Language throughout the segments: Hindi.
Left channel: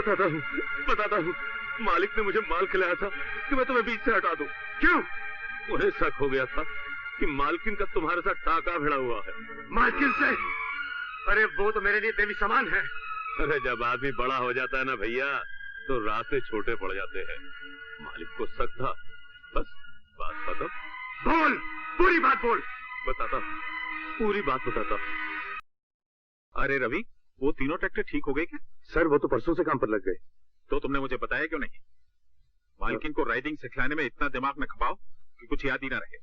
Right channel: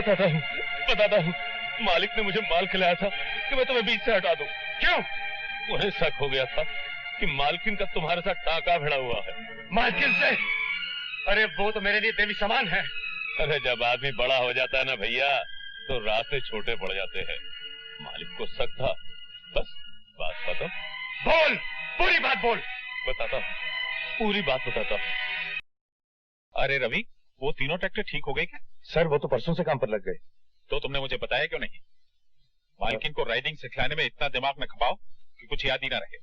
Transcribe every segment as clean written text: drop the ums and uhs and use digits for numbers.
बताता हूँ। मालिक ने मुझे माल खिलाया था कि मैं तुम्हें बीच से हटा दूं। क्यों? उन्हें शक हो गया था कि मालकिन का तुम्हारे साथ टाका भिड़ा हुआ है। मालकिन से? अरे वो तो मेरे लिए देवी समान है। अरे जब आदमी बड़ा हो जाता है ना भैया, तो रास्ते छोटे पड़ जाते हैं। मालिक को शक था, बस बात बताओ। बोल, पूरी बात बोल। बताता, पूरी बात बताता। अरे रवि, वो तीनों ट्रैक्टर ठीक हो गए क्या? सर वो तो परसों से काम पर लग गए। तो तुमने मुझे बताया क्यों नहीं? मालकिन को राइडिंग सिखलाने में इतना दिमाग न खपाओ कि कुछ याद ही ना रहे।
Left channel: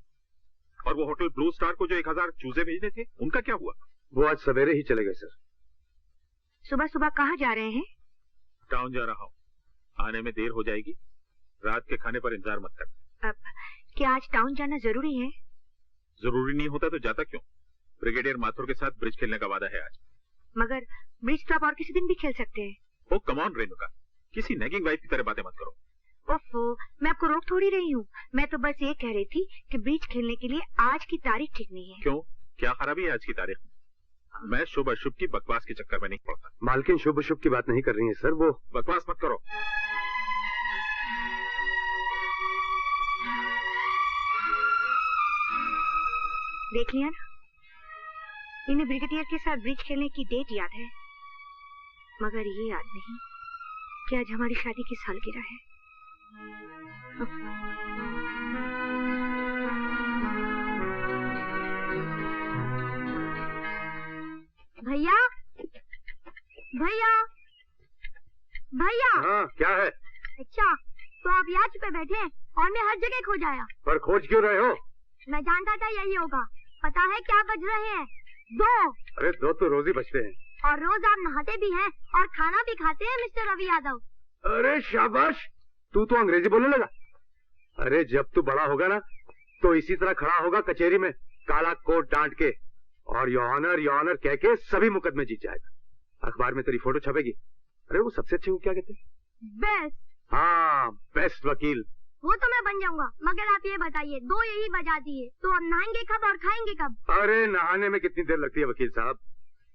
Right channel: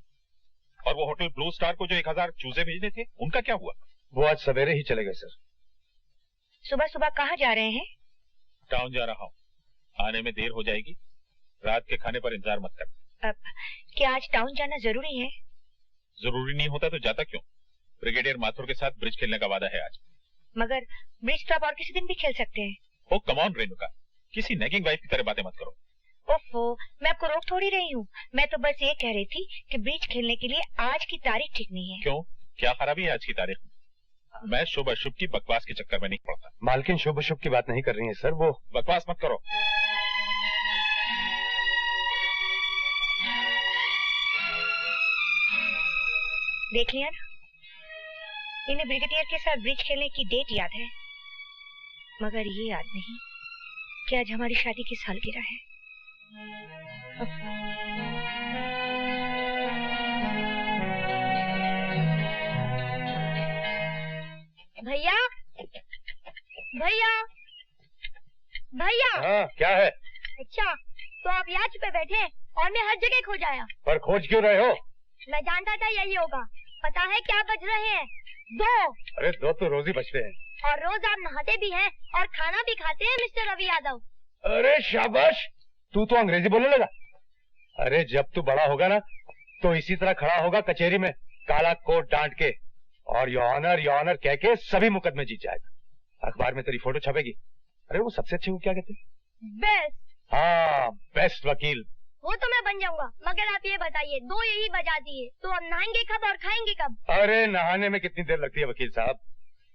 और वो होटल ब्लू स्टार को जो 1000 चूजे भेजने थे, उनका क्या हुआ? वो आज सवेरे ही चले गए सर। सुबह सुबह कहाँ जा रहे हैं? टाउन जा रहा हूँ, आने में देर हो जाएगी। रात के खाने पर इंतजार मत कर। अब क्या आज टाउन जाना जरूरी है? जरूरी नहीं होता तो जाता क्यों? ब्रिगेडियर माथुर के साथ ब्रिज खेलने का वादा है आज। मगर ब्रिज तो आप और किसी दिन भी खेल सकते हैं। ओ कम ऑन रेणुका, किसी नेगिंग वाइफ की तरह बातें मत करो। ओफो, मैं आपको रोक थोड़ी रही हूँ। मैं तो बस ये कह रही थी कि ब्रिज खेलने के लिए आज की तारीख ठीक नहीं है। क्यों, क्या खराबी है आज की तारीख में? मैं शुभ अशुभ की बकवास के चक्कर में नहीं पड़ता। मालकिन शुभ अशुभ की बात नहीं कर रही है सर, वो बकवास मत करो। देख लिया ना, इन्हें ब्रिगेडियर के साथ ब्रिज खेलने की डेट याद है, मगर ये याद नहीं कि आज हमारी शादी की सालगिरह है। भैया, भैया, भैया। हाँ क्या है? अच्छा, तो आप यहाँ छुपे बैठे हैं और मैं हर जगह खोज आया। पर खोज क्यों रहे हो? मैं जानता था यही होगा। पता है क्या बज रहे हैं? 2। अरे 2 तो रोज ही बजते हैं। और रोज आप नहाते भी हैं और खाना भी खाते हैं मिस्टर रवि यादव। अरे शाबाश, तू तो अंग्रेजी बोलने लगा। अरे जब तू बड़ा होगा ना तो इसी तरह खड़ा होगा कचहरी में, काला कोट डांट के, और योर ऑनर कह के सभी मुकदमे जीत जाएगा। अखबार में तेरी फोटो छपेगी। अरे वो सबसे अच्छे को क्या कहते हैं? बेस्ट। हाँ, बेस्ट वकील। वो तो मैं बन जाऊंगा, मगर आप ये बताइए, 2 यही बजा दिए तो अब नहाएंगे कब और खाएंगे कब? अरे नहाने में कितनी देर लगती है वकील साहब?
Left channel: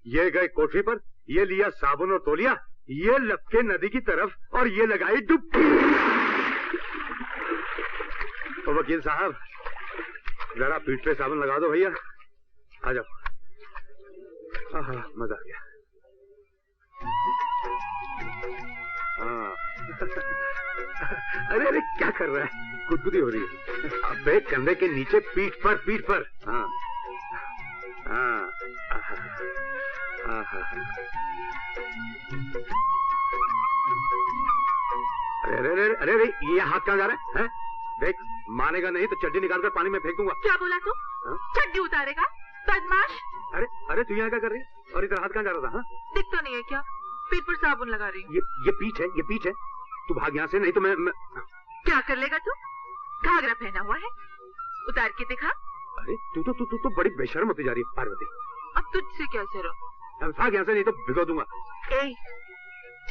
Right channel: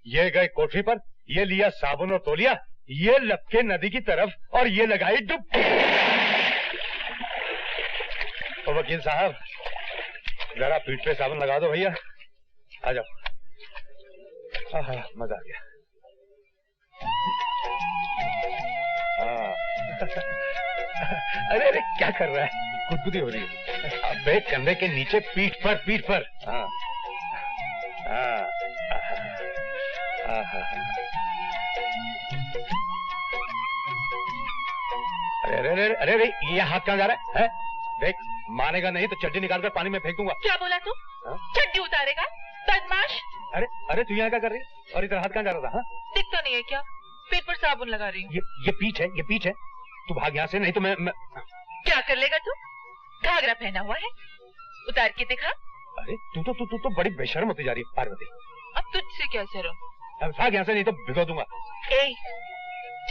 ये गए कोठरी पर, ये लिया साबुन और तौलिया, ये लपके नदी की तरफ और ये लगाई डुबकी। तो वकील साहब जरा पीठ पे साबुन लगा दो भैया। आ जाओ। आहा, मजा आ गया। हाँ। अरे अरे क्या कर रहा है? गुदगुदी हो रही है। अबे कंधे के नीचे, पीठ पर। हाँ हाँ। अरे ये हाथ कहाँ जा रहा है? देख, मानेगा नहीं तो चड्डी निकालकर पानी में फेंक दूंगा। क्या बोला तू? चड्डी उतारेगा बदमाश? अरे तू यहाँ क्या कर रही है? और इधर हाथ कहाँ जा रहा था? हाँ? दिखता नहीं है क्या? पेट पर साबुन लगा रही हूँ। ये पीछ है। तू भाग यहाँ से, नहीं तो मैं क्या कर लेगा तू? घाघरा पहना हुआ है, उतार के दिखा। अरे तू तो बड़ी बेशर्म होती जा रही है पार्वती। अब तुझसे क्या शर्म? अब भाग यहाँ से, नहीं तो भिगो दूंगा।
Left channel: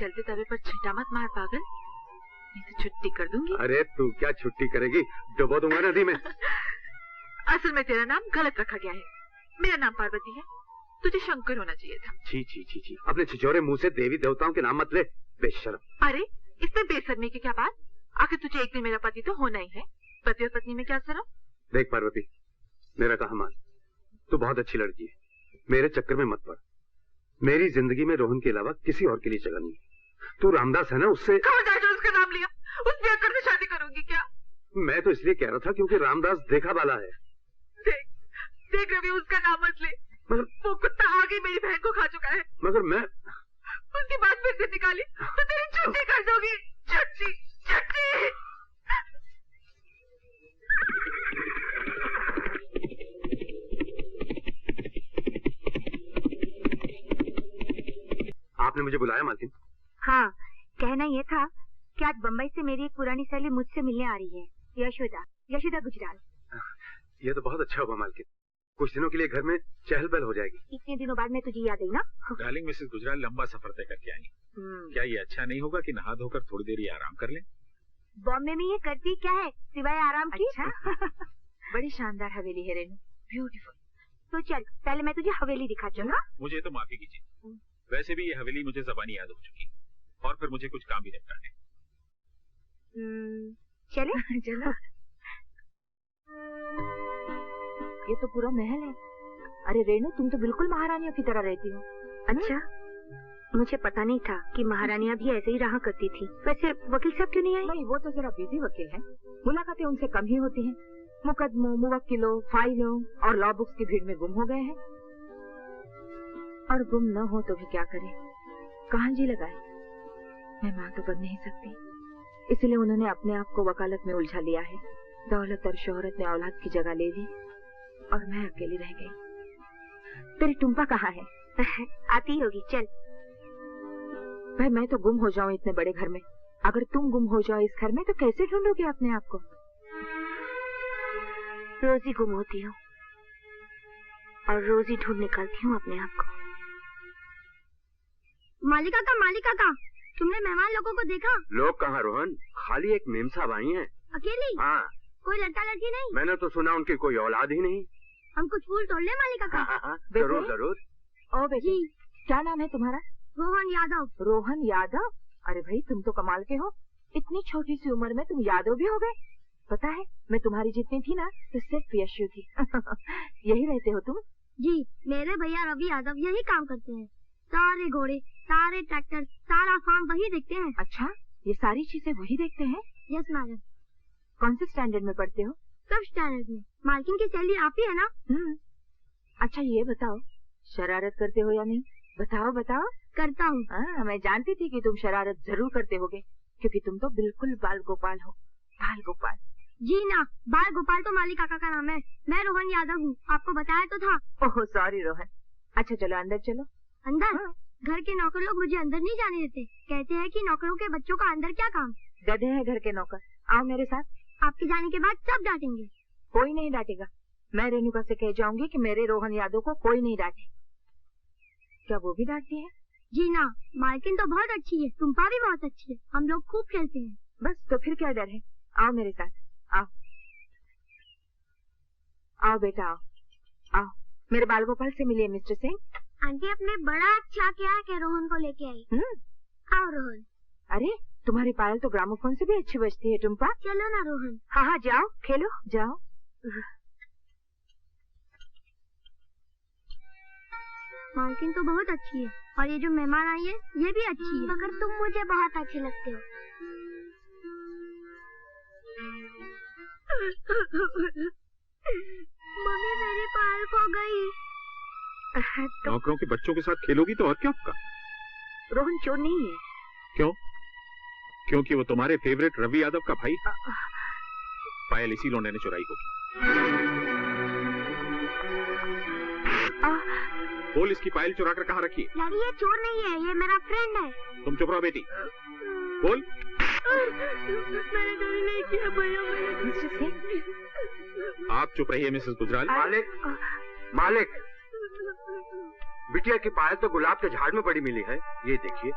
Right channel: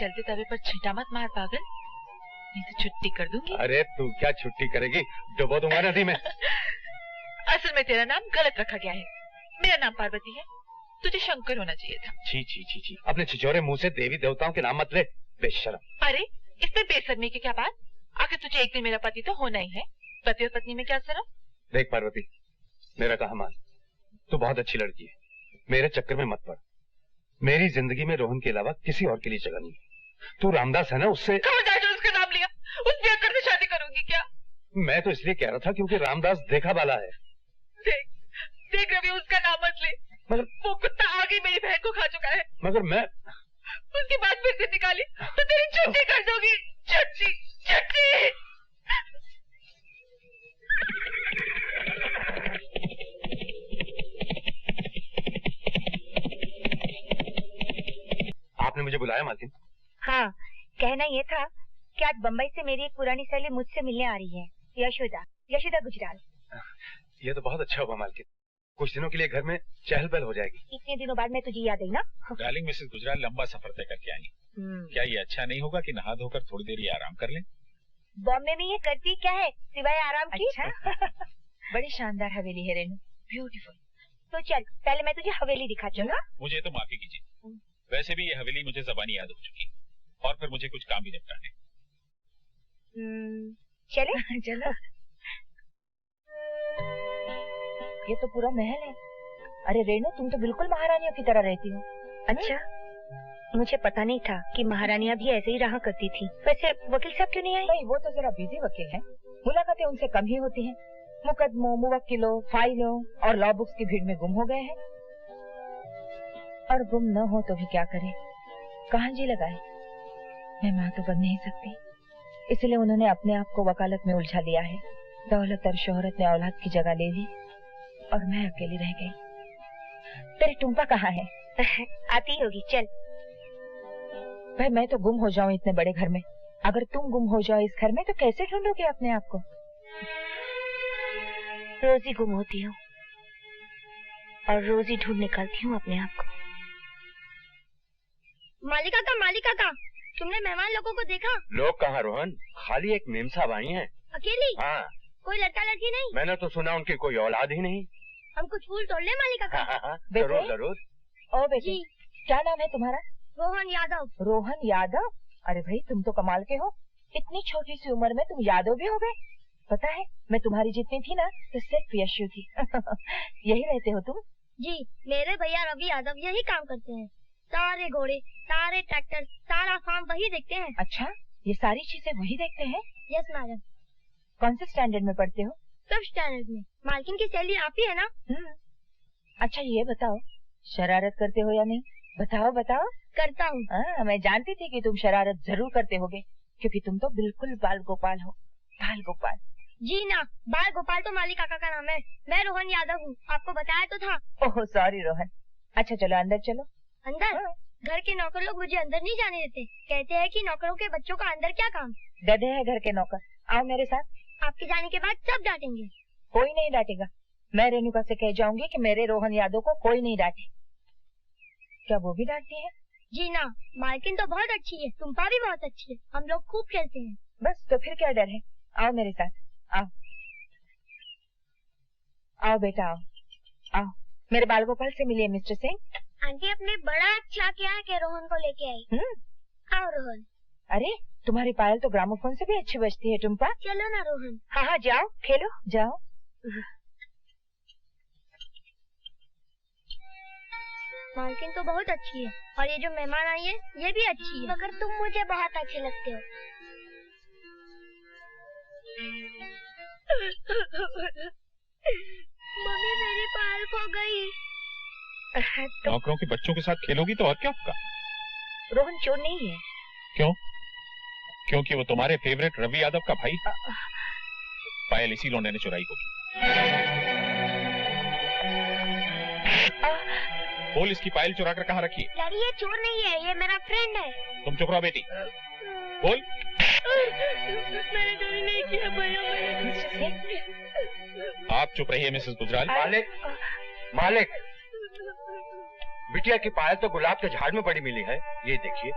चलते तवे पर छींटा मत मार पागल, नहीं तो छुट्टी कर दूंगी। अरे तू क्या छुट्टी करेगी? डुबो दूंगा नदी में। असल में तेरा नाम गलत रखा गया है। मेरा नाम पार्वती है, तुझे शंकर होना चाहिए था। छी। अपने छिछोरे मुंह से देवी देवताओं के नाम मत ले, बेशर्म। अरे इसमें बेशर्मी की क्या बात? आखिर तुझे एक दिन मेरा पति तो होना ही है। पति और पत्नी में क्या शर्म? देख पार्वती, मेरा कहा मान, तू बहुत अच्छी लड़की है, मेरे चक्कर में मत पड़। मेरी जिंदगी में रोहन के अलावा किसी और के लिए जगह नहीं है। तू रामदास है ना, उससे उसका नाम लिया, उस बेकर से शादी करूंगी क्या? मैं तो इसलिए कह रहा था क्योंकि रामदास देखा वाला है। देख रवि, उसका नाम मत ले, मगर वो कुत्ता आगे मेरी बहन को खा चुका है। मगर मैं उसकी बात फिर से निकाली तो तेरी छुट्टी कर दोगी। छुट्टी। आपने मुझे बुलाया मालकिन? हाँ, कहना ये था कि आज बम्बई से मेरी एक पुरानी सहेली मुझसे मिलने आ रही है, यशोदा गुजराल। ये तो बहुत अच्छा हुआ मालकिन, कुछ दिनों के लिए घर में चहल पहल हो जाएगी। इतने दिनों बाद मैं तुझे याद आई ना। डार्लिंग मिसेस गुजराल लंबा सफर तय करके आई। क्या ये अच्छा नहीं होगा कि नहा धोकर थोड़ी देर ये आराम कर लें? बॉम्बे में ये करती क्या है सिवाय आराम की? अच्छा? बड़ी शानदार हवेली है रेनू, ब्यूटीफुल। तो चल, पहले मैं तुझे हवेली दिखाती हूँ। मुझे तो माफी कीजिए, वैसे भी ये हवेली मुझे ज़बानी याद हो चुकी है। और फिर मुझे कुछ काम भी निपटाने। चले चलो। ये तो पूरा महल है। अरे रेणु, तुम तो बिल्कुल महारानियों की तरह रहती हो। अच्छा, मुझे पता नहीं था कि महारानियां भी ऐसे ही रहा करती थी। वैसे वकील साहब क्यों नहीं आए? नहीं, वो तो जरा बिजी वकील हैं। मुलाकातें उनसे कम ही होती हैं। मुकदमों, मुवक्किलों, फाइलों और लॉ बुक्स की भीड़ में गुम हो गए हैं। और गुम न हो तो भी क्या करें, कहाँ जी लगाए। मैं माँ तो बन नहीं सकती, इसलिए उन्होंने अपने आप को वकालत में उलझा लिया है। दौलत और शोहरत ने औलाद की जगह ले ली और मैं अकेली रह गई। तेरी टुम्पा कहाँ है? आती होगी, चल। भाई, मैं तो गुम हो जाऊं इतने बड़े घर में। अगर तुम गुम हो जाओ इस घर में तो कैसे ढूंढोगे अपने आप को? रोज ही गुम होती हूँ और रोज ही ढूंढ निकालती हूँ अपने आप को। मालिका का, तुमने मेहमान लोगों को देखा? लोग कहाँ रोहन, खाली एक मेम साहब आई हैं। अकेली? हाँ। कोई लड़का लड़की नहीं? मैंने तो सुना उनकी कोई औलाद ही नहीं। हम कुछ फूल तोड़ ले मालिका का? हाँ, जरूर जरूर। ओ बेटी, क्या नाम है तुम्हारा? रोहन यादव। रोहन यादव? अरे भाई, तुम तो कमाल के हो। इतनी छोटी सी उम्र में तुम यादव भी हो गए। पता है, मैं तुम्हारी जितनी थी ना तो सिर्फ यशु थी। यही रहते हो तुम? जी, मेरे भैया रवि यादव यही काम करते हैं। सारे घोड़े, सारे ट्रैक्टर, सारा फार्म वही देखते हैं। अच्छा, ये सारी चीजें वही देखते हैं? Yes madam. कौन से स्टैंडर्ड में पढ़ते हो? 5th स्टैंडर्ड में। मालकिन की सैलरी आप ही है ना? अच्छा, ये बताओ, शरारत करते हो या नहीं? बताओ बताओ। करता हूँ। मैं जानती थी कि तुम शरारत जरूर करते होगे, क्योंकि तुम तो बिल्कुल बाल गोपाल हो। बाल गोपाल? जी ना, बाल गोपाल तो माली काका का नाम है। मैं रोहन यादव हूँ, आपको बताया तो था। Oh sorry Rohan. अच्छा चलो अंदर चलो। अंदर? घर के नौकर लोग मुझे अंदर नहीं जाने देते। कहते हैं कि नौकरों के बच्चों का अंदर क्या काम। गधे हैं घर के नौकर। आओ मेरे साथ। आपके जाने के बाद सब डांटेंगे। कोई नहीं डांटेगा। मैं रेणुका से कह जाऊंगी कि मेरे रोहन यादव को कोई नहीं डांटे। क्या वो भी डांटती है? जी ना, मालकिन तो बहुत अच्छी है, टुम्पा भी बहुत अच्छी है। हम लोग खूब खेलते हैं। बस तो फिर क्या डर है। आओ मेरे साथ, आओ आओ बेटा, आओ आओ। मेरे बाल गोपाल से मिलिए मिस्टर सिंह। आंटी, अपने बड़ा अच्छा किया कि रोहन को लेके आई। आओ रोहन। अरे तुम्हारी पायल तो ग्रामोफोन से भी अच्छी बजती है टुम्पा। चलो ना रोहन। हाँ हाँ जाओ खेलो जाओ। मालकिन तो बहुत अच्छी है और ये जो मेहमान आई है ये भी अच्छी है। मगर तुम मुझे बहुत अच्छे लगते हो। मम्मी मेरी पायल खो गई। नौकरों के बच्चों के साथ खेलोगी तो और क्या होगा? रोहन चोर नहीं है। क्यों? क्योंकि वो तुम्हारे फेवरेट रवि यादव का भाई। पायल इसी लौंडे ने चुराई होगी। बोल, इसकी पायल चुरा कर कहाँ रखी है? डैडी, ये चोर नहीं है, ये मेरा फ्रेंड है। तुम चुप रहो बेटी। बोल। मैंने चोरी नहीं किया भैया। आप चुप रहिए मिसेस गुजराल। मालिक, मालिक, बिटिया की पायल तो गुलाब के झाड़ में पड़ी मिली है। ये देखिए।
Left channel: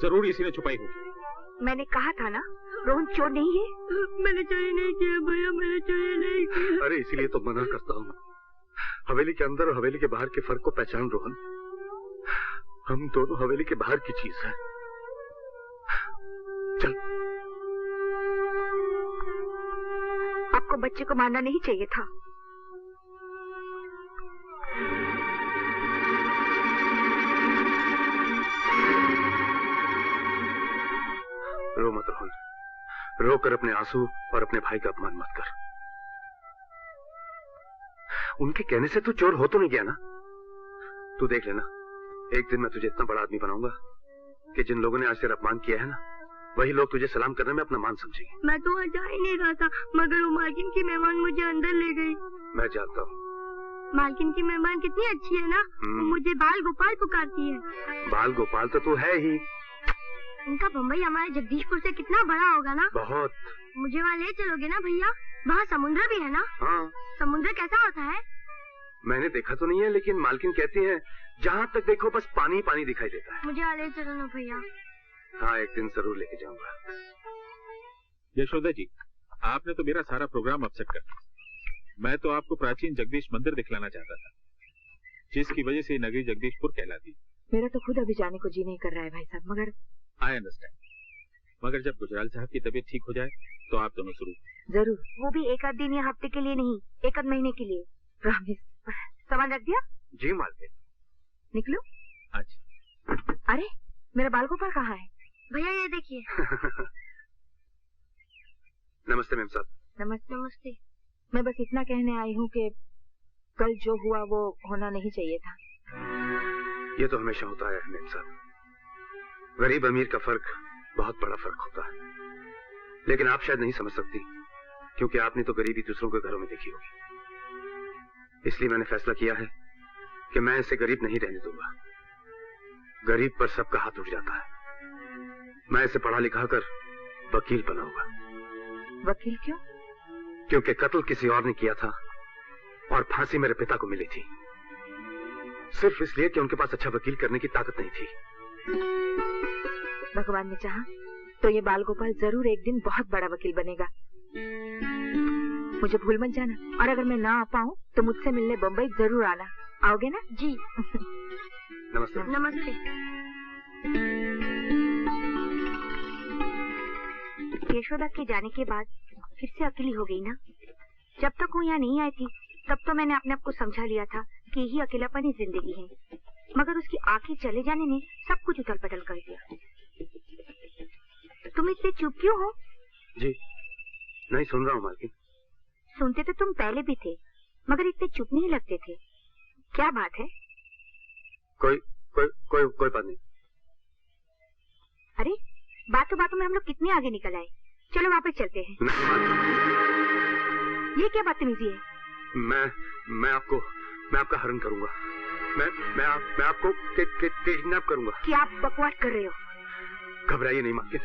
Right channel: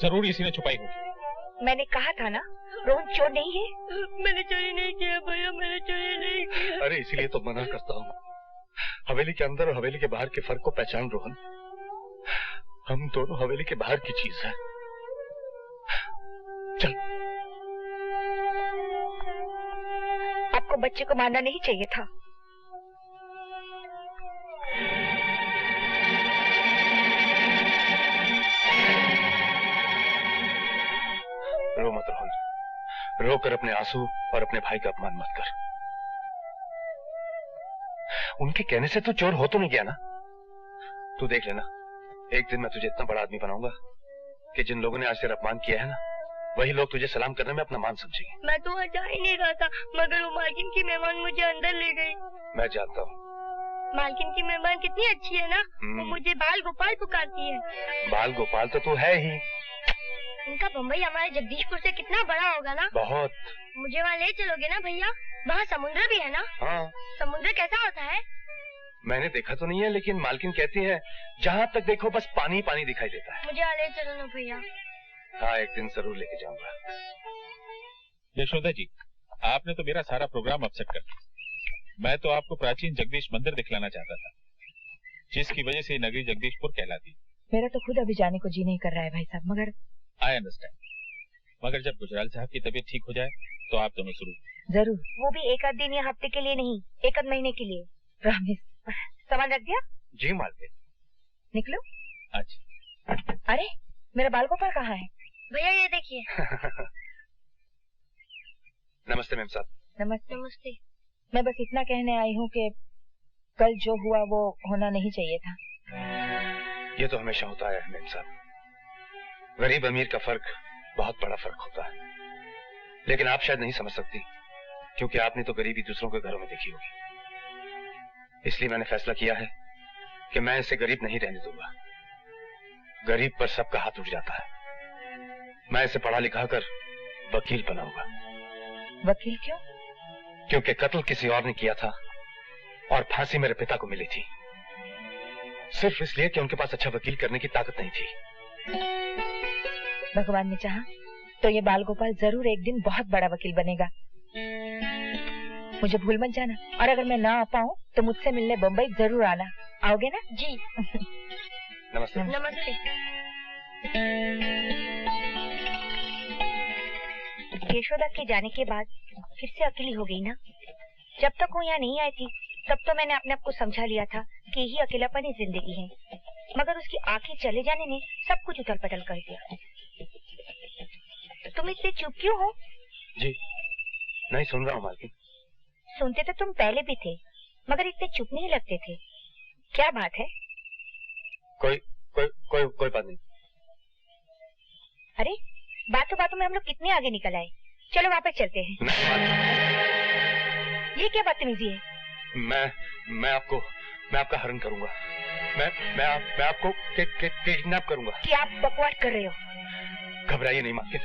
जरूर इसी ने छुपाई होगी। मैंने कहा था ना, रोहन चोर नहीं है। मैंने चोरी नहीं किया भैया, मैंने चोरी नहीं किया। अरे इसीलिए तो मना करता हूँ। हवेली के अंदर और हवेली के बाहर के फर्क को पहचान रोहन। हम दोनों हवेली के बाहर की चीज है। चल। आपको बच्चे को मारना नहीं चाहिए था। रो मत रोहन, रोकर अपने आंसू और अपने भाई का अपमान मत कर। उनके कहने से तू चोर हो तो नहीं गया ना? तू देख लेना, एक दिन मैं तुझे इतना बड़ा आदमी बनाऊंगा कि जिन लोगों ने आज तेरा अपमान किया है ना, वही लोग तुझे सलाम करने में अपना मान समझेंगे। मैं तो जा ही नहीं रहा था, मगर वो मालकिन की मेहमान मुझे अंदर ले गई। मैं जानता हूँ। मालकिन की मेहमान कितनी अच्छी है ना। वो मुझे बाल गोपाल पुकारती है। बाल गोपाल तो तू है ही। इनका बम्बई हमारे जगदीशपुर से कितना बड़ा होगा ना। बहुत। मुझे वहाँ ले चलोगे ना भैया? वहाँ समुद्र भी है ना? हाँ। समुद्र कैसा होता है? मैंने देखा तो नहीं है, लेकिन मालकिन कहती है जहाँ तक देखो बस पानी पानी दिखाई देता है। मुझे ले चलो ना भैया। हाँ, एक दिन जरूर लेके जाऊंगा। यशोदा जी, आपने तो मेरा सारा प्रोग्राम अपसेट कर दिया। मैं तो आपको प्राचीन जगदीश मंदिर दिखलाना चाहता था, जिसकी वजह से नगरी जगदीशपुर कहलाती। मेरा तो खुद अभी जाने को जी नहीं कर रहा है भाई साहब, मगर आई अंडरस्टैंड, मगर जब गुजराल साहब की तबीयत ठीक हो जाए तो आप दोनों शुरू। जरूर। वो भी एक आध दिन या हफ्ते के लिए नहीं, एक आध महीने के लिए। प्रॉमिस। सामान रख दिया? जी मालकिन। निकलो। अच्छा। अरे मेरा बाल गोपाल कहाँ है? भैया ये देखिए। नमस्ते मैम साहब। नमस्ते। नमस्ते। मैं बस इतना कहने आई हूँ कि कल जो हुआ वो होना नहीं चाहिए था। ये तो हमेशा होता है मैम साहब। गरीब अमीर का फर्क बहुत बड़ा फर्क होता है, लेकिन आप शायद नहीं समझ सकती, क्योंकि आपने तो गरीबी दूसरों के घरों में देखी होगी। इसलिए मैंने फैसला किया है कि मैं इसे गरीब नहीं रहने दूंगा। गरीब पर सबका हाथ उठ जाता है। मैं इसे पढ़ा लिखा कर वकील बनाऊंगा। वकील क्यों? क्योंकि कत्ल किसी और ने किया था और फांसी मेरे पिता को मिली थी, सिर्फ इसलिए कि उनके पास अच्छा वकील करने की ताकत नहीं थी। भगवान ने चाहा तो ये बाल गोपाल जरूर एक दिन बहुत बड़ा वकील बनेगा। मुझे भूल मत जाना, और अगर मैं ना आ पाऊँ तो मुझसे मिलने बम्बई जरूर आना। आओगे ना? जी। नमस्ते। नमस्ते। यशोदा के जाने के बाद फिर से अकेली हो गई ना। जब तक वो यहाँ नहीं आई थी तब तो मैंने अपने आप को समझा लिया था कि यही अकेलापन ही जिंदगी है, मगर उसकी आंखें चले जाने ने सब कुछ उथल पटल कर दिया। तुम इतने चुप क्यों हो? जी नहीं सुन रहा हूँ मालकिन। सुनते तो तुम पहले भी थे, मगर इतने चुप नहीं लगते थे। क्या बात है? कोई बात नहीं। अरे बातों बातों में हम लोग कितने आगे निकल आए। चलो वापस चलते हैं। नहीं मालकिन। ये क्या बदतमीजी है? मैं आपका हरण करूंगा। मैं आपको किडनैप करूंगा। क्या आप बकवास कर रहे हो? घबराइए नहीं मालकिन,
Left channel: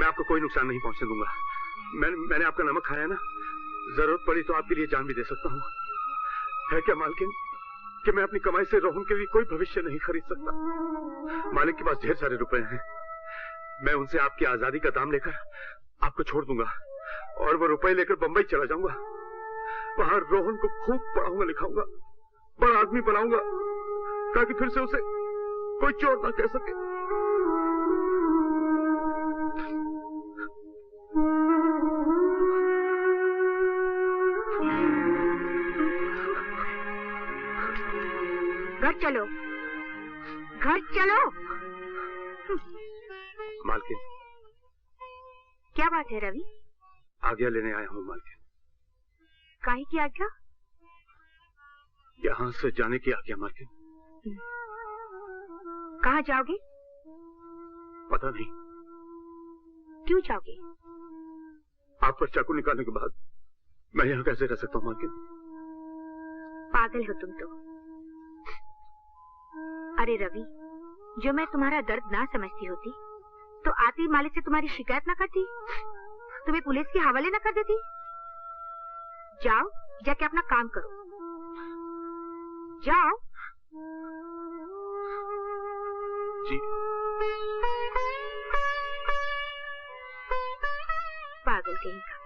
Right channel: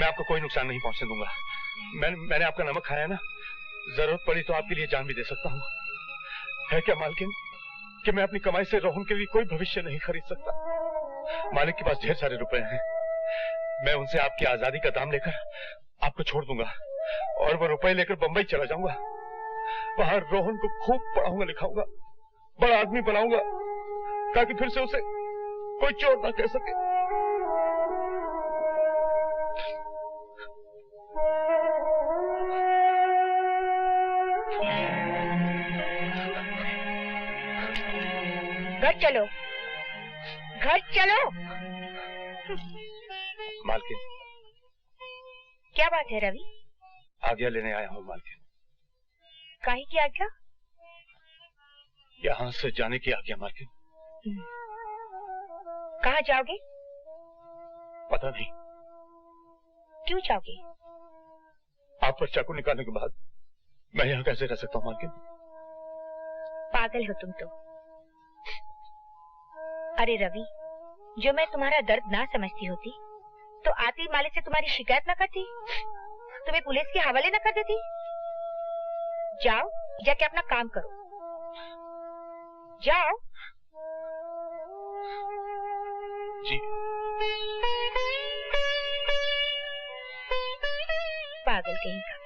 मैं आपको कोई नुकसान नहीं पहुंचने दूंगा। मैंने आपका नमक खाया ना, जरूरत पड़ी तो आपके लिए जान भी दे सकता हूँ। है क्या मालकिन कि मैं अपनी कमाई से रोहन के लिए कोई भविष्य नहीं खरीद सकता। मालिक के पास ढेर सारे रुपए हैं, मैं उनसे आपकी आजादी का दाम लेकर आपको छोड़ दूंगा और वो रुपए लेकर बंबई चला जाऊंगा। वहां रोहन को खूब पढ़ाऊंगा लिखाऊंगा, बड़ा आदमी बनाऊंगा, ताकि फिर से उसे कोई चोर ना कह सके। घर चलो, घर चलो। मालकिन। क्या बात है रवि? आज्ञा लेने आया हूँ मालकिन। काहे की आज्ञा? यहाँ से जाने की आज्ञा मालकिन। कहाँ जाओगे? पता नहीं। क्यों जाओगे? आप पर चाकू निकालने के बाद मैं यहाँ कैसे रह सकता हूँ मालकिन? पागल हो तुम तो। अरे रवि, जो मैं तुम्हारा दर्द ना समझती होती तो आती मालिक से तुम्हारी शिकायत ना करती, तुम्हें पुलिस के हवाले ना कर देती। जाओ, जाके अपना काम करो। जाओ। जी। पागल कहीं का।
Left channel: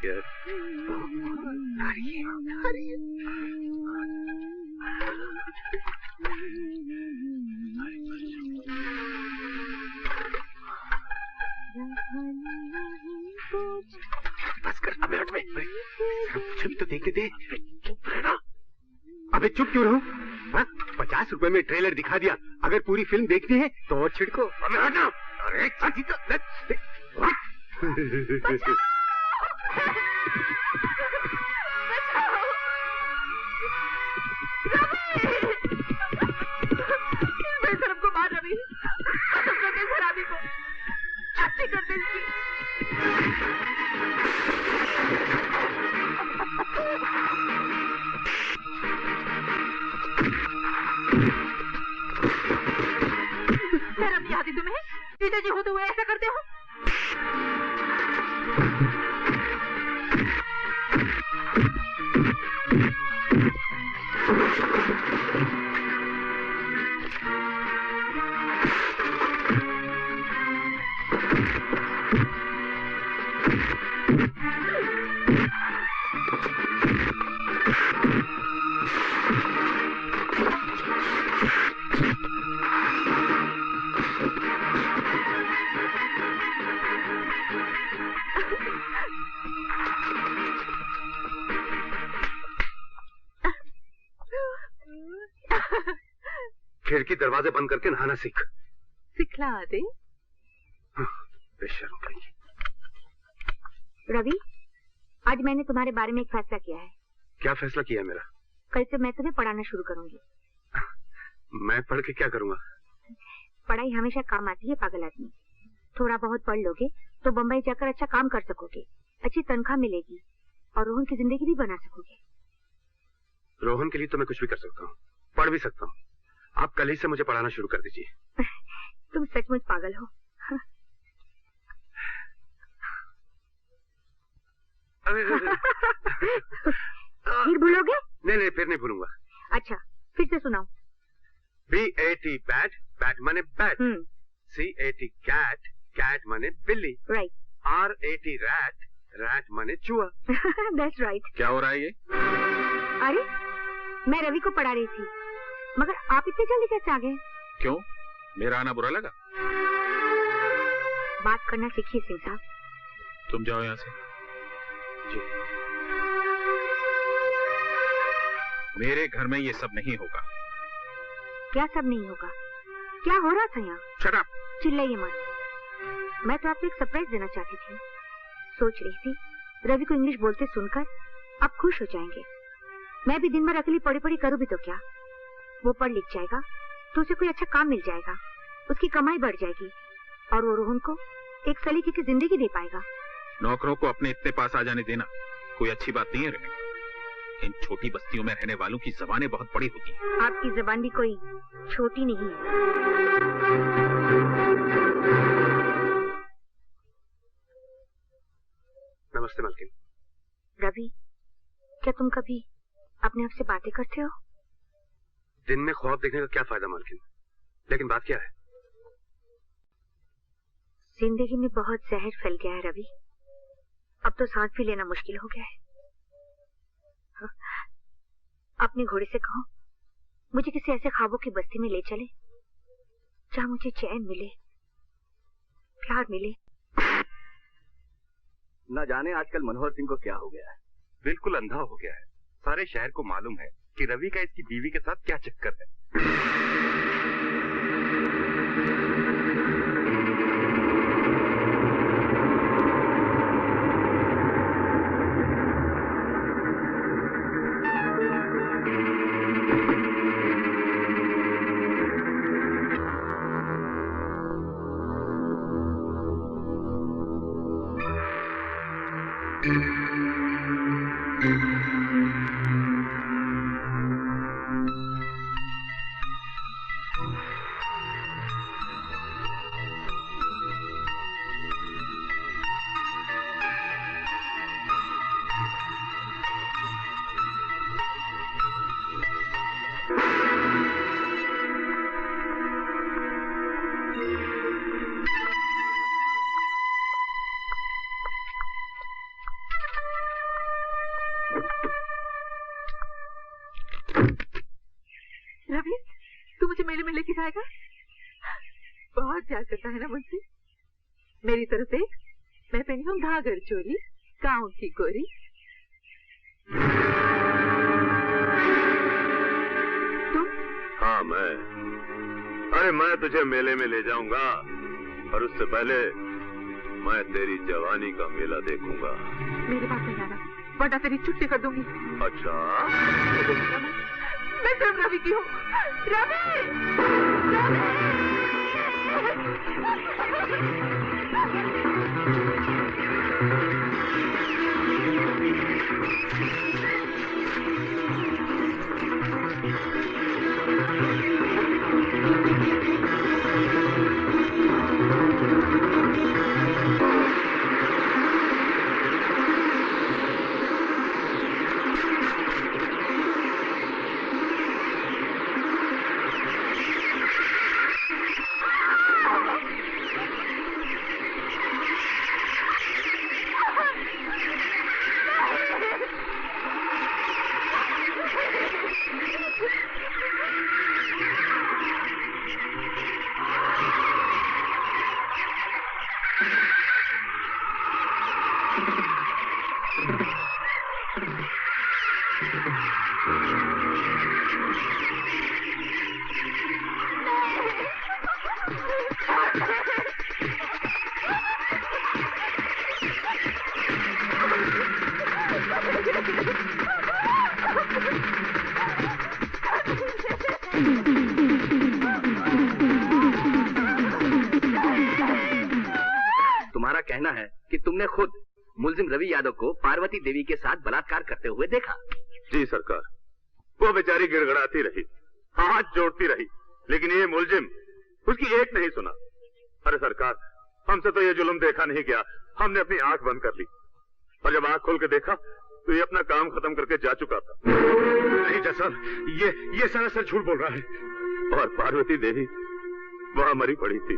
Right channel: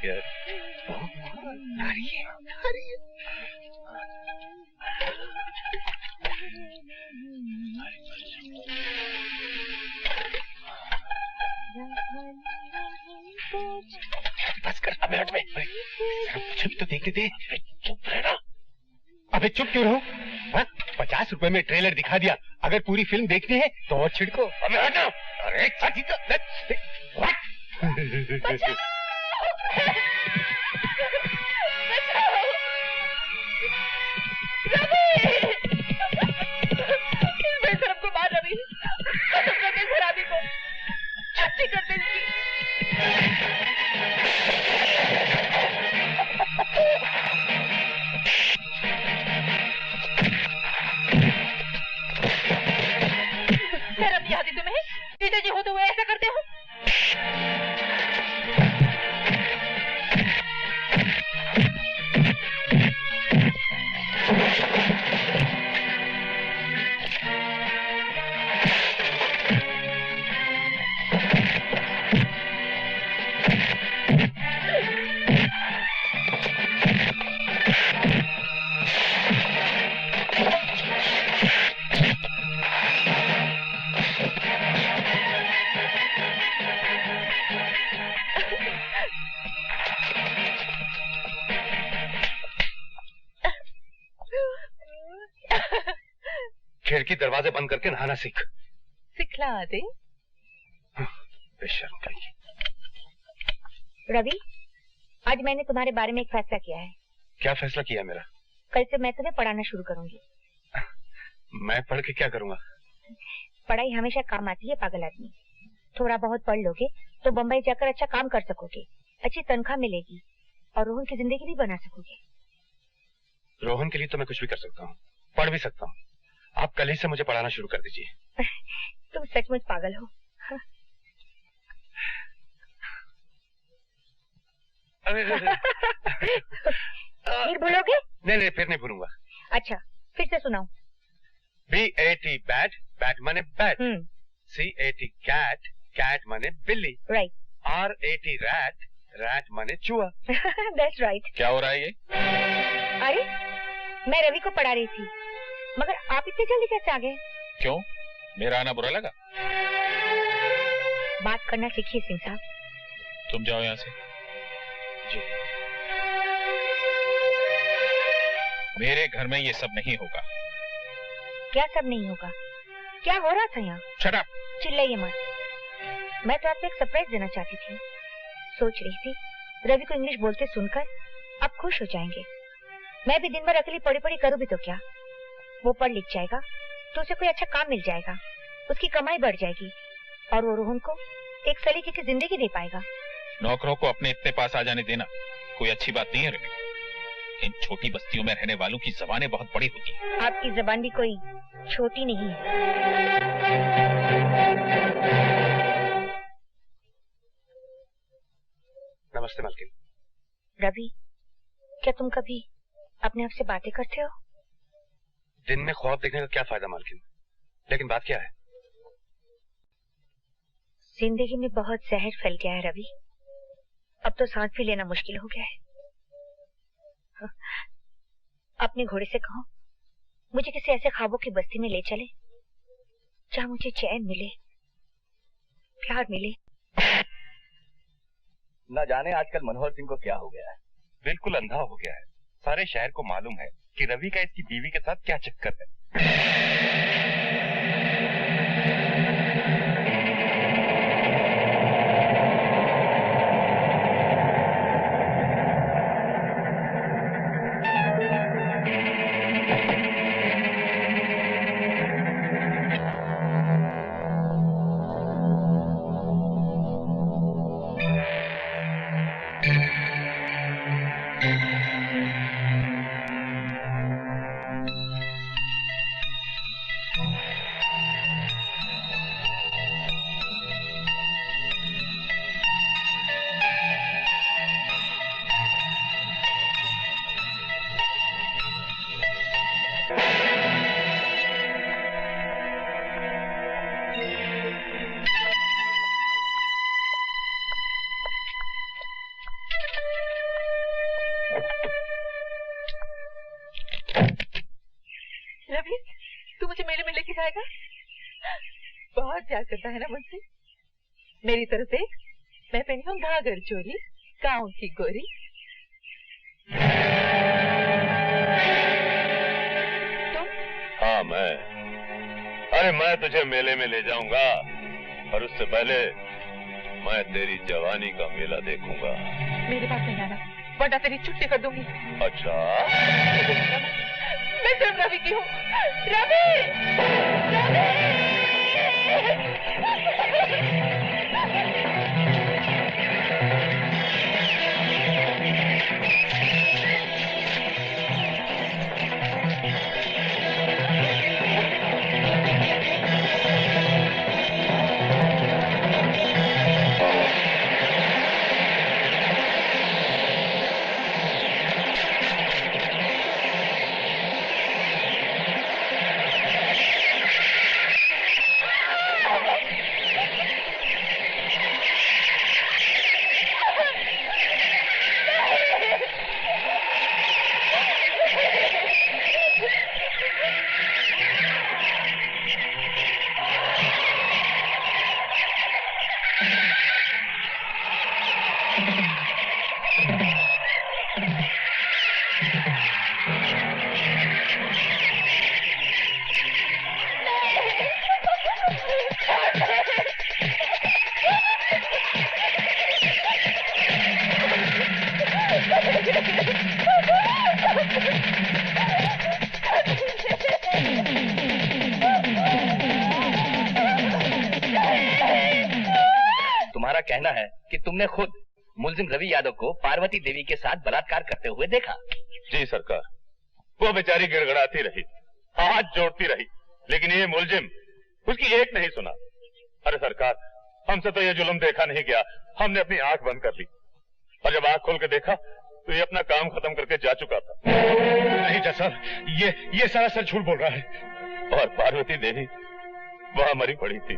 क्या? बस कर, अबे हट बे। मुझे भी तो देखते थे। चुप रहना। अबे चुप क्यों रहूं? 50 रुपए में ट्रेलर दिखा दिया, अगर पूरी फिल्म देखनी है तो और छिड़को। अबे हटना। अरे को मार रवि, खत्म कर दे शराबी को, छुट्टी कर दे इसकी। शर्म नहीं आती तुम्हें? जीजा जी होते हुए ऐसा करते हो? खिड़की दरवाजे बंद करके नहाना सीख। सिखला दे। बेशर्म कहीं। रवि, आज मैंने तुम्हारे बारे में एक फैसला किया है। क्या फैसला किया मेरा? कल से मैं तुम्हें पढ़ाना शुरू करूंगी। मैं पढ़ के क्या करूंगा? पढ़ाई हमेशा काम आती है पागल आदमी। थोड़ा बहुत पढ़ लोगे तो बम्बई जाकर अच्छा काम कर सकोगे, अच्छी तनख्वाह मिलेगी और रोहन की जिंदगी भी बना सकोगे। रोहन के लिए तो मैं कुछ भी कर सकता हूँ, पढ़ भी सकता हूँ। आप कल ही से मुझे पढ़ाना शुरू कर दीजिए। तुम सचमुच पागल हो। फिर भूलोगे? नहीं, फिर नहीं भूलूंगा। अच्छा, फिर से सुनाओ। BAT बैट, बैट माने बैट। CAT कैट, कैट माने बिल्ली। राइट। RAT रैट, रैट माने चूहा। That's right. क्या हो रहा है ये? अरे, मैं रवि को पढ़ा रही थी, मगर आप इतनी जल्दी कैसे आ गए? क्यों, मेरा आना बुरा लगा? बात करना सीखिए सिंह साहब। तुम जाओ यहाँ से। जी। मेरे घर में ये सब नहीं होगा। क्या सब नहीं होगा? क्या हो रहा था यहाँ? Shut up! चिल्लाइए मत। मैं तो आपको एक सरप्राइज देना चाहती थी। सोच रही थी रवि को इंग्लिश बोलते सुनकर आप खुश हो जाएंगे। मैं भी दिन भर अकेली पढ़ी पढ़ी करूँ भी तो क्या, वो पढ़ लिख जाएगा तो उसे कोई अच्छा काम मिल जाएगा, उसकी कमाई बढ़ जाएगी और वो रोहन को एक सलीके की जिंदगी दे पाएगा। नौकरों को अपने इतने पास आ जाने देना कोई अच्छी बात नहीं है रेणु। इन छोटी बस्तियों में रहने वालों की जबानें बहुत बड़ी होती हैं। आपकी जबान भी कोई छोटी नहीं है। नमस्ते मालकिन। रवि, क्या तुम कभी अपने आप से बातें करते हो? दिन में ख्वाब देखने का क्या फायदा मालकिन? लेकिन बात क्या है? जिंदगी में बहुत जहर फैल गया है रवि। अब तो सांस भी लेना मुश्किल हो गया है। अपने घोड़े से कहो मुझे किसी ऐसे ख्वाबों की बस्ती में ले चले जहाँ मुझे चैन मिले, प्यार मिले। न जाने आजकल मनोहर सिंह को क्या हो गया है। बिल्कुल अंधा हो गया है। सारे शहर को मालूम है कि रवि का इसकी बीवी के साथ क्या चक्कर है। रवि, तू मुझे मेले में लेके जाएगा? बहुत प्यार करता है ना मुझसे। मेरी तरफ से मैं पहनी हूँ घाघर चोली, गाँव की गोरी। तुम? हाँ मैं। अरे मैं तुझे मेले में ले जाऊंगा और उससे पहले मैं तेरी जवानी का मेला देखूंगा। मेरे पास नहीं आना, वरना तेरी छुट्टी कर दूंगी। अच्छा? मैं सिर्फ रवि की हूँ। रवि! कहना है कि तुमने खुद मुलजिम रवि यादव को पार्वती देवी के साथ बलात्कार करते हुए देखा। जी सरकार, वो बेचारी गिड़गड़ाती रही, हाथ जोड़ती रही, लेकिन ये मुलजिम उसकी एक नहीं सुना। अरे सरकार, हमसे तो ये जुल्म देखा नहीं गया, हमने अपनी आंख बंद कर ली और जब आंख खोल के देखा तो ये अपना काम खत्म करके जा चुका था। नहीं जज साहब, ये सरासर झूठ बोल रहा है। और पार्वती देवी वहां मरी पड़ी थी।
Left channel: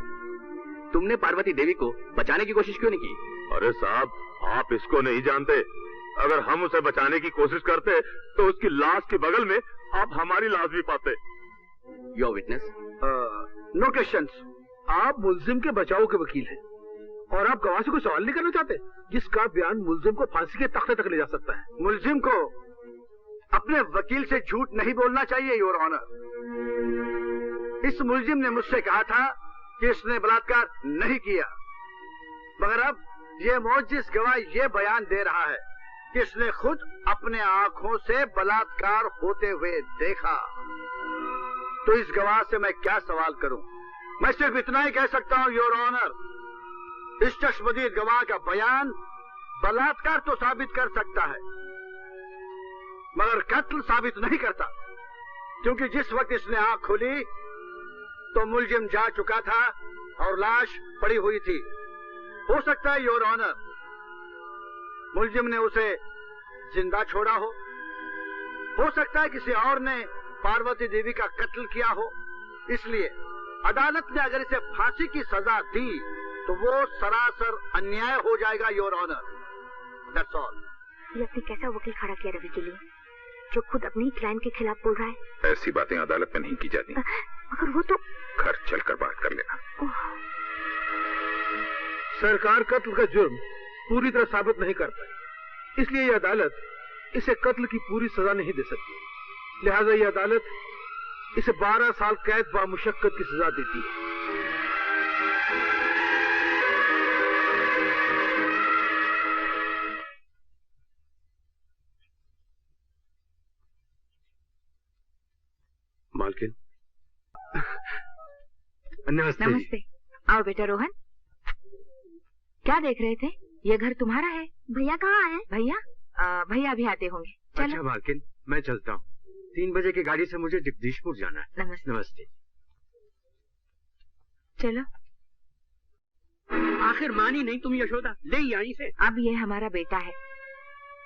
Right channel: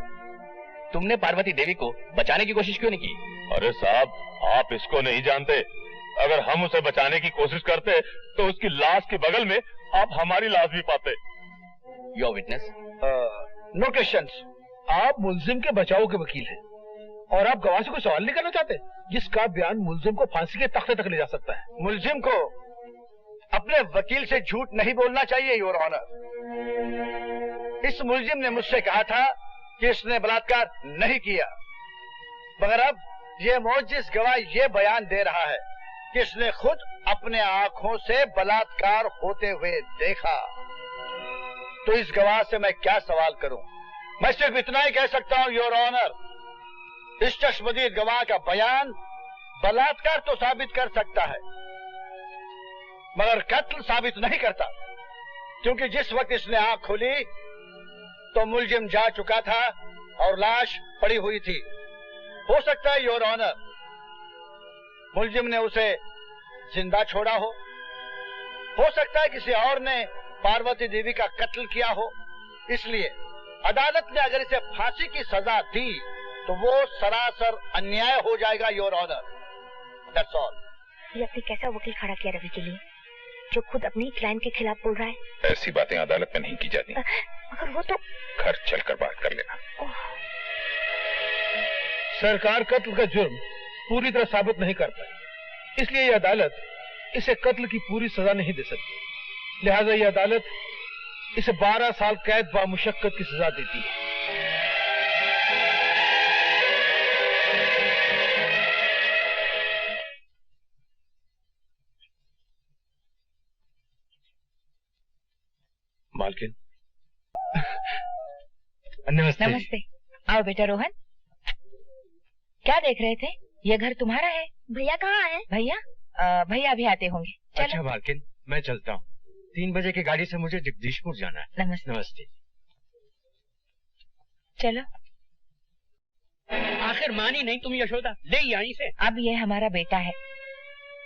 तुमने पार्वती देवी को बचाने की कोशिश क्यों नहीं की? अरे साहब, आप इसको नहीं जानते। अगर हम उसे बचाने की कोशिश करते तो उसकी लाश के बगल में आप हमारी लाश भी पाते। Your witness. No questions. आप मुलजिम के बचाव के वकील हैं और आप गवाह से कोई सवाल नहीं करना चाहते जिसका बयान मुलजिम को फांसी के तख्ते तक ले जा सकता है। मुलजिम को अपने वकील से झूठ नहीं बोलना चाहिए योर ऑनर। इस मुलजिम ने मुझसे कहा था कि इसने बलात्कार नहीं किया, मगर अब ये मोजिज़ गवाह ये बयान दे रहा है कि इसने खुद अपने आंखों से बलात्कार होते हुए देखा। तो इस गवाह से मैं क्या सवाल करूं? मैं सिर्फ इतना ही कह सकता हूं योर ऑनर, इस चश्मदीद गवाह का बयान बलात्कार तो साबित कर सकता है मगर कत्ल साबित नहीं करता, क्योंकि जिस वक्त इसने आंख खोली तो मुलजिम जा चुका था और लाश पड़ी हुई थी। हो सकता है योर ऑनर मुलजिम ने उसे जिंदा छोड़ा हो सकता है किसी और ने पार्वती देवी का कत्ल किया हो। इसलिए अदालत ने अगर इसे फांसी की सजा दी तो वो सरासर अन्याय हो जाएगा योर ऑनर। That's all. ये अपने कैसा वकील खड़ा किया रवि के लिए, जो खुद अपनी क्लाइंट के खिलाफ बोल रहा है। ऐसी बातें अदालत में नहीं की जाती। मगर वो तो घर चलकर बात कर लेना। सरकार कत्ल का जुर्म पूरी तरह साबित नहीं कर पाई, इसलिए ये अदालत इसे कत्ल की पूरी सजा नहीं दे सकती। लिहाजा ये अदालत इसे 12 साल कैद बामुशक्कत की सजा देती है। मालकिन, नमस्ते। नमस्ते। आओ बेटा रोहन। क्या देख रहे थे? ये घर तुम्हारा है। भैया कहाँ है? भैया अभी आते होंगे। चलो। अच्छा मालकिन, मैं चलता हूँ। 3 बजे की गाड़ी से मुझे जगदीशपुर जाना है। नमस्ते। नमस्ते। चलो। आखिर मानी नहीं तुम यशोदा, ले यहीं से। अब ये हमारा बेटा है।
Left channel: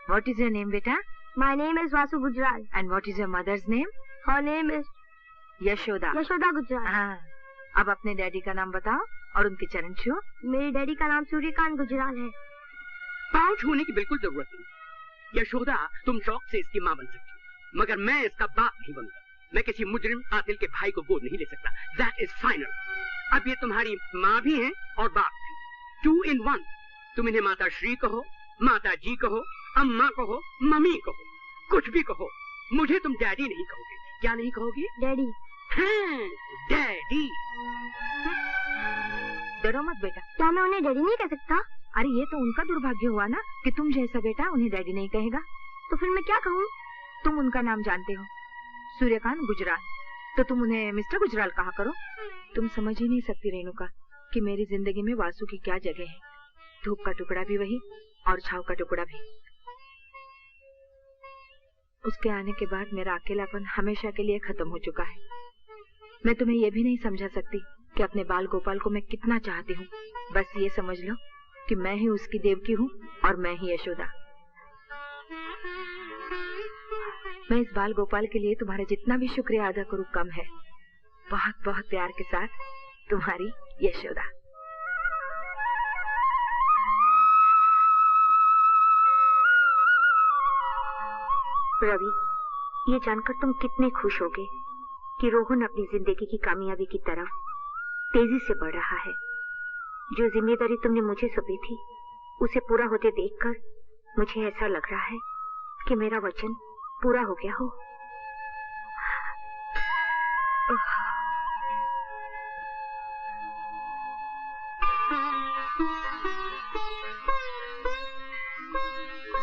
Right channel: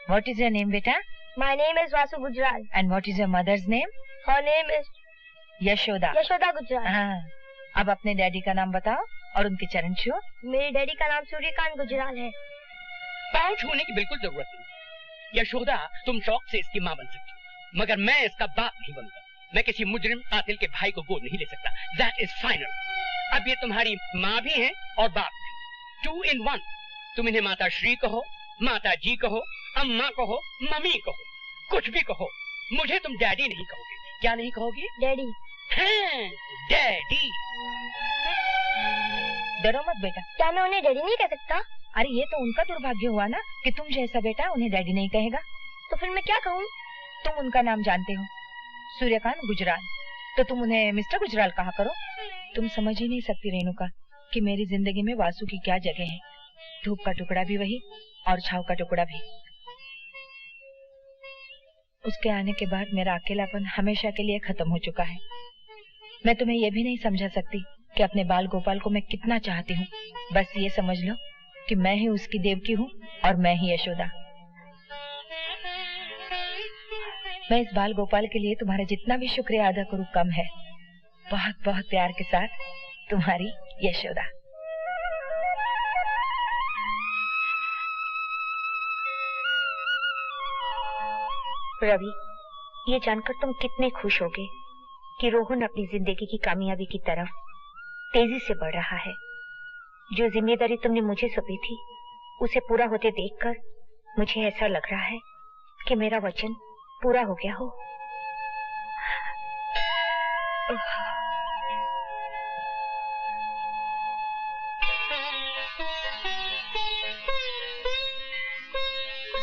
व्हाट इज योर नेम बेटा? My name is Vasu Gujral. And what is your mother's name? Her name is Yashoda. Yashoda Gujral. हाँ। अब अपने डैडी का नाम बताओ और उनके चरण छुओ। मेरे डैडी का नाम सूर्यकांत गुजराल है। पाँव छूने की बिल्कुल जरूरत नहीं। यशोदा, तुम शौक से इसकी माँ बन सकती हो, मगर मैं इसका बाप नहीं बनूंगा। मैं किसी मुजरिम कातिल के भाई को गोद नहीं ले सकता। That is final. अब ये तुम्हारी माँ भी है और बाप भी, 2 in 1। तुम इन्हें माता श्री कहो, माता जी कहो, अम्मा कहो, मम्मी कहो, कुछ भी कहो, मुझे तुम डैडी नहीं कहोगे। क्या नहीं कहोगे? डैडी। हाँ, डैडी। डरो मत बेटा। क्या मैं उन्हें डैडी नहीं कह सकता? अरे ये तो उनका दुर्भाग्य हुआ ना कि तुम जैसा बेटा उन्हें डैडी नहीं कहेगा। तो फिर मैं क्या कहूँ? तुम उनका नाम जानते हो, सूर्यकांत गुजराल, तो तुम उन्हें मिस्टर गुजराल कहा करो। तुम समझ ही नहीं सकती रेणुका कि मेरी जिंदगी में वासु की क्या जगह है। धूप का टुकड़ा भी वही और छाव का टुकड़ा भी। उसके आने के बाद मेरा अकेलापन हमेशा के लिए खत्म हो चुका है। मैं तुम्हें यह भी नहीं समझा सकती कि अपने बाल गोपाल को मैं कितना चाहती हूँ। बस ये समझ लो कि मैं ही उसकी देवकी हूँ और मैं ही यशोदा। मैं इस बाल गोपाल के लिए तुम्हारा जितना भी शुक्रिया अदा करूँ कम है। बहुत बहुत प्यार के साथ तुम्हारी यशोदा। रवि, ये जानकर तुम कितने खुश होगे कि रोहन अपनी जिंदगी की कामयाबी की तरफ तेजी से बढ़ रहा है। जो जिम्मेदारी तुमने मुझे सौंपी थी उसे पूरा होते देखकर मुझे ऐसा लग रहा है कि मेरा वचन पूरा हो गया हो।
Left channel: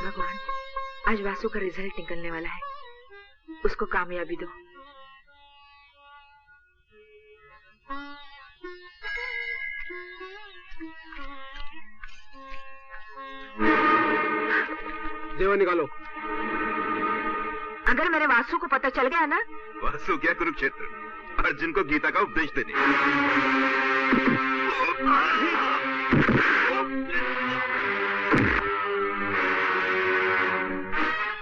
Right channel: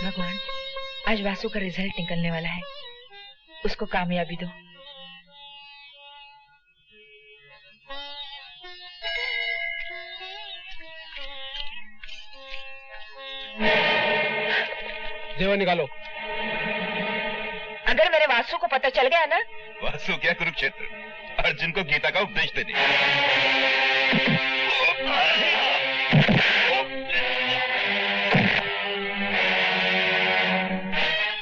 भगवान, आज वासु का रिजल्ट निकलने वाला है, उसको कामयाबी दो। जेवर निकालो। अगर मेरे वासु को पता चल गया ना। वासु क्या कुरुक्षेत्र, अर्जुन को गीता का उपदेश देने।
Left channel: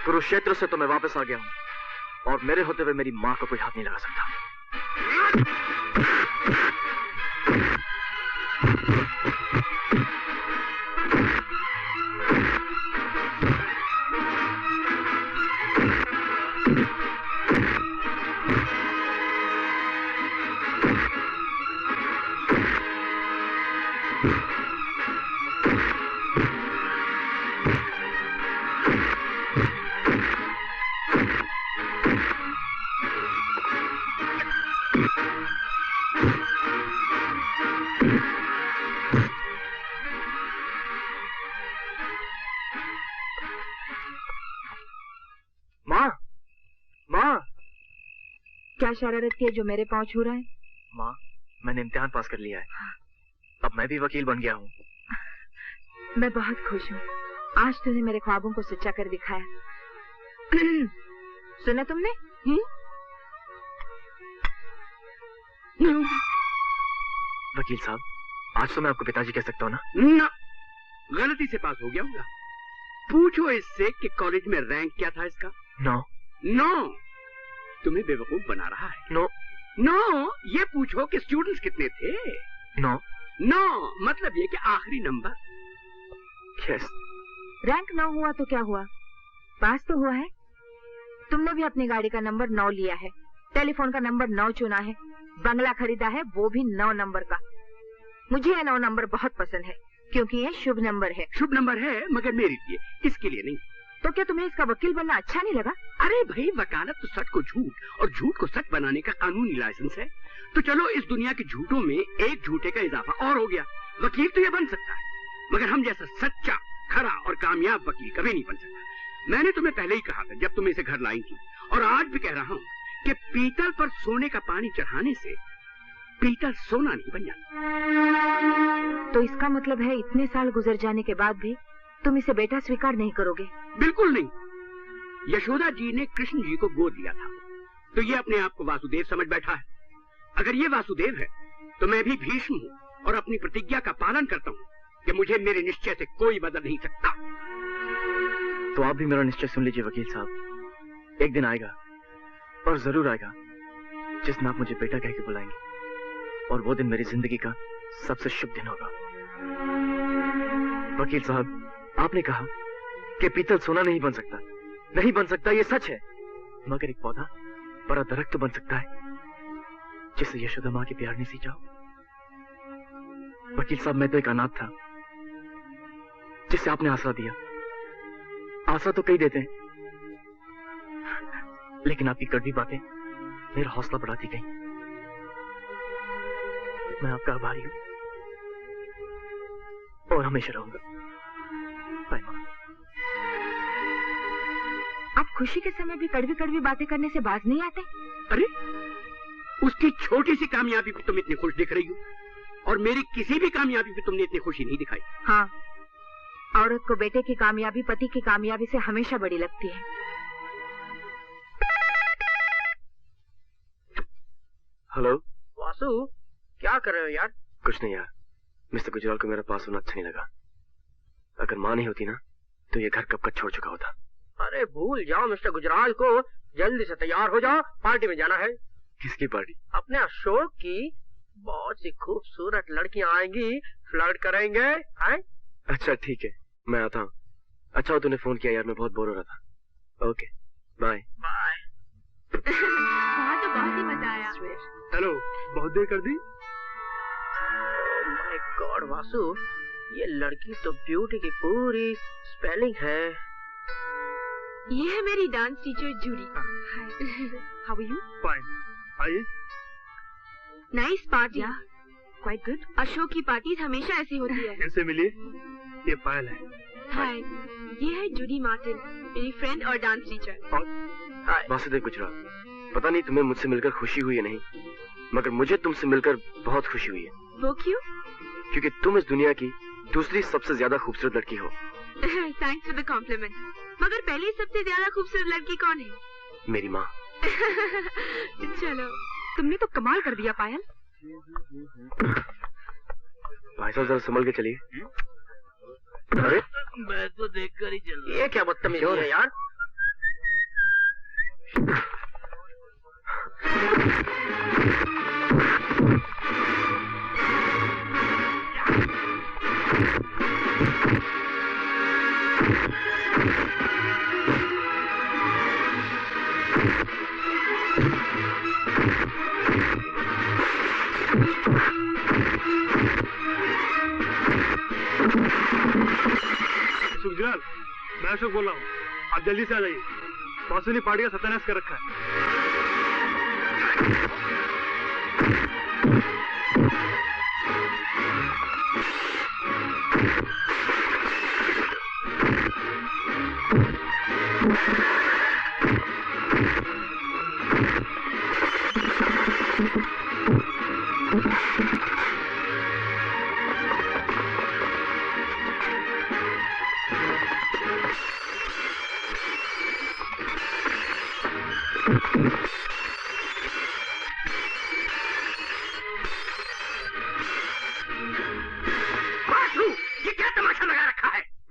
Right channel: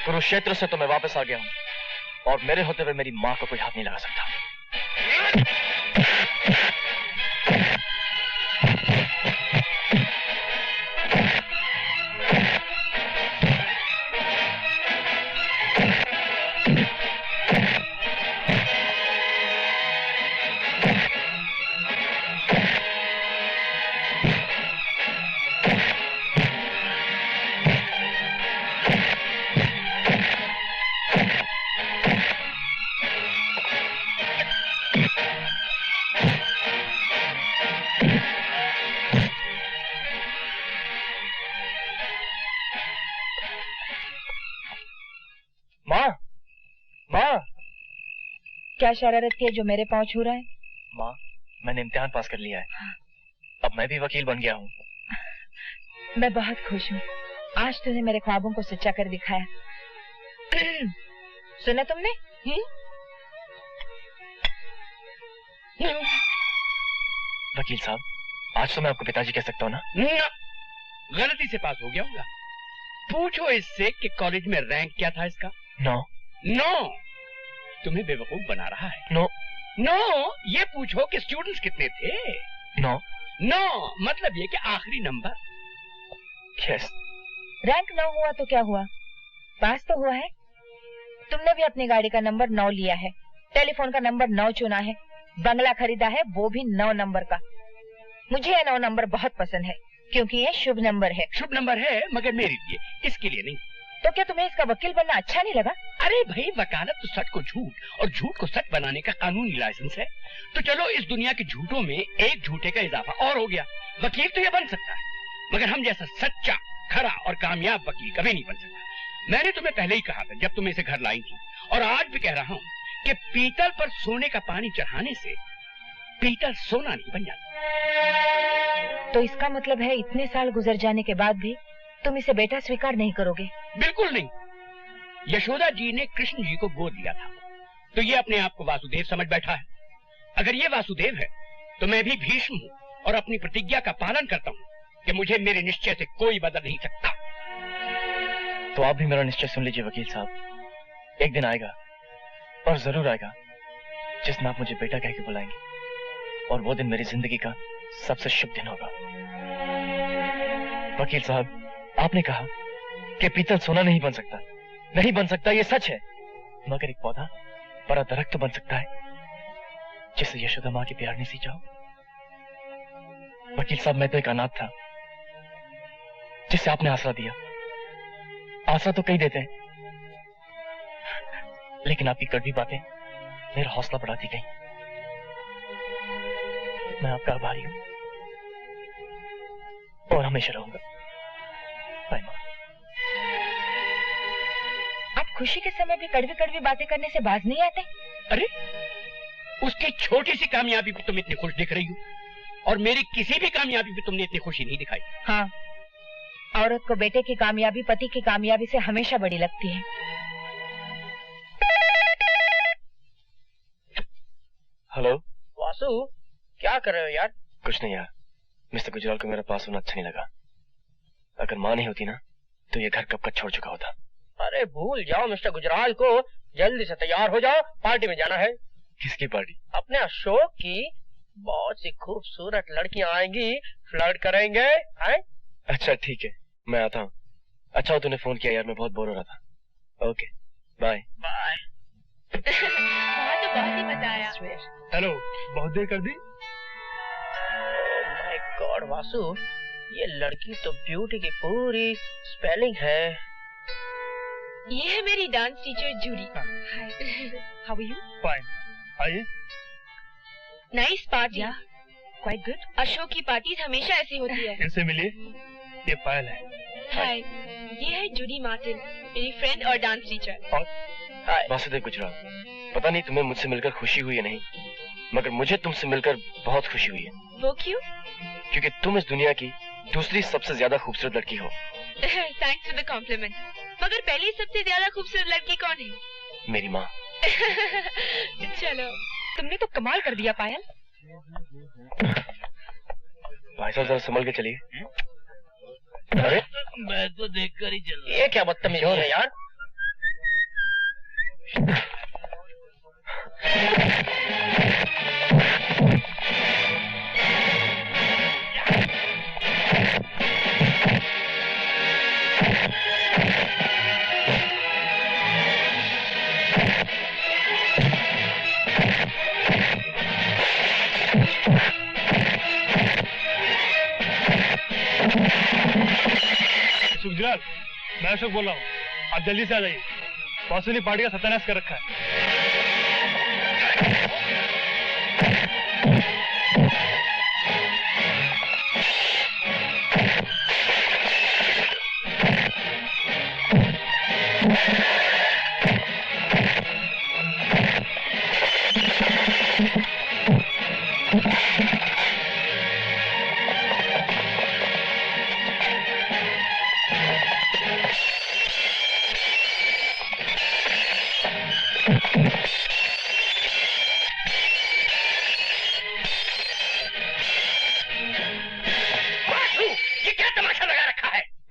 कुरुक्षेत्र से तो मैं वापस आ गया हूँ और मेरे होते हुए मेरी माँ को कोई हाथ नहीं लगा सकता। क्या शरारत की है जो मेरे पाँव छू रहा है? माँ, मैंने इम्तिहान पास कर लिया है। अब मैं भी वकील बन गया हूँ। मैं बहुत खुश हूँ। आज तूने मेरे ख्वाबों को सच्चा कर दिखाया। सुना तुमने? वकील साहब, आज तो मैं आपको पिताजी कह सकता हूँ ना? ना, गलती से पास हो गया होगा। पूछो इससे कि कॉलेज में रैंक क्या था इसका। नो तुम्हें बेवकूफ बना रहा है। नो, ये पूछो कि स्टूडेंट्स कितने थे। नो मतलब ये कि आखिरी नंबर। यस। रैंक 9 हुआ तो क्या हुआ, पास तो हुआ है। तुमने भी अपनी गाड़ी का नंबर 9 लिया है, टेलीफोन का नंबर 9 चुना है, बंगला खरीदा है वो भी 9 नंबर का। मुझे यह 9 नंबर बहुत पसंद है क्योंकि ये शुभ नंबर है। शुभ नंबर है मगर मेरे लिए, इसके लिए नहीं। तो क्या तुम्हें इसका वकील बनना अच्छा नहीं लगा? अरे भाई, वकालत तो सच को झूठ और झूठ को सच बनाने का कानूनी लाइसेंस है। तो चलो इस दुनिया के झूठों में एक झूठे का इजाफा और हो गया। वकील तो ये बन सकता है मगर हम जैसा सच्चा, खरा और कामयाब वकील कभी नहीं बन सकता। मैंने तुम्हें पहले ही कहा था जब तुम इसे घर लाई थी, और आज भी कह रहा हूँ कि पीतल पर सोने का पानी चढ़ाने से पीतल सोना नहीं बन जाता। तो इसका मतलब है इतने साल गुजर जाने के बाद भी तुम इसे बेटा स्वीकार नहीं करोगे? बिल्कुल नहीं। यशोदा जी ने कृष्ण जी को गोद लिया था तो ये अपने आप को वासुदेव समझ बैठा है। अगर ये वासुदेव है तो मैं भी भीष्म हूँ और अपनी प्रतिज्ञा का पालन करता हूँ कि मुझे मेरे निश्चय से कोई बदल नहीं सकता। तो आप भी मेरा निश्चय सुन लीजिए वकील साहब। एक दिन आएगा और जरूर आएगा जिस दिन आप मुझे बेटा कह के बुलाएंगे, और वो दिन मेरी जिंदगी का सबसे शुभ दिन होगा। वकील साहब, आपने कहा कि पीतल सोना नहीं बन सकता। नहीं बन सकता, ये सच है, मगर एक पौधा बड़ा दरख्त तो बन सकता है जिससे यशोदा माँ के प्यार ने सींचा हो। वकील साहब, मैं तो एक अनाथ था जिसे आपने आसरा दिया। आसरा तो कई देते हैं, लेकिन आपकी कड़वी बातें मेरा हौसला बढ़ाती गई। मैं आपका आभारी हूं और हमेशा रहूंगा। बाय मां। आप खुशी के समय भी कड़वी कड़वी बातें करने से बाज नहीं आते? अरे, उसकी छोटी सी कामयाबी पे तुम इतनी खुश दिख रही हो और मेरी किसी भी कामयाबी पे तुमने इतनी खुशी नहीं दिखाई। हाँ, औरत को बेटे की कामयाबी पति की कामयाबी से हमेशा बड़ी लगती है। हेलो वासु, क्या कर रहे हो यार? कुछ नहीं यार, मिस्टर गुजराल को मेरा पास होना अच्छा नहीं लगा। अगर माँ नहीं होती ना तो ये घर कब का छोड़ चुका होता। अरे भूल जाओ मिस्टर गुजराल को, जल्दी से तैयार हो जाओ, पार्टी में जाना है। किसकी पार्टी? अपने अशोक की। बहुत सी खूबसूरत लड़कियां आएंगी, फ्लर्ट करेंगे। हैं? अच्छा ठीक है, मैं आता हूँ। अच्छा हो तूने फोन किया यार, मैं बहुत बोर हो रहा था। Okay bye. बाय। वहाँ तो बहुत ही मजा आया। हेलो, बहुत देर कर दी। माय गॉड वासु, ये लड़की तो ब्यूटी की पूरी स्पेलिंग है। ये है मेरी dance teacher Judy. How are you? Fine. आइए। Nice party. Quite good. Ashok की पार्टीज हमेशा ऐसी होती है। इनसे मिलिए, ये पायल है। हाय, ये है जूडी मार्टिन, मेरी फ्रेंड और डांस टीचर। वासुदेव गुजराल, पता नहीं तुम्हें मुझसे मिलकर खुशी हुई है नहीं, मगर मुझे तुमसे मिलकर बहुत खुशी हुई है। वो क्यों? क्योंकि तुम इस दुनिया की दूसरी सबसे ज्यादा खूबसूरत लड़की हो। Thanks for the compliment. मगर पहले सबसे ज्यादा खूबसूरत लड़की कौन है? मेरी माँ। चलो। तुमने तो कमाल कर दिया पायल। भाई साहब जरा संभल के चलिए। अरे मैं तो देखकर ही चल रहा। ये क्या बदतमीजी है यार। सुखजलाल, मैं अशोक बोल रहा हूँ, आप जल्दी से आ जाइए। बॉस ने पार्टी का सत्यानाश कर रखा है।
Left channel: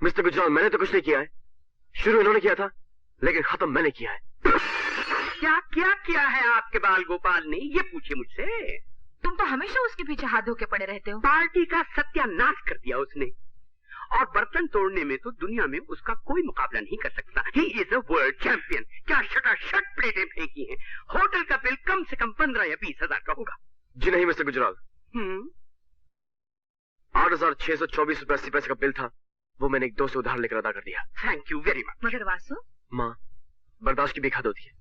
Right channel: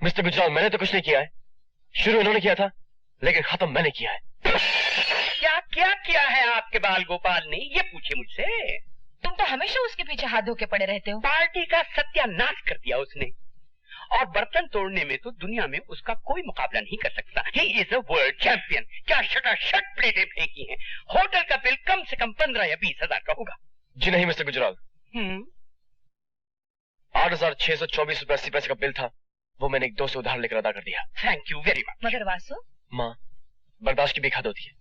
मिस्टर गुजराल, मैंने तो कुछ नहीं किया है। शुरू इन्होंने किया था, लेकिन खत्म मैंने किया है। क्या क्या किया है आपके बाल गोपाल ने, ये पूछिए मुझसे। तुम तो हमेशा उसके पीछे हाथ धो के पड़े रहते हो। पार्टी का सत्यानाश कर दिया उसने, और बर्तन तोड़ने में तो दुनिया में उसका कोई मुकाबला नहीं कर सकता। ही इज अ वर्ल्ड चैंपियन। क्या शटाशट प्लेटें फेंकी हैं। होटल का बिल कम से कम 15 या 20 हजार का होगा। जी नहीं मिस्टर गुजराल, 8,624 रुपए 80 पैसे का बिल था, वो मैंने एक दोस्त से उधार लेकर अदा कर दिया। Thank you very much. मगर वासु, माँ, बर्दाश्त की भी हद होती है।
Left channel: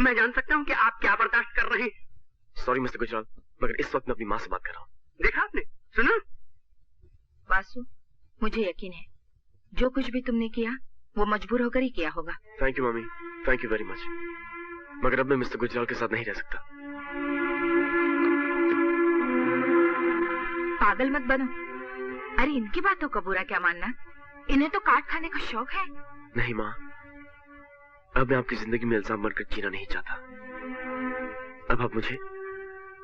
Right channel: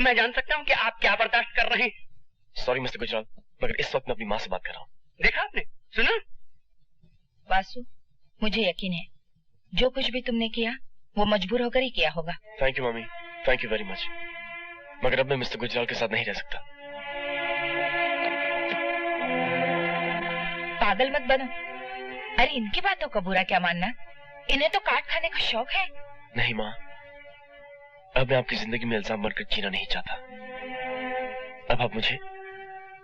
मैं जान सकता हूँ कि आप क्या बर्दाश्त कर रहे हैं? सॉरी मिस्टर गुजराल, मगर इस वक्त मैं अपनी माँ से बात कर रहा हूँ। देखा आपने, सुना? वासु, मुझे यकीन है जो कुछ भी तुमने किया वो मजबूर होकर ही किया होगा। Thank you mummy, thank you very much. मगर अब मैं मिस्टर गुजराल के साथ नहीं रह सकता। पागल मत बनो। अरे इनकी बातों का बुरा क्या मानना, इन्हें तो काट खाने का शौक है। नहीं माँ, अब मैं आपकी जिंदगी में इल्जाम बनकर जीना नहीं चाहता। अब आप मुझे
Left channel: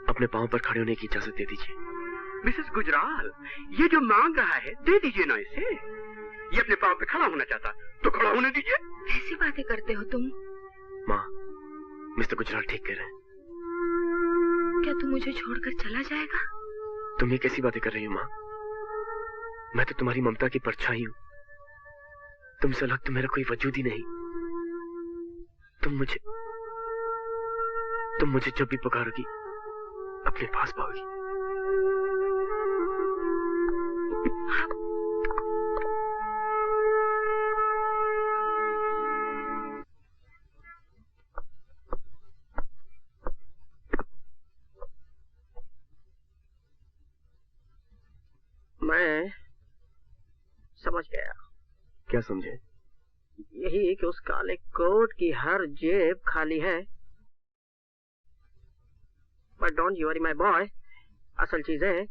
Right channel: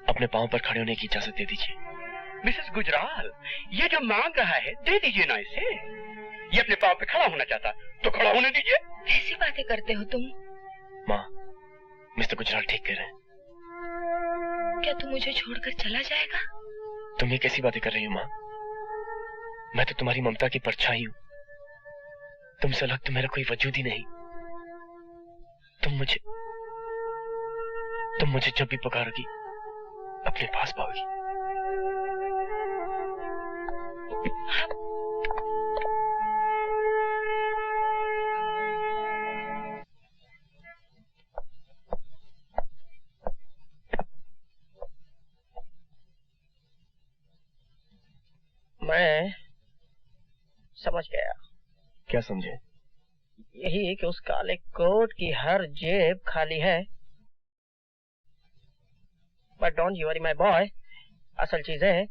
अपने पांव पर खड़े होने की इजाजत दे दीजिए। मिसेस गुजराल, ये जो मांग रहा है दे दीजिए ना इसे। ये अपने पांव पे खड़ा होना चाहता तो खड़ा होने दीजिए। ऐसी बातें करते हो तुम? माँ, मिस्टर गुजराल ठीक कह रहे हैं। क्या तू मुझे छोड़कर चला जाएगा? तुम ये कैसी बातें कर रही हो माँ? मैं तो तुम्हारी ममता की परछाई हूँ। तुमसे अलग तो मेरा कोई वजूद ही नहीं। तुम मुझे जब भी पुकारोगी अपने पास पाओगी। मैं समझ गया। क्या समझे? यही कि उस काले कोट की हर जेब खाली है। But don't you worry my boy, असल चीज है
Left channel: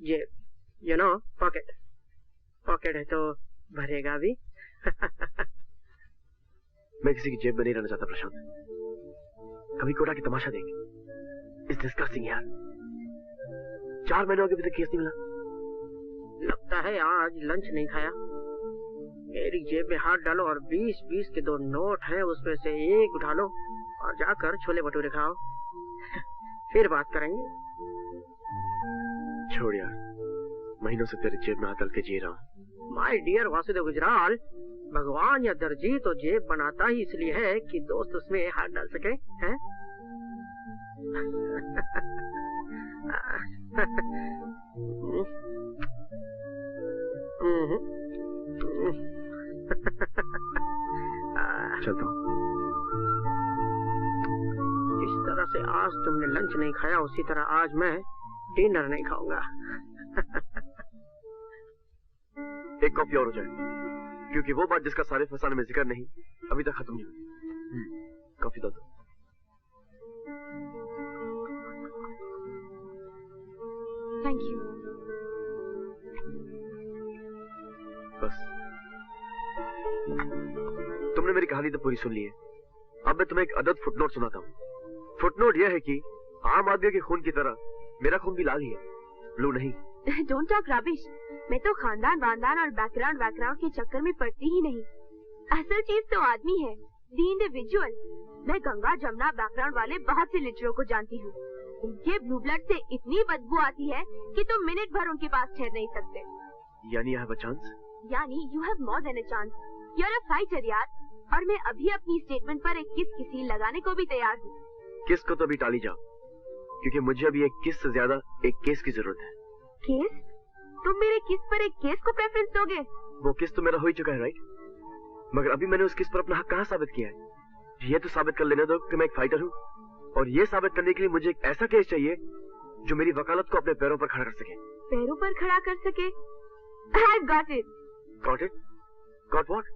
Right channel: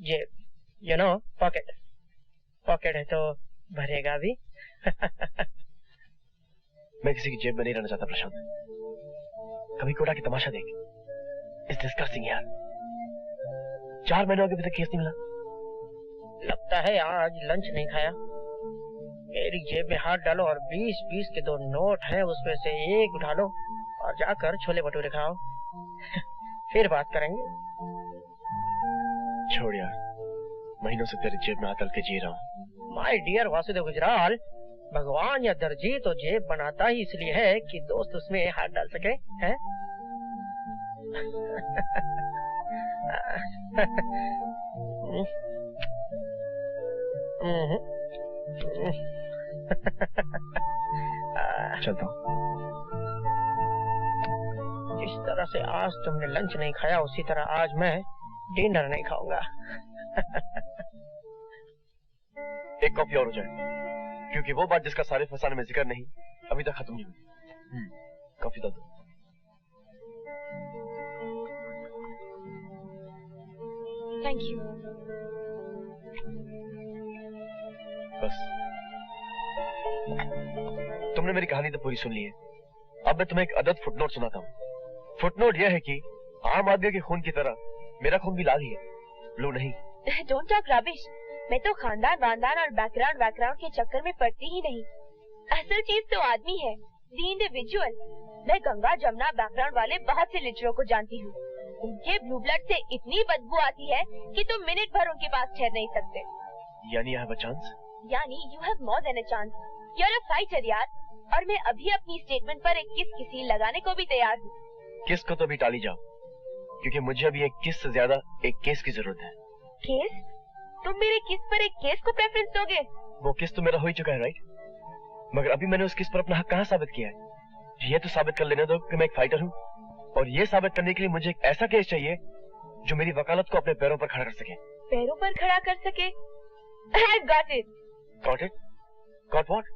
जेब, यू नो, पॉकेट। पॉकेट है तो भरेगा भी। मैं किसी की जेब में नहीं रहना चाहता प्रशांत। कभी कोटा की तमाशा देख। इस डिस्कस्टिंग यार। 4 महीनों के अभी तक केस नहीं मिला। लगता है आज लंच नहीं खाया। मेरी जेब में हाथ डालो और 20-20 के 2 नोट हैं, उसमें से एक उठा लो और जाकर छोले भटूरे खाओ। फिर बात करेंगे। छोड़ यार, महीनों से तेरी जेब में हाथ डाल के जी रहा हूँ। माय डियर वासुदेव गुजराल, भगवान या दर्जी तो जेब बनाता ही इसलिए है कि दोस्त उसमें हाथ डाल सके, हैं? चलता हूँ। जिस तरह से आज तुमने लंच नहीं खाया उसी तरह आज मैं डिनर नहीं खाऊंगा। एक कॉफी और हो जाए, क्योंकि वो बात जिसका सारे फसाने में जिक्र नहीं अभी तक खत्म नहीं हुई। कॉफी दो। Thank you. बस तुमने मेरी कहानी तो पूरी सुन ली है। अब मैं तुम्हें एक अदद फुटनोट सुनाता हूँ। फुटनोट यह है कि आम आदमी के खून की तरह मेरा खून भी लाल ही है, ब्लू नहीं। Don't talk rubbish. मैं तो खानदान वानदान और बैकग्राउंड के चक्कर में पड़ती ही नहीं। असल चीज तो आदमी है, द इंडिविजुअल। मैं गंगा जमुना बैकग्राउंड वाले बहुत से लिटरों को जानती हूँ। उनके ब्लू ब्लड से इतनी बदबू आती है कि तुम मिनट भर उनके पास ठहर नहीं सकते। यानी आई हैव अ चांस? यानी you have more than a chance. You are a fighter यार। और मैं अभी अपनी स्टेटमेंट पर एक किस किसी लगाने को भी तैयार हूँ। किस को तो अभी टाली जाओ, क्योंकि मुझे अभी एक किस से ज्यादा एक केस की जरूरत है। केस? तुम मेरे किस पर एक केस को प्रेफरेंस दोगे? वो किस तो मेरा हो ही चुका है, राइट? मगर अभी मैंने उस किस पर अपना हक कहाँ साबित किया है? ये तो साबित कर लेने दो कि मैं एक फाइटर हूँ, और ये साबित करने के लिए मुझे एक ऐसा केस चाहिए जो मेरी वकालत को अपने पैरों पर खड़ा कर सके। पैरों पर खड़ा कर सके? I got it. Got it? Got what?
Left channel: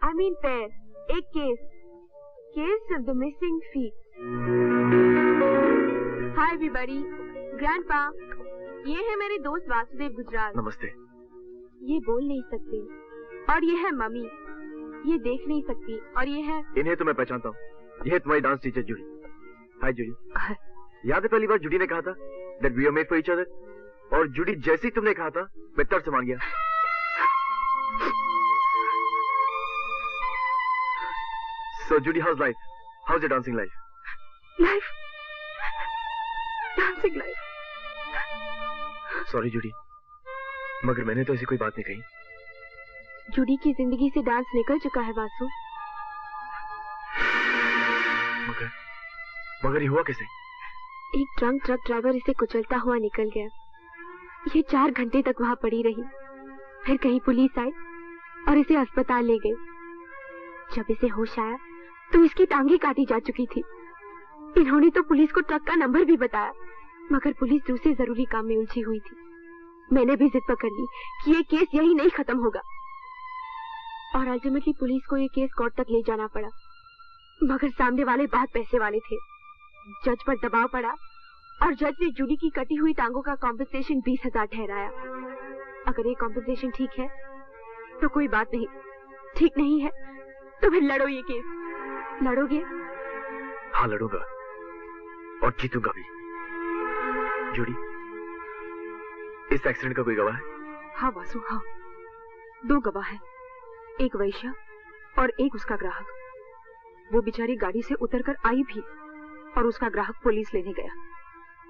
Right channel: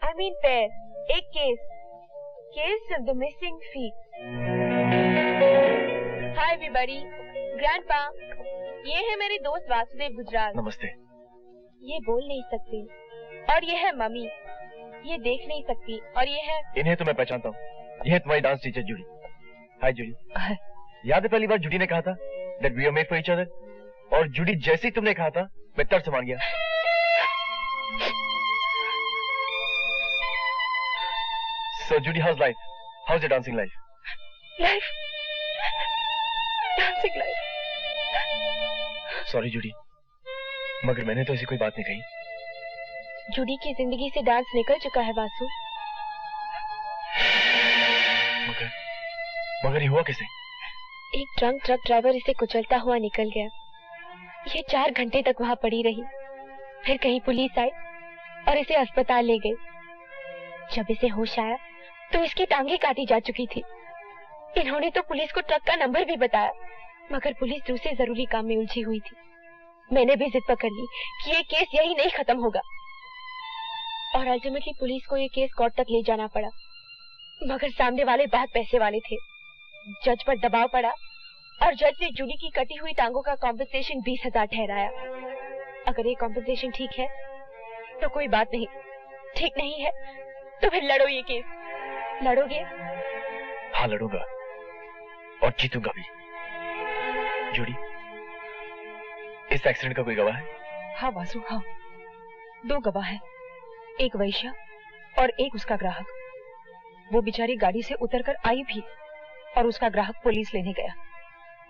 I mean पैर। एक case. Case of the missing feet. Hi everybody. Grandpa. ये है मेरे दोस्त वासुदेव गुजराल। नमस्ते। ये बोल नहीं सकते, और ये है मम्मी। ये देख नहीं सकती, और ये है। इन्हें तो मैं पहचानता हूँ। ये है तुम्हारी डांस टीचर जूडी। हाय जूडी। याद है पहली बार जूडी ने कहा था that we are made for each other? और जूडी जैसे ही तुमने कहा था मैं तड़ से मान गया। So Judy, how's life? How's your dancing life? Life? Dancing life? Sorry Judy, मगर मैंने तो ऐसी कोई बात नहीं कही। जूडी की जिंदगी से डांस निकल चुका है वासु। मगर ये हुआ कैसे? एक ड्रंक ट्रक ड्राइवर इसे कुचलता हुआ निकल गया। ये 4 घंटे तक वहाँ पड़ी रही। फिर कहीं पुलिस आई और इसे अस्पताल ले गई। जब इसे होश आया तो इसकी टांगे काटी जा चुकी थी। इन्होंने तो पुलिस को ट्रक का नंबर भी बताया, मगर पुलिस दूसरे जरूरी काम में उलझी हुई थी। मैंने भी जिद पकड़ ली कि ये केस यही नहीं खत्म होगा, और अल्टीमेटली पुलिस को ये केस कोर्ट तक ले जाना पड़ा। मगर सामने वाले बहुत पैसे वाले थे। जज पर दबाव पड़ा और जज ने जूडी की कटी हुई टांगों का कॉम्पेंसेशन 20,000 ठहराया। अगर ये कॉम्पेंसेशन ठीक है तो कोई बात नहीं, ठीक नहीं है तो फिर लड़ो ये केस। लड़ोगे? हाँ लड़ूंगा, और जीतूंगा भी। जूडी, इस एक्सीडेंट का कोई गवाह है? हाँ वासु, हाँ। 2 गवाह है, एक वैश्या और एक उसका ग्राहक। वो बेचारी गाड़ी से उतरकर आई भी, और उसका ग्राहक पुलिस लेने गया,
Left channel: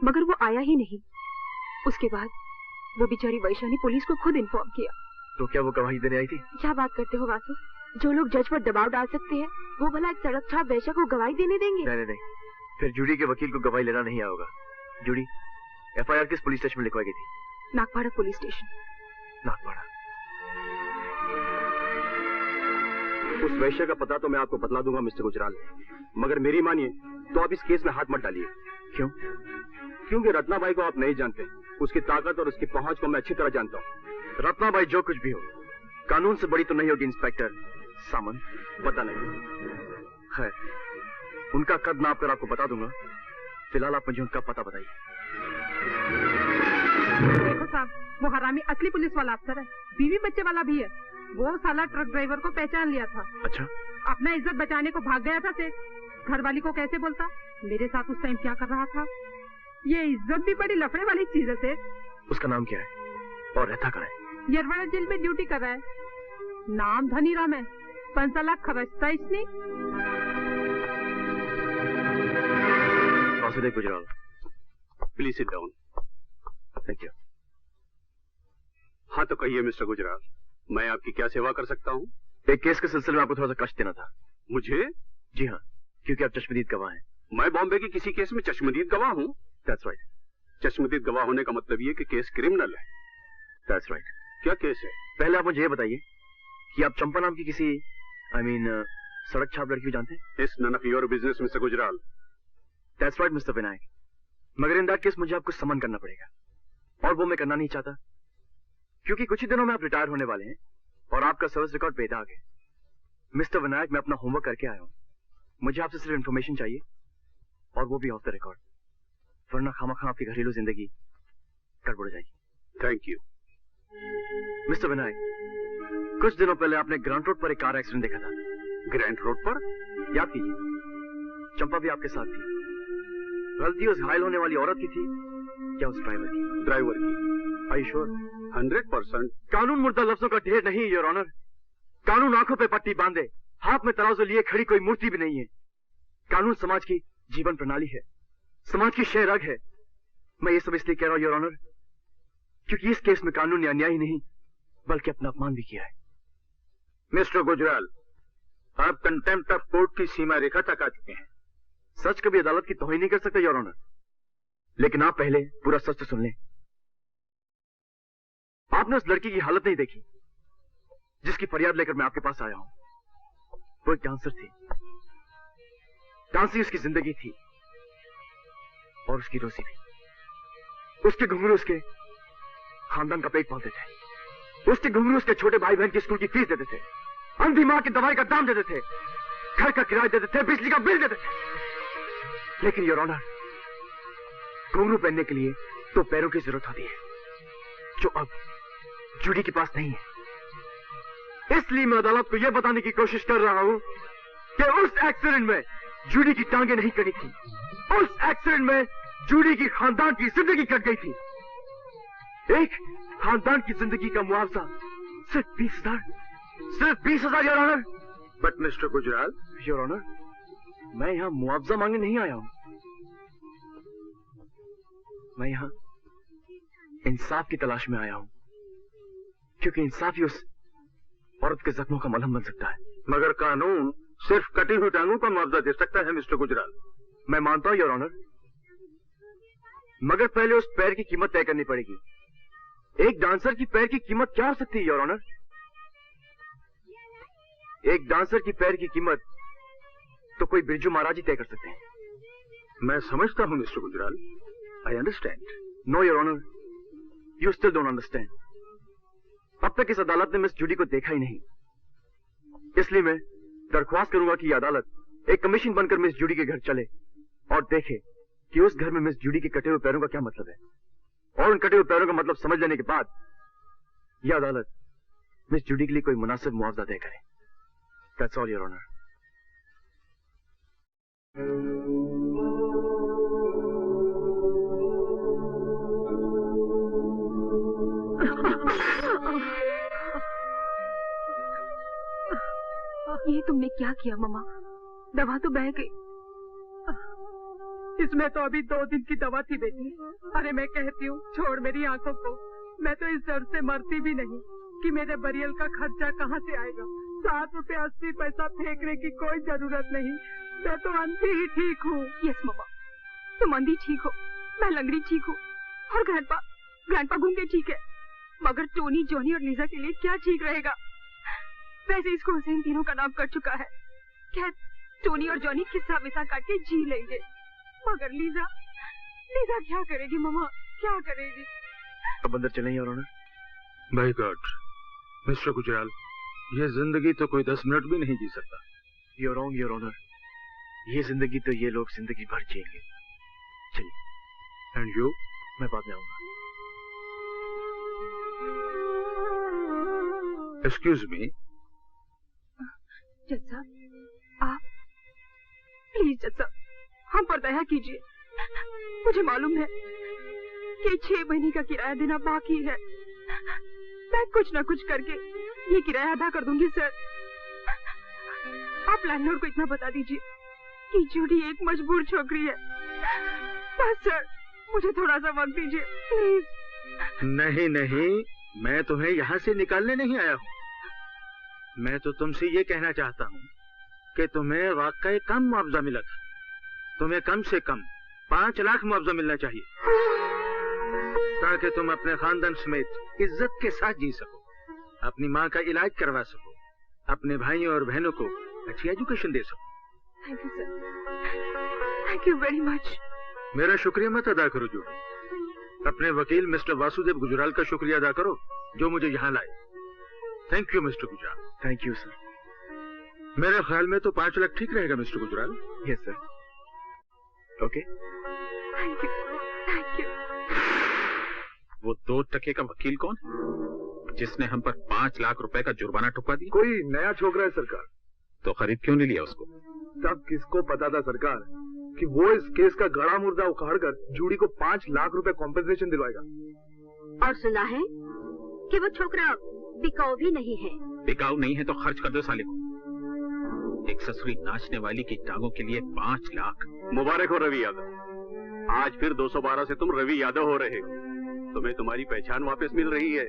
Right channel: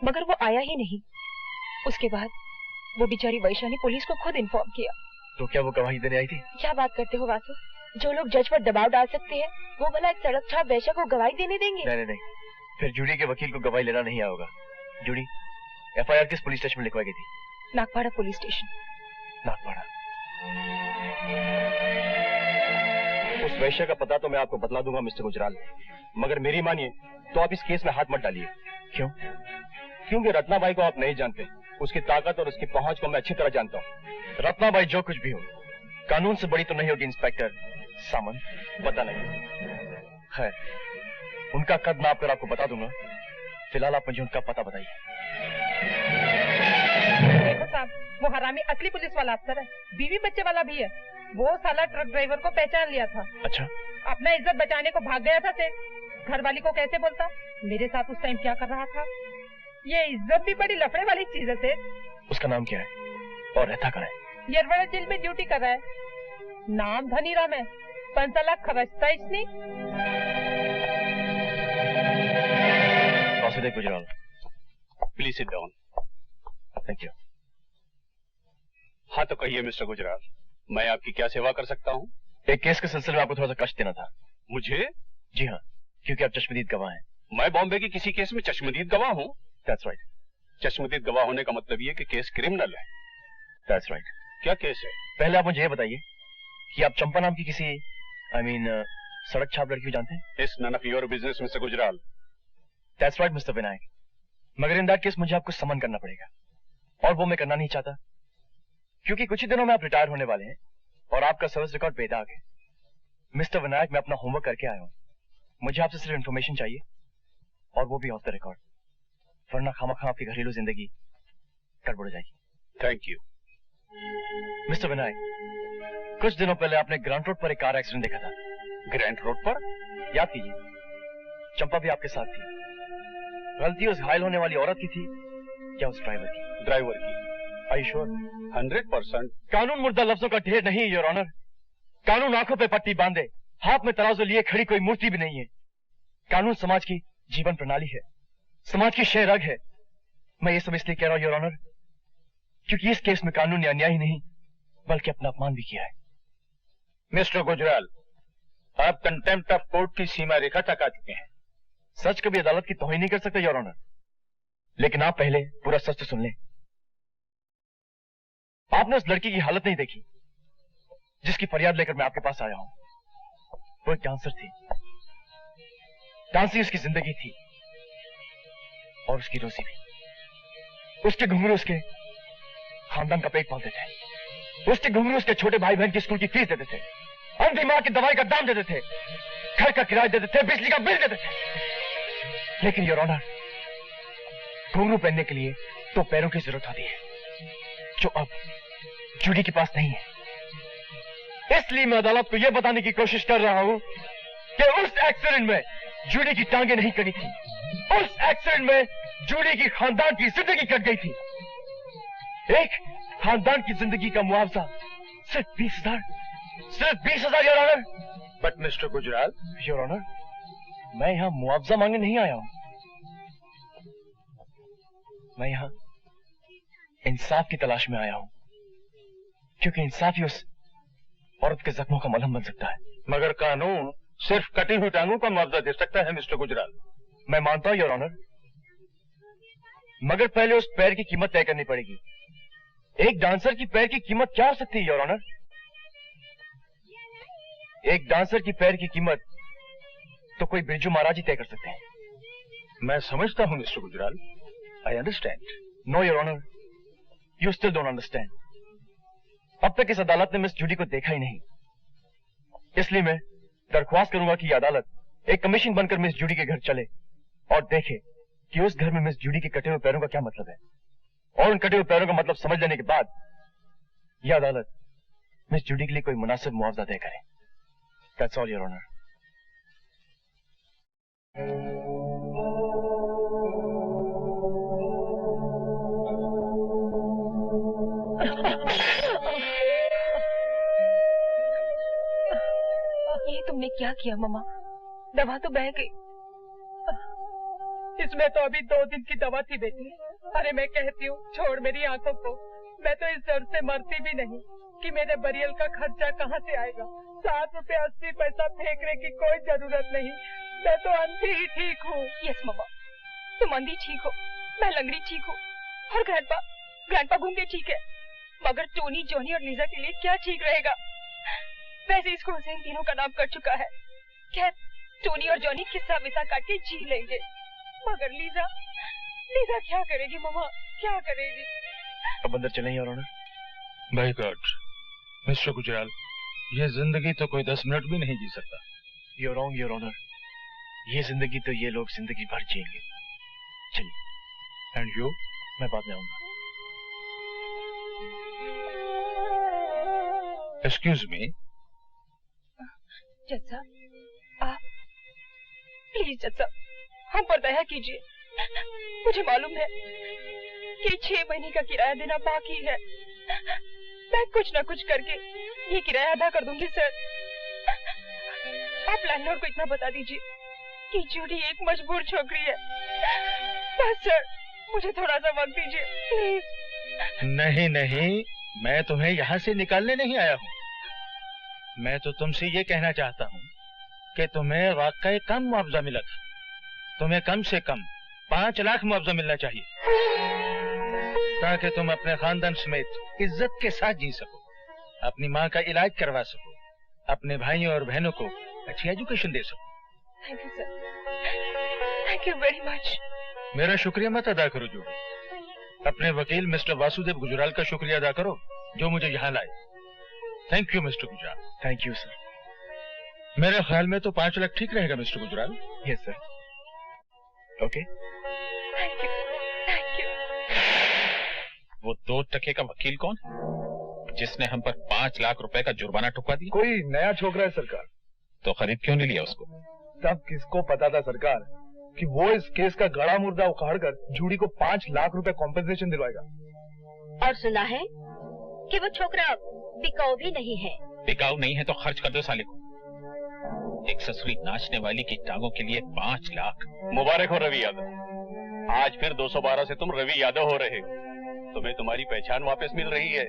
मगर वो आया ही नहीं। उसके बाद वो बेचारी वैश्या ने पुलिस को खुद इन्फॉर्म किया। तो क्या वो गवाही देने आई थी? क्या बात करते हो वासु? जो लोग जज पर दबाव डाल सकते हैं, वो भला एक सड़क छाप वैश्या को गवाही देने देंगे? नहीं नहीं नहीं, फिर जूडी के वकील को गवाही लेना नहीं आएगा। जूडी, FIR किस पुलिस स्टेशन में लिखवाई गई थी? Nagpada police station. नागपाड़ा। उस वैश्य का पता तो मैं आपको बतला दूंगा मिस्टर गुजराल, मगर मेरी मानिए तो आप इस केस में हाथ मत डालिए। क्यों? क्योंकि रत्नाबाई को आप नहीं जानते। उसकी ताकत और उसकी पहुंच को मैं अच्छी तरह जानता हूँ। रत्नाबाई जो कुछ भी हो, कानून से बड़ी तो नहीं होगी इंस्पेक्टर सामंत। पता नहीं। खैर, उनका कद नाप कर आपको बता दूंगा। फिलहाल आप मुझे उनका पता बताइए। देखो साहब, वो हरामी असली पुलिस वाला अफसर है, बीवी बच्चे वाला भी है। वो साला ट्रक ड्राइवर को पहचान लिया था। अच्छा? अपना इज्जत बचाने को भाग गया था सेठ। घरवाली को कैसे बोलता? मेरे साथ उस टाइम क्या कर रहा था? ये इज्जत भी बड़ी लफड़े वाली चीज है सेठ। उसका नाम क्या है और रहता कहाँ है? यरवड़ा जेल में ड्यूटी कर रहा है। नाम धनीराम है, 5 लाख खर्चता इसने। Vasudev Gujral, please sit down. Thank you. हाँ तो कहिए मिस्टर गुजराल, मैं आपकी क्या सेवा कर सकता हूँ? एक केस के सिलसिले में आपको थोड़ा सा कष्ट देना था। मुझे? जी हाँ, क्योंकि आप चश्मदीद गवाह हैं। मैं बॉम्बे के किसी केस में चश्मदीद गवाह हूँ? That's right. चश्मदीद गवाह होने का मतलब ये कि केस क्रिमिनल है। That's right. क्या केस है? पहले आप मुझे ये बताइए कि आप चंपा नाम की किसी सड़क छाप लड़की को जानते हैं? It's none of your business, mister Gujral. That's right, mister Vinayak. मगर इन दैट केस मुझे आपको समन करना पड़ेगा, और वो मैं करना नहीं चाहता, क्योंकि कुछ ही दिनों में आप रिटायर होने वाले हैं और आपका सर्विस रिकॉर्ड बेदाग है। मिस्टर विनायक, मैं अपना होमवर्क करके आया हूँ। मुझे आपसे सिर्फ इन्फॉर्मेशन चाहिए, और वो भी ऑफ द रिकॉर्ड, वरना खामखा आपकी घरेलू जिंदगी गड़बड़ जाएगी। Thank you. मिस्टर विनायक, कुछ दिनों पहले आपने ग्रांट रोड पर एक कार एक्सीडेंट देखा था, ग्रैंड रोड पर? याद कीजिए, चंपा भी आपके साथ थी। गलती उस घायल होने वाली औरत की थी या उस ड्राइवर की? ड्राइवर की। Are you sure? 100%। कानून मुर्दा लफ्जों का ढेर नहीं है योर ऑनर। कानून आंखों पे पट्टी बांधे हाथ में तराजू लिए खड़ी कोई मूर्ति भी नहीं है। कानून समाज की जीवन प्रणाली है, समाज की शह रग है। मैं ये सब इसलिए कह रहा हूं योर ऑनर क्योंकि इस केस में कानून ने अन्याय ही नहीं बल्कि अपना अपमान भी किया है। मिस्टर गुजराल, आप कंटेम्प्ट ऑफ कोर्ट की सीमा रेखा तक आ चुके हैं। सच कभी अदालत की तौहीन नहीं कर सकते योर ऑनर, लेकिन आप पहले पूरा सच तो सुन लें। आपने उस लड़की की हालत नहीं देखी जिसकी फरियाद लेकर मैं आपके पास आया हूं। वो एक डांसर थी, डांस ही उसकी जिंदगी थी और उसकी रोजी भी। उसके घुंघरू उसके खानदान का पेट पालते थे, उसके घुंघरू उसके छोटे भाई बहन की स्कूल की फीस देते थे, अंधी मां की दवाई का दाम देते थे, घर का किराया देते थे, बिजली का बिल देते थे। लेकिन योर ऑनर, घुंघरू पहनने के लिए तो पैरों की जरूरत होती है जो अब जूडी के पास नहीं है। इसलिए मैं अदालत को यह बताने की कोशिश कर रहा हूं कि उस एक्सीडेंट में जूडी की टांगें नहीं कटी थी, उस एक्सीडेंट में जूडी की खानदान की जिंदगी कट गई थी। एक खानदान की जिंदगी का मुआवजा सिर्फ 20,000, सिर्फ 20,000 your honour. But mister Gujral. Your honour, मैं यहां मुआवजा मांगने नहीं आया हूं, मैं यहां इंसाफ की तलाश में आया हूं, क्योंकि इंसाफ ही उस औरत के जख्मों का मलहम बन सकता है। मगर कानून सिर्फ कटी हुई टांगों का मुआवजा दे सकता है मिस्टर गुजराल। मैं मानता हूं योर ऑनर, मगर पहले उस पैर की कीमत तय करनी पड़ेगी। एक डांसर की पैर की कीमत क्या हो सकती है योर ऑनर? एक डांसर की पैर की कीमत तो कोई बिरजू महाराज ही तय कर सकते हैं। मैं समझता हूं mister Gujral, I understand. No your honour, you still don't understand. अब तक इस अदालत ने मिस जूडी को देखा ही नहीं, इसलिए मैं दरख्वास्त करूंगा कि यह अदालत एक कमीशन बनकर मिस जूडी के घर चले और देखे कि उस घर में मिस जूडी के कटे हुए पैरों का क्या मतलब है, और उन कटे हुए पैरों का मतलब समझ लेने के बाद यह अदालत मिस जूडी के लिए कोई मुनासिब मुआवजा तय करे। That's all your honour. ये तुमने क्या किया मम्मा? दवा तो बह गई। इसमें तो अभी 2 दिन की दवा थी बेटी। अरे मैं कहती हूँ छोड़ मेरी आंखों को, मैं तो इस डर से मरती भी नहीं कि मेरे बरियल का खर्चा कहाँ से आएगा। 7 रुपए 80 पैसा फेंकने की कोई जरूरत नहीं, मैं तो अंधी ही ठीक हूँ। यस मम्मा, तुम अंधी ठीक हो, मैं लंगड़ी ठीक हूँ, और ग्रैंडपा गूंगे ठीक है, मगर टोनी, जॉनी और लीजा के लिए क्या ठीक रहेगा? वैसे इसको हुसैन तीनों का नाम कर चुका है। खैर, टोनी और जॉनी किस्सा विसा काट के जी लेंगे, मगर लीजा क्या करेगी मम्मा, क्या करेगी? अब अंदर चलें your honour. By God mister Gujral, ये जिंदगी तो कोई 10 मिनट भी नहीं जी सकता। You're wrong, योर ऑनर, ये जिंदगी तो ये लोग जिंदगी भर जिएंगे। चलिए। And you? मैं बाद में आऊंगा। Excuse me. जज साहब, आप प्लीज जज साहब हम पर दया कीजिए। मुझे मालूम है कि 6 महीने का किराया देना बाकी है, मैं कुछ न कुछ करके ये किराया अदा कर दूंगी सर। आप लैंडलॉर्ड को इतना बता दीजिए कि जूडी एक मजबूर छोकरी है। बस सर, मुझे थोड़ा सा वक्त दीजिए प्लीज। नहीं, मैं तुम्हें यहाँ से निकालने नहीं आया हूँ। मैं तो तुमसे ये कहना चाहता हूँ कि तुम्हें वाकई कम मुआवजा मिला था। तुम्हें कम से कम 5 लाख मुआवजा मिलना चाहिए, ताकि तुम अपने खानदान समेत इज्जत के साथ जी सको, अपनी माँ का इलाज करवा सको, अपने भाइयों और बहनों को अच्छी एजुकेशन दे सको। Thank you sir, thank you very much. मेरा शुक्रिया मत अदा करो जूडी, अपने वकील मिस्टर वासुदेव गुजराल का शुक्रिया अदा करो जो मुझे यहाँ लाए। Thank you mister Gujral. Thank you sir. मेरे ख्याल में तो 5 लाख ठीक रहेगा mister Gujral. Yes sir. Okay. Thank you, thank you. वो 2 टके का वकील कौन है जिसने हम पर 5 लाख रुपए का जुर्माना ठुकवा दिया? कोई नया छोकरा है सरकार, तो खरीद क्यों नहीं लिया उसको? तब किसको पता था सरकार कि वो इस केस का गड़ा मुर्दा उखाड़ कर जूड़ी को 5 लाख रुपए कॉम्पेंसेशन दिलवाएगा। और सुना है कि वो छोकरा बिकाऊ भी नहीं है। बिकाऊ नहीं है तो खर्च कर दो साले को। एक ससुरी नाचने वाली की टांगों के लिए 5 लाख। मुबारक हो रवि यादव, आज फिर 212 से तुम रवि यादव हो रहे हो। तुम्हें तुम्हारी पहचान वापस मिल रही है।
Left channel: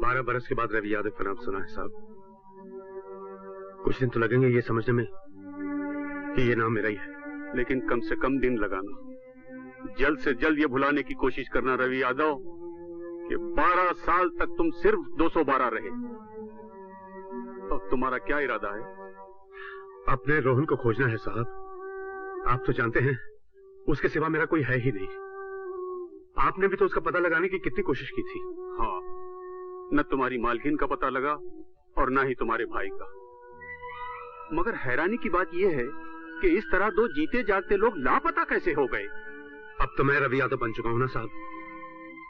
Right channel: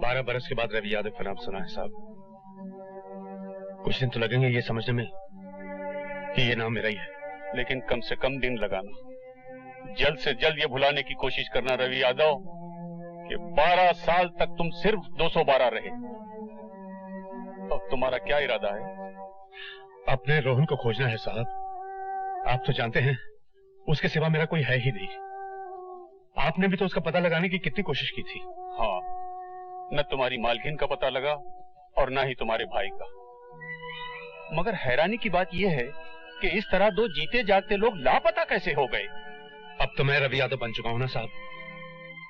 12 बरस के बाद रवि यादव का नाम सुना है साहब। कुछ दिन तो लगेंगे ये समझने में कि ये नाम मेरा ही है, लेकिन कम से कम दिन लगाना। जल्द से जल्द ये भुलाने की कोशिश करना रवि यादव कि 12 साल तक तुम सिर्फ 212 रहे। अब तुम्हारा क्या इरादा है? अपने रोहन को खोजना है साहब। आप तो जानते हैं उसके सिवा मेरा कोई है ही नहीं। आपने भी तो उसका पता लगाने की कितनी कोशिश की थी। हाँ, न तुम्हारी मालकिन का पता लगा और न ही तुम्हारे भाई का। मगर हैरानी की बात यह है कि इस तरह दो जीते जागते लोग लापता कैसे हो गए? अब तो मैं रवि यादव बन चुका हूँ ना साहब,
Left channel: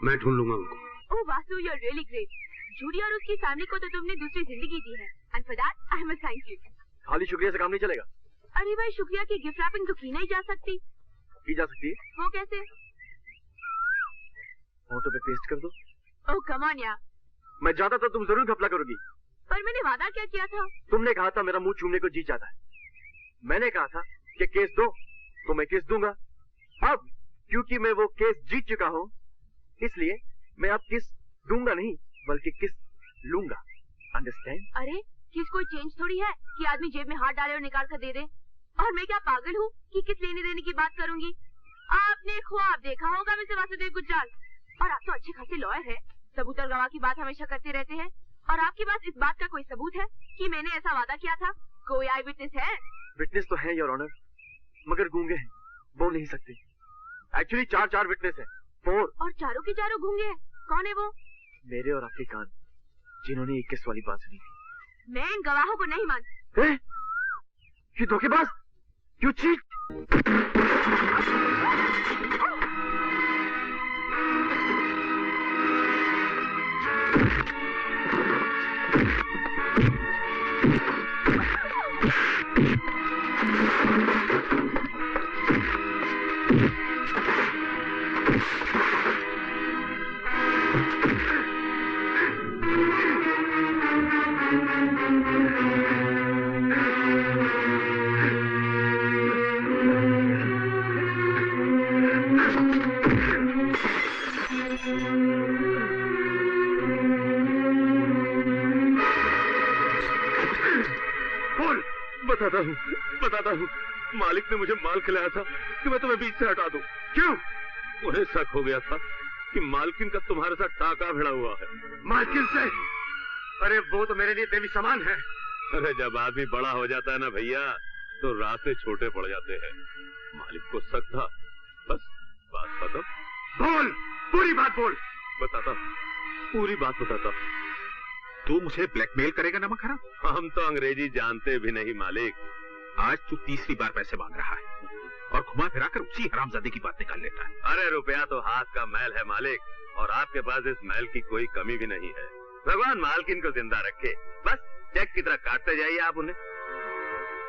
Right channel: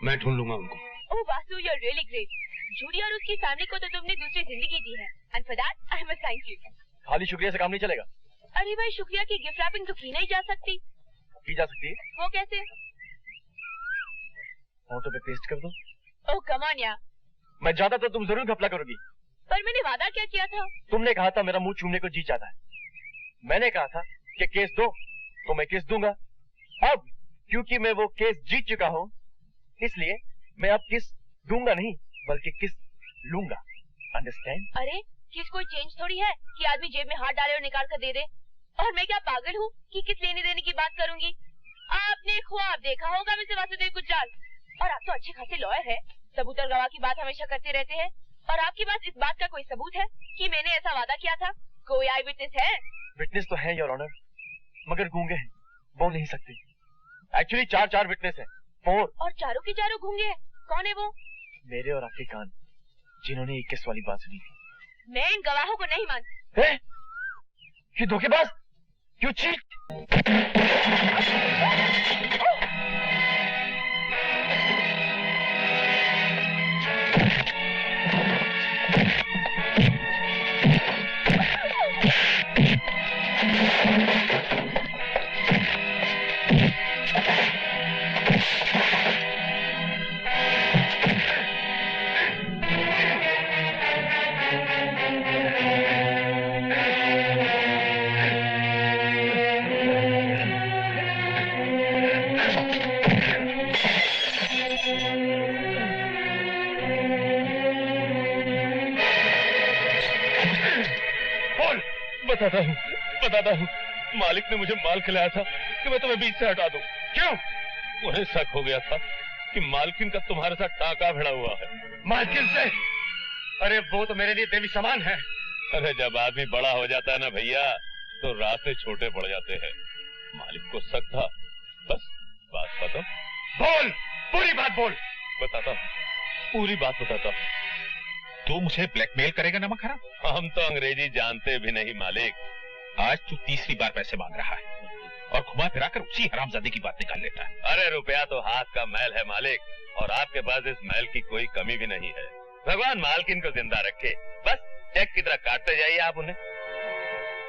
मैं ढूंढ लूंगा उनको। Oh Vasu, you are really great. Judy और उसकी फैमिली को तो तुमने दूसरी जिंदगी दी है, and for that I must thank you. खाली शुक्रिया से काम नहीं चलेगा। अरे भाई, शुक्रिया की गिफ्ट रैपिंग तो की नहीं जा सकती। की जा सकती है। वो कैसे? फोटो पे पेस्ट कर दो। ओह कम ऑन यार। मैं जाता तो तुम जरूर घपला करोगी। पर मैंने वादा क्या किया था? तुमने कहा था मेरा मुंह चूमने को जी चाहता है। मैंने कहा था कि केस दो तो मैं केस दूंगा। अब क्योंकि मैं वो केस जीत चुका हूँ, इसलिए मैं अब किस दूंगा नहीं बल्कि किस लूंगा। अंडरस्टैंड? अरे किस कोई चेंज थोड़ी है कि आदमी जेब में हाथ डाले और निकाल कर दे दे। और मैं क्या पागल हूँ कि किस लेने देने की बात करूंगी? आपने ख्वाब देखा होगा मिस्टर वासुदेव गुजराल, और आप तो अच्छे खासे लॉयर है, सबूत और गवाह की बात हमेशा करते रहते हैं। और आपके पास इस बात का कोई सबूत है कि मैंने ऐसा वादा किया था? कोई आई विटनेस है? विटनेस तो है योर ऑनर, मगर गूंगे हैं, बोल नहीं सकते। एक्चुअली 4 विटनेस है, 4। और चारों के चारों गूंगे हैं। कौन है वो? मेरे और आपके कान, जिन्होंने 21 वाली बात सुनी थी। मैं इन गवाहों को नहीं मानती। ये धोखेबाज, यू चीट। बताता हूँ। मालिक ने मुझे माल खिलाया था कि मैं तुम्हें बीच से हटा दूं। क्यों? उन्हें शक हो गया था कि मालकिन का तुम्हारे साथ टाका भिड़ा हुआ है। मालकिन से? अरे वो तो मेरे लिए देवी समान है। अरे जब आदमी बड़ा हो जाता है ना भैया, तो रास्ते छोटे पड़ जाते हैं। मालिक को शक था, बस बात बताओ। बोल, पूरी बात बोल। बताता, पूरी बात बताता। तू मुझे ब्लैकमेल करेगा नमक हराम? हम तो अंग्रेजी जानते भी नहीं मालिक। आज तू तीसरी बार पैसे मांग रहा है और घुमा फिरा कर उसी हरामजादे की बात निकाल लेता है। अरे रुपया तो हाथ का मैल है मालिक, और आपके पास इस मैल की कोई कमी भी नहीं है। भगवान मालकिन को जिंदा रखे, बस चेक की तरह काटते जाइए आप उन्हें।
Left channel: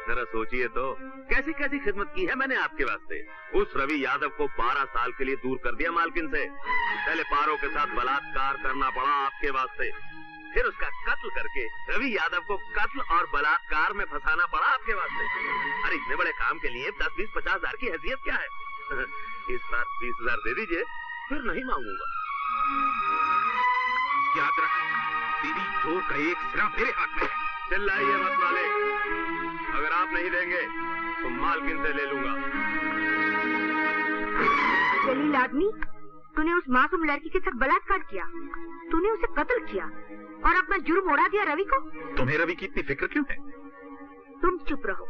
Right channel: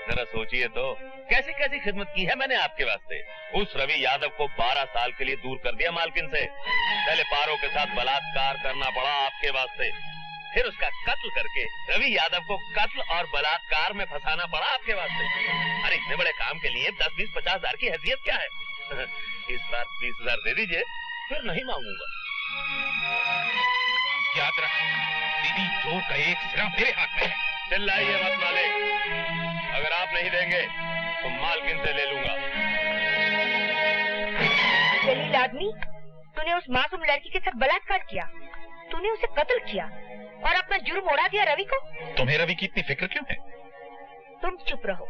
जरा सोचिए तो कैसी कैसी खिदमत की है मैंने आपके वास्ते। उस रवि यादव को 12 साल के लिए दूर कर दिया मालकिन से। पहले पारों के साथ बलात्कार करना पड़ा आपके वास्ते, फिर उसका कत्ल करके रवि यादव को कत्ल और बलात्कार में फंसाना पड़ा आपके वास्ते। अरे इतने बड़े काम के लिए 10, 20, 50 हजार की हैसियत क्या है? इस बार 20,000 दे दीजिए, फिर नहीं मांगूंगा। याद रख, तेरी जोर का एक सिरा मेरे हाथ में है। चिल्लाइए मत मालिक, अगर आप नहीं देंगे तो मालकिन से ले लूंगा। जलील आदमी, तूने उस मासूम लड़की के साथ बलात्कार किया, तूने उसे कत्ल किया और अपना जुर्म उड़ा दिया रवि को। तुम्हें रवि की इतनी फिक्र क्यों है? तुम चुप रहो,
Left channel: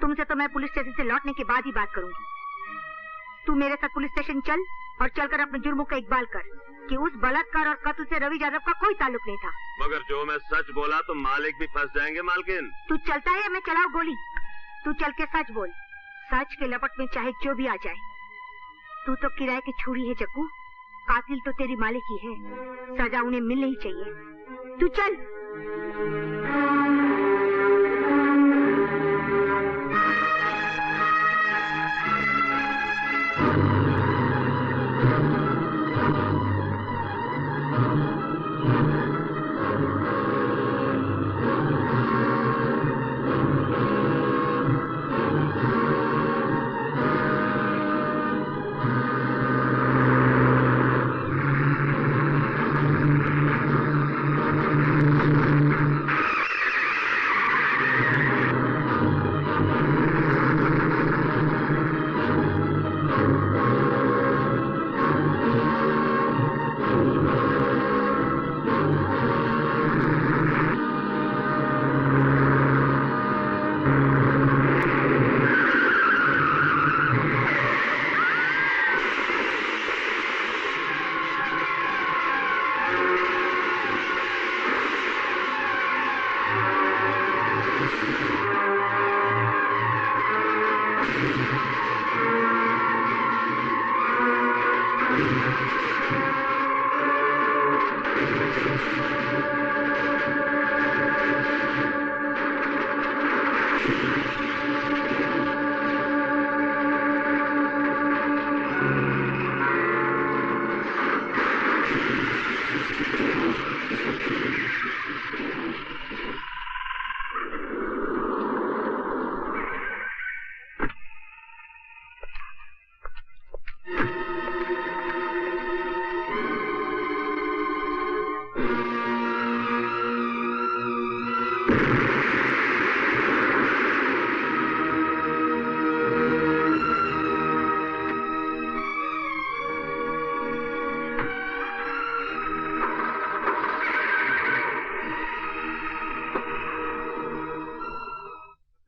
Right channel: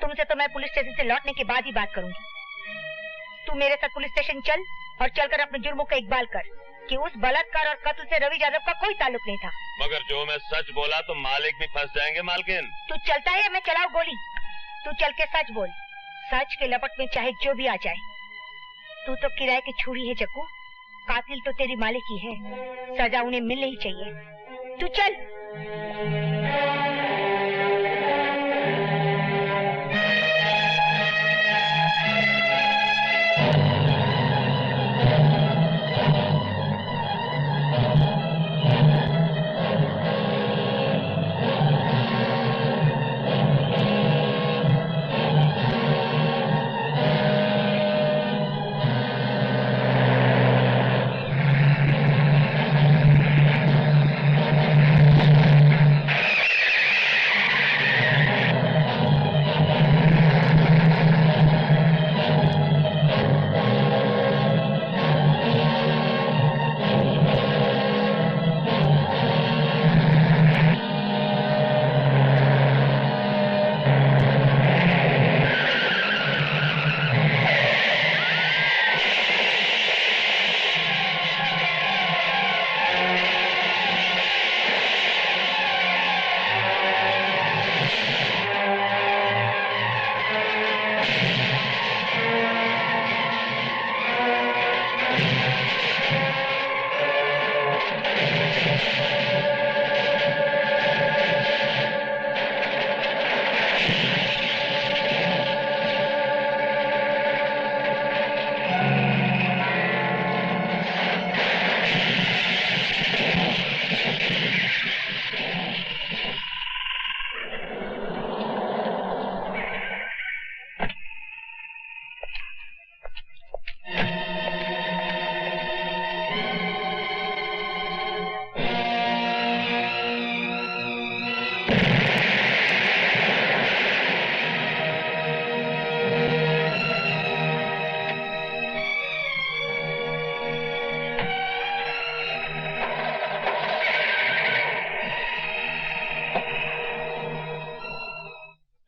तुमसे तो मैं पुलिस स्टेशन से लौटने के बाद ही बात करूंगी। तू मेरे साथ पुलिस स्टेशन चल और चलकर अपने जुर्मों का इकबाल कर कि उस बलात्कार और कत्ल से रवि यादव का कोई ताल्लुक नहीं था। मगर जो मैं सच बोला तो मालिक भी फंस जाएंगे मालकिन। तू चलता है या मैं चलाऊं गोली? तू चल के सच बोल, सच के लपट में चाहे जो भी आ जाए। तू तो किराए की छुरी है जग्गू, कातिल तो तेरी मालिक ही है, सजा उन्हें मिलनी ही चाहिए। तू चल।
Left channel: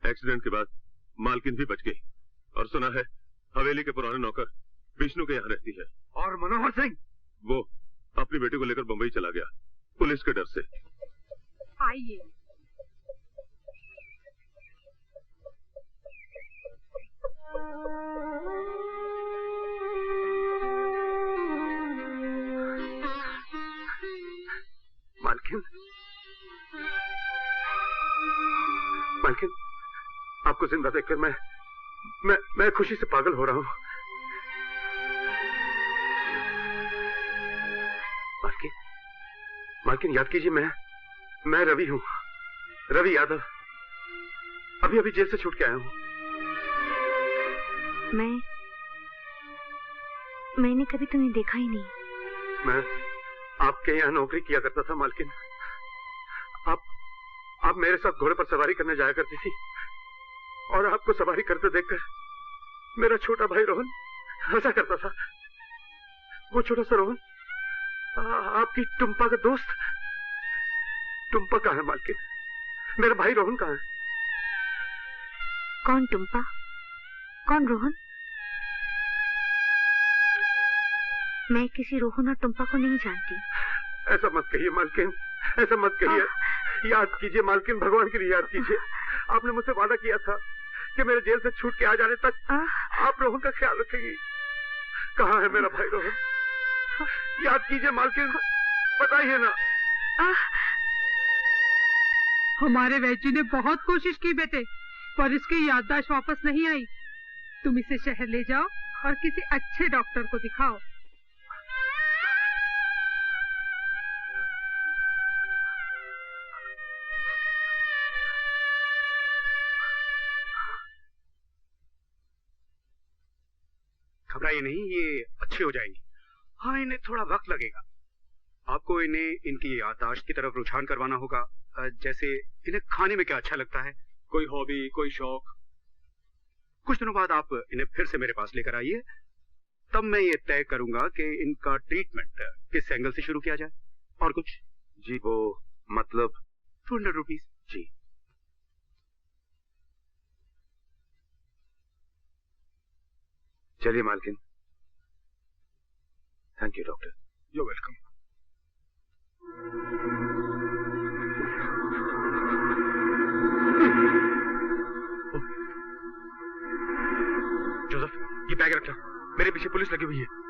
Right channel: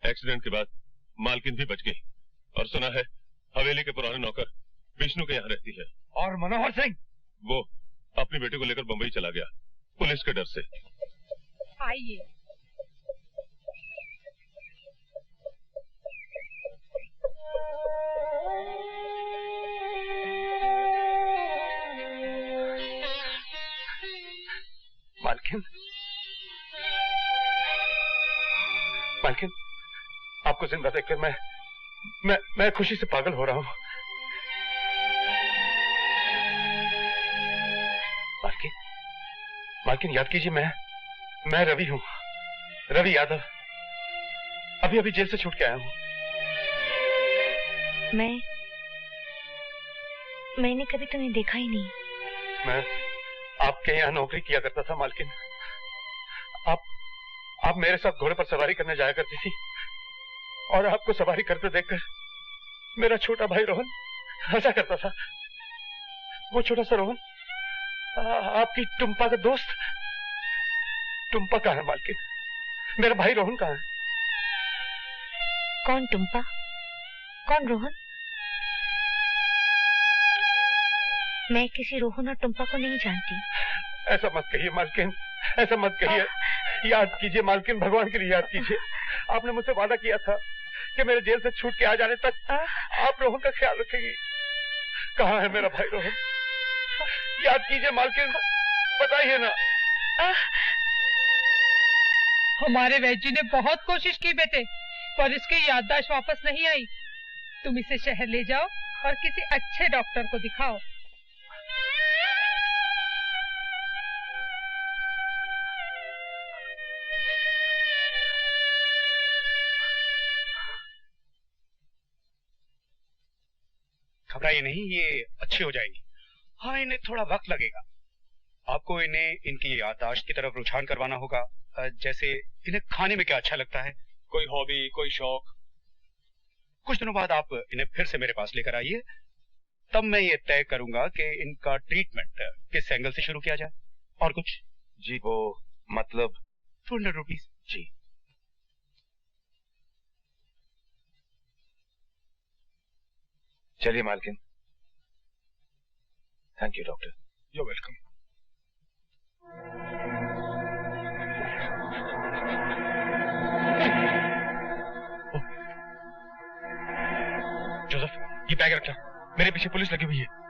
एक्सीडेंट के बाद मालकिन भी बच गई और सुना है हवेली के पुराने नौकर विष्णु के यहाँ रहती है। और मनोहर सिंह वो अपनी बेटी को लेकर बंबई चला गया पुलिस के डर से। आइए। मालकिन, मालकिन, आपको जिंदा देखकर मैं खुशी से पागल हो रहा हूं। मालकिन, मालकिन याद कीजिए मैं रवि हूं, रवि यादव। अभी अभी जेल से छूट के आया हूं। मैंने कभी तुम्हें देखा ही नहीं। मैं आपके यहाँ नौकरी किया करता था मालकिन। आप मेरे साथ घोड़े पर सवारी करने जाया करती थी और आपको सवारी करते देखकर मेरा छोटा भाई रोहन हंसा करता था। वो छोटा सा रोहन आपकी टुम्पा का दोस्त। टुम्पा कहाँ है मालकिन? मेरा भाई रोहन कहाँ है? कौन टुम्पा? कौन रोहन? मैं किसी रोहन और टुम्पा को नहीं जानती। ऐसा मत कहिए मालकिन, ऐसा मत कहिए। याद कीजिए मालकिन, भगवान के लिए याद कीजिए। आपने मुझसे वादा किया था कि मेरे जेल से छूट के आ जाने तक आप रोहन का ख्याल रखेंगी। कहाँ है मेरा भाई रोहन? याद कीजिए मालकिन, बताइए ना। हमारे वैद्य ने बहुत कोशिश की बेटे, पर इसकी याददाश्त वापस नहीं आई। तुम इसे शहर ले जाओ और किसी अच्छे डॉक्टर को दिखाओ। घबराइए नहीं, ये अच्छे हो जाएंगी। हाँ, इन्हें थोड़ा वक्त लगेगा। आपको इन्हें इनकी याददाश्त की तरफ रुझान करवाना होगा। जैसे इन्हें खाने में क्या अच्छा लगता है, कोई हॉबी, कोई शौक। कुछ दिनों बाद आप इन्हें फिर से मेरे पास लेकर आइए, तब मैं ये तय करूंगा कि इनका ट्रीटमेंट किस एंगल से शुरू किया जाए। और कुछ? जी वो मतलब 200 रुपीज। जी। चलिए मालकिन। Thank you doctor. You welcome. Joseph, ये बैग रखना, मेरे पीछे पुलिस लगी हुई है।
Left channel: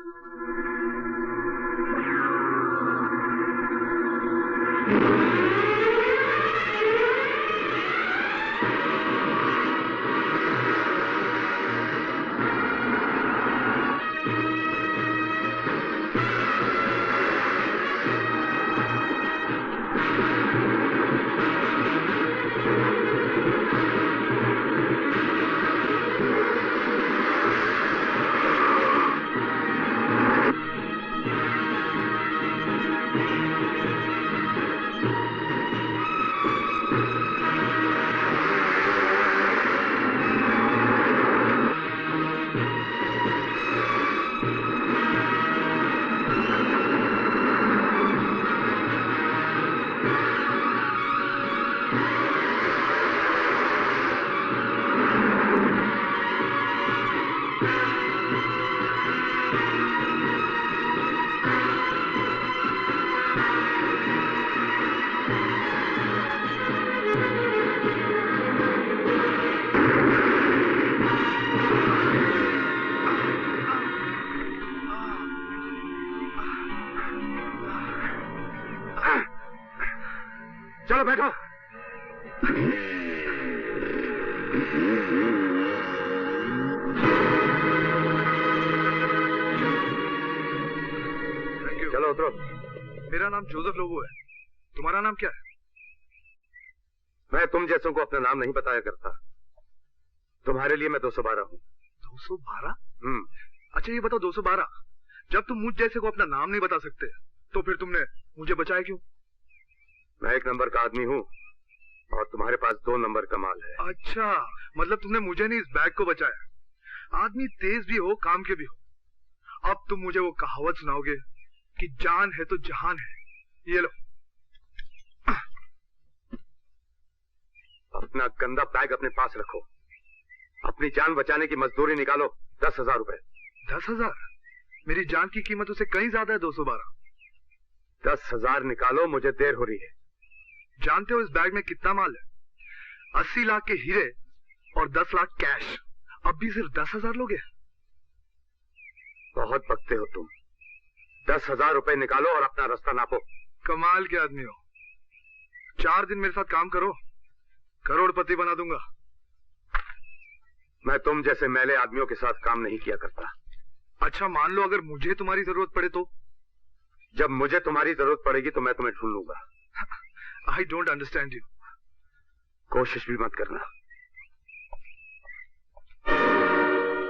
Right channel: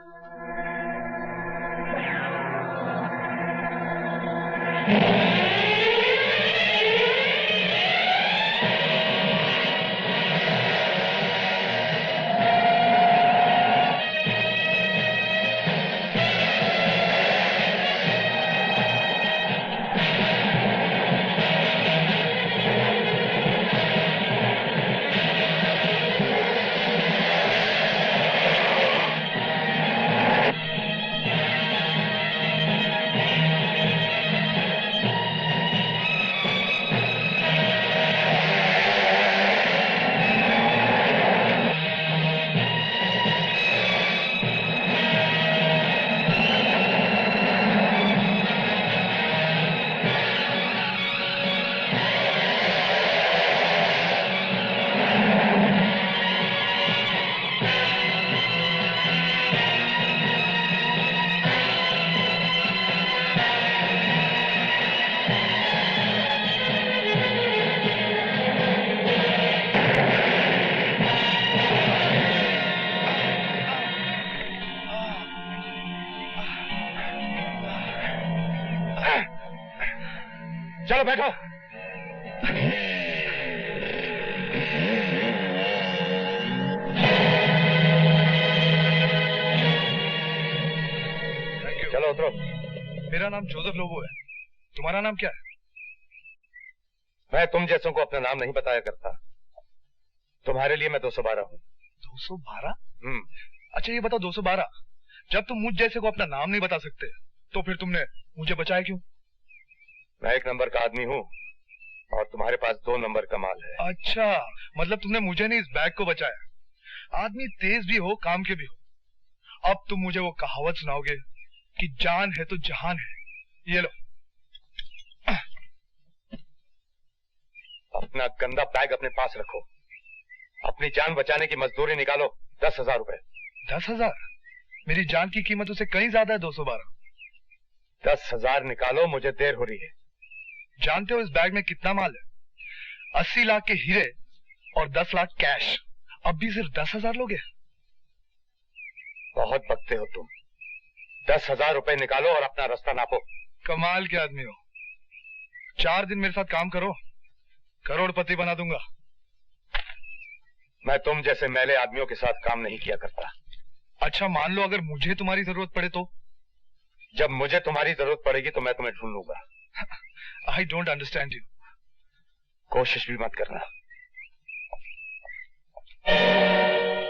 बैठो बैठो। चलो उतरो। मेरा नाम जोसेफ लोबो है, तुम्हारा नाम क्या है? मैं तुम जैसों को अपना नाम नहीं बताया करता। तुम्हारे लिए मैं 212 हूँ। 212? अच्छा ये बताओ 212, जब तुम मुझ जैसे को अपना नाम नहीं बता सकते तो फिर तुमने मुझे बचाया क्यों? मैं 1 नंबर का आदमी हूँ और तुम्हारे पास 2 नंबर का माल है। अच्छा, मतलब तुमने मुझे नहीं इस बैग को बचाया। आदमी तेज भी हो काम के भी हो। अब तुम मुझे वो कहावत सुनाओगे कि जान है तो जहान है। ये लो। अपना गंदा बैग अपने पास रखो। अपनी जान बचाने की मजदूरी निकालो। 10,000 रुपए। 10,000? मेरी जान की कीमत उससे कहीं ज्यादा है 212। 10,000 निकालो, मुझे देर हो रही है। जानते हो इस बैग में कितना माल है? 80 लाख के हीरे और 10 लाख कैश। अब भी सिर्फ 10,000 लोगे? बहुत बकते हो तुम। 10,000 रुपए निकालो और अपना रास्ता नापो। कमाल के आदमी हो। 4 दिन मेरे साथ काम करो, करोड़पति बना दूंगा। मैं तुम जैसे मैले आदमियों के साथ काम नहीं किया करता। अच्छा मान लो अगर मुझे तुम्हारी जरूरत पड़े तो? जब मुझे तुम्हारी जरूरत पड़ेगी तो मैं तुम्हें ढूंढ लूंगा। I don't understand you. कोशिश भी मत करना।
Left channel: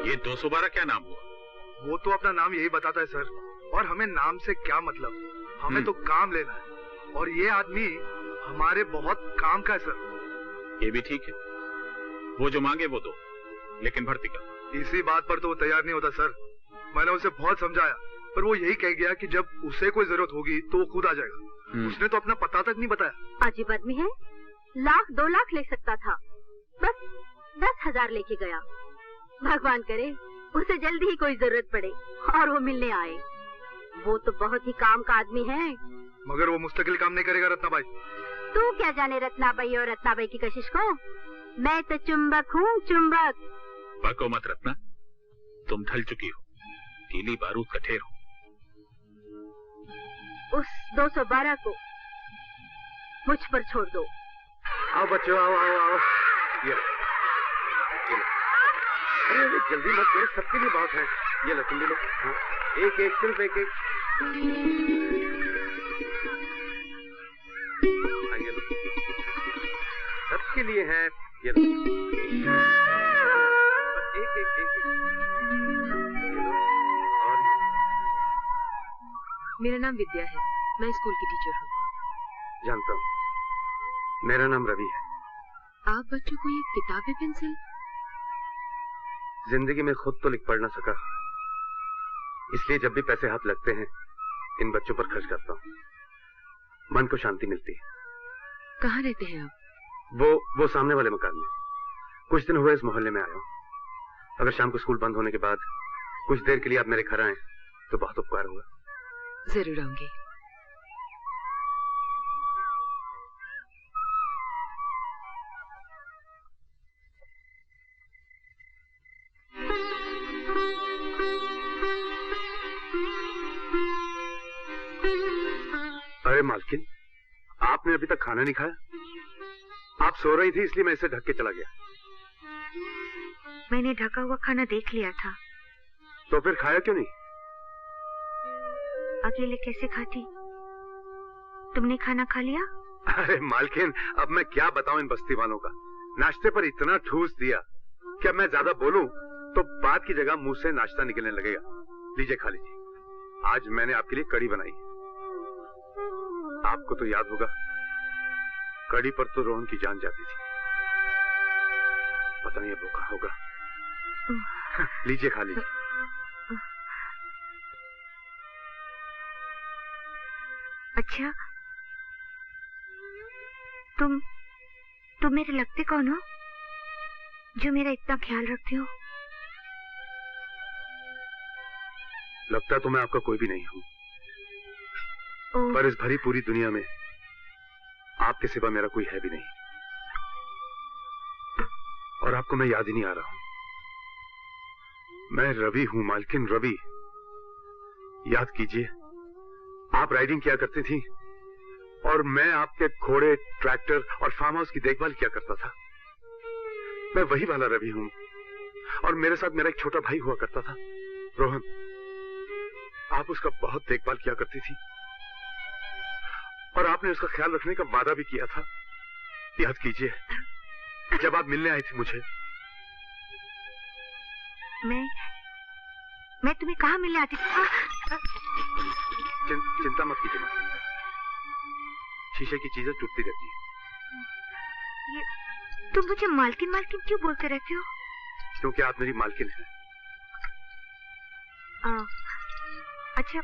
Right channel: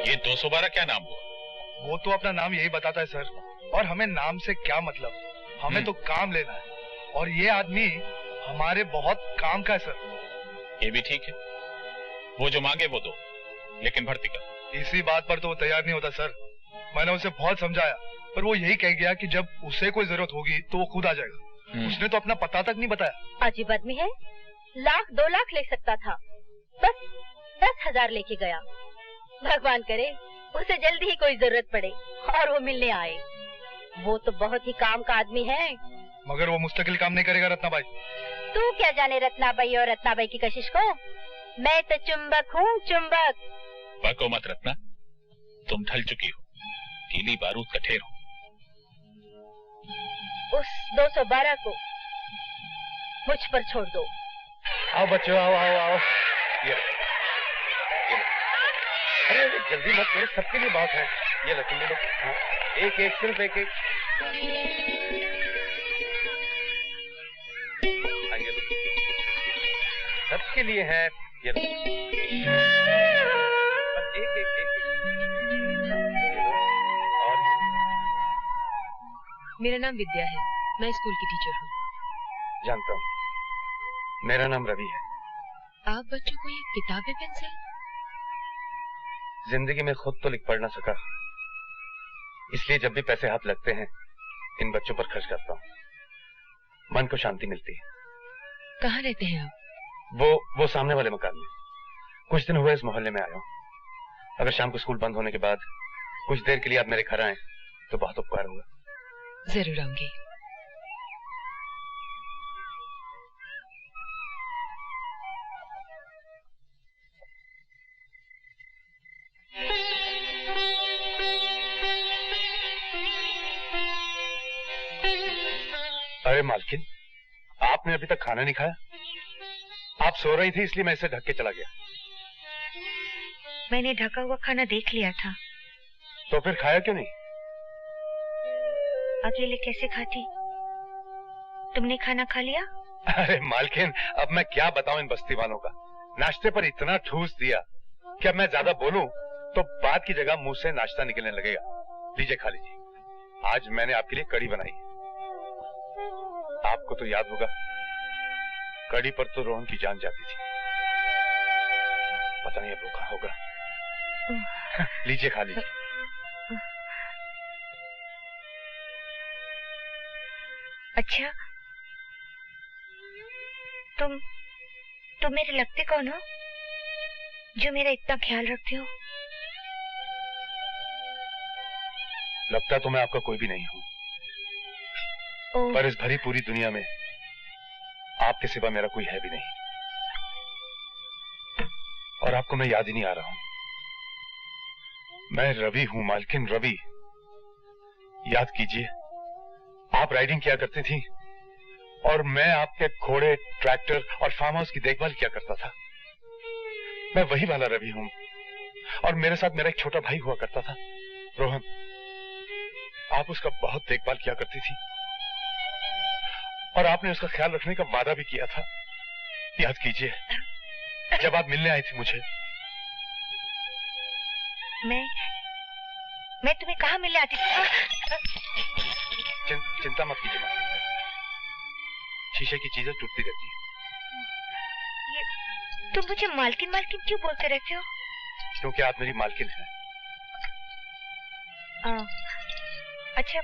ये 212 क्या नाम हुआ? वो तो अपना नाम यही बताता है सर, और हमें नाम से क्या मतलब, हमें तो काम लेना है और ये आदमी हमारे बहुत काम का है सर। ये भी ठीक है, वो जो मांगे वो दो, लेकिन भर्ती कर। इसी बात पर तो वो तैयार नहीं होता सर। मैंने उसे बहुत समझाया पर वो यही कह गया कि जब उसे कोई जरूरत होगी तो वो खुद आ जाएगा। उसने तो अपना पता तक नहीं बताया। अजीब आदमी है, 1,00,000 2 लाख ले सकता था, बस 10,000 लेके गया। भगवान करे उसे जल्दी ही कोई जरूरत पड़े और वो मिलने आए। वो तो बहुत ही काम का आदमी है। मगर वो मुस्तकिल काम नहीं करेगा रत्नाबाई। तू क्या जाने रत्नाबाई और रत्नाबाई की कशिश को। मैं तो चुंबक हूँ, चुंबक। बको मत रत्ना, तुम ढल चुकी हो, गीली बारूद का ढेर हो। उस 212 को मुझ पर छोड़ दो। आओ बच्चों, आओ आओ आओ। ये लो। अरे जल्दी मत करो, सबके लिए बात है। ये लो, तुम भी लो। हाँ, एक एक, सिर्फ एक एक। हाँ, ये लो, सबके लिए है। ये लो, बस एक एक एक, एक। और मेरा नाम विद्या है, मैं स्कूल की टीचर हूँ। जानता हूँ, मेरा नाम रवि है। आप बच्चों को ये किताबें पेंसिल? जिंदगी में खुद तो लिख पढ़ ना सका, इसलिए जब भी पैसे हाथ लगते हैं इन बच्चों पर खर्च करता हूँ। मन को शांति मिलती है। कहाँ रहते हैं आप? वो सामने वाले मकान में। कुछ दिन हुए इस मोहल्ले में आया हूँ। अगर शाम को स्कूल बंद होने के बाद कुछ देर के लिए आप मेरे घर आए तो बहुत उपकार होगा। जरूर आऊंगी। अरे मालकिन, आपने अभी तक खाना नहीं खाया? आप सो रही थी इसलिए मैं इसे ढक के चला गया। मैंने ढका हुआ खाना देख लिया था। तो फिर खाया क्यों नहीं? अकेले कैसे खाती? तुमने खाना खा लिया? अरे मालकिन, अब मैं क्या बताऊं इन बस्ती वालों का। नाश्ते पर इतना ठूस दिया कि अब मैं ज्यादा बोलूं तो बात की जगह मुंह से नाश्ता निकलने लगेगा। लीजिए, खा लीजिए। आज मैंने आपके लिए कड़ी बनाई है। आपको तो याद होगा, कड़ी पर तो रोहन की जान जाती थी। पता नहीं अब वो कहाँ होगा। लीजिए, खा लीजिए। अच्छा, तुम मेरे लगते कौन हो जो मेरा इतना ख्याल रखते हो? लगता तो मैं आपका कोई भी नहीं हूं, पर इस भरी पूरी दुनिया में आपके सिवा मेरा कोई है भी नहीं। और आपको मैं याद ही नहीं आ रहा हूं। मैं रवि हूं, मालकिन रवि। याद कीजिए, आप राइडिंग किया करती थी और मैं आपके घोड़े, ट्रैक्टर और फार्म हाउस की देखभाल किया करता था। मैं वही वाला रवि हूं और मेरे साथ मेरा एक छोटा भाई हुआ करता था, रोहन। आप उसका बहुत देखभाल किया करती थी और आपने उसका ख्याल रखने का वादा भी किया था। याद कीजिए, जब आप मिलने आई थी मुझे। मैं तुम्हें कहाँ मिलने आती थी? चिंता मत कीजिए माँ, शीशे की चीजें टूटती रहती हैं। तुम मुझे मालकिन मालकिन क्यों बोलते रहते हो? क्योंकि आप मेरी मालकिन हैं। अच्छा,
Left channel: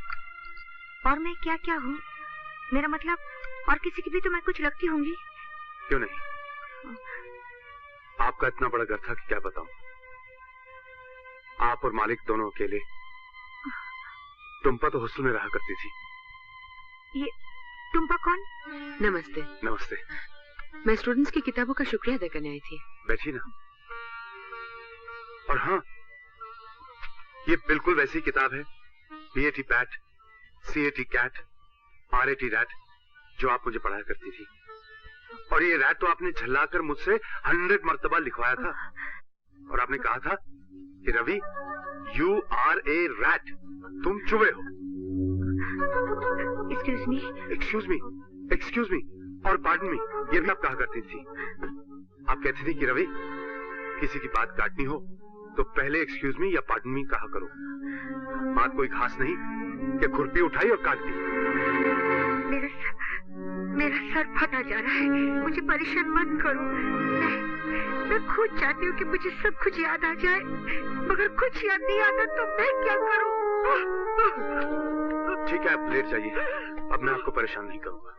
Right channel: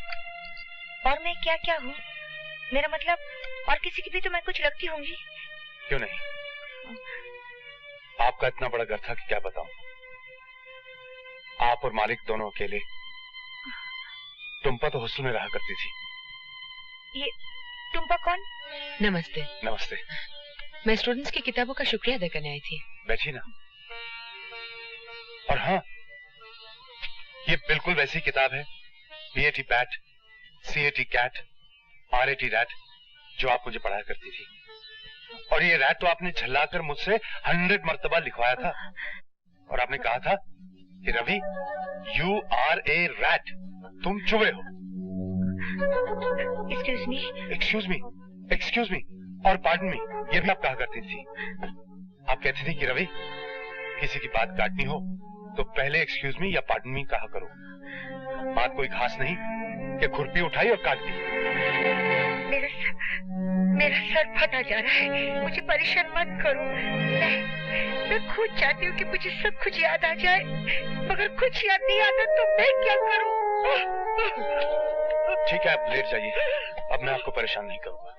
और मैं क्या क्या हूँ? मेरा मतलब, और किसी की भी तो मैं कुछ लगती होंगी। क्यों नहीं? आपका इतना बड़ा घर था कि क्या बताऊं। आप और मालिक दोनों अकेले। टुम्पा तो हॉस्टल में रहा करती थी। ये टुम्पा कौन? नमस्ते। नमस्ते। मैं स्टूडेंट्स की किताबों का शुक्रिया अदा करने आई थी। बैठी ना। और हाँ, ये बिल्कुल वैसी किताब है, BAT bat, CAT cat, RAT rat, जो आप मुझे पढ़ाया करती थी। और ये रैट तो आपने झल्लाकर मुझसे 100 मर्तबा लिखवाया था। और आपने कहा था कि Ravi, You are a rat, तुम चूहे हो। Excuse me और pardon me, ये भी आप कहा करती थी। आप कहती थी कि रवि, किसी की बात काटनी हो तो पहले एक्सक्यूज मी या पार्डन मी कहा करो। बात कोई खास नहीं कि खुरपी उठाई और काट दी। मेरा सर फटा जा रहा है, मुझे परेशान मत करो। मैं खुद चाहती हूँ कि मुझे सब कुछ याद आ जाए, मगर कुछ याद नहीं आता तो मैं क्या करूँ? ठीक है, आप लेट जाइए, अब मैं आपको परेशान नहीं करूंगा।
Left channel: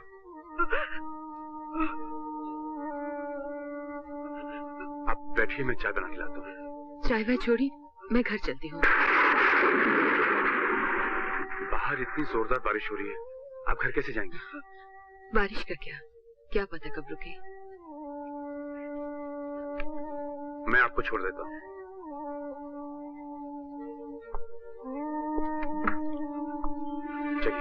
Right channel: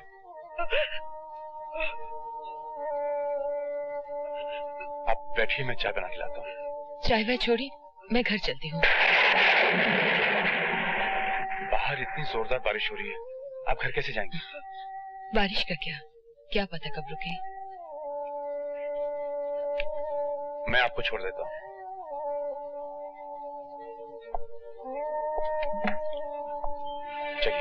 आप बैठिए, मैं चाय बना के लाता हूँ। चाय वाय छोड़ी, मैं घर चलती हूँ। बाहर इतनी जोरदार बारिश हो रही है, आप घर कैसे जाएंगे? बारिश का क्या पता कब रुके। मैं आपको छोड़ देता हूँ। चलिए।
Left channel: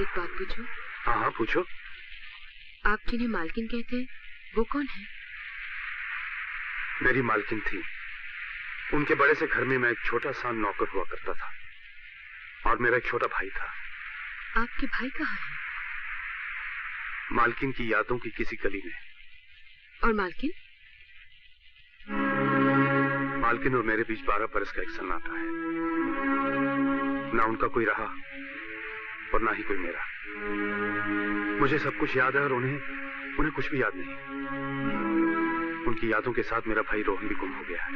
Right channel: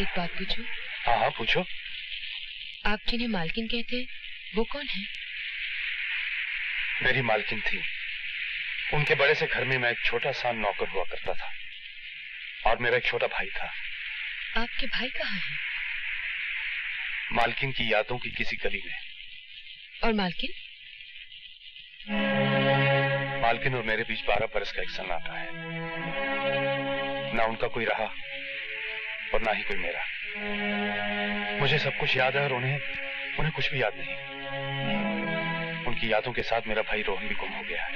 एक बात पूछूं? हाँ हाँ, पूछो। आप जिन्हें मालकिन कहते हैं, वो कौन है? मेरी मालकिन थी। उनके बड़े से घर में मैं एक छोटा सा नौकर हुआ करता था और मेरा एक छोटा भाई था। आपके भाई कहाँ है? मालकिन की यादों की किसी गली में। और मालकिन? मालकिन और मेरे बीच 12 बरस का एक सन्नाटा है। ना उनका कोई रहा और ना ही कोई मेरा। मुझे सब कुछ याद है और उन्हें कुछ भी याद नहीं। उनकी यादों के साथ मेरा भाई रोहन भी गुम हो गया है।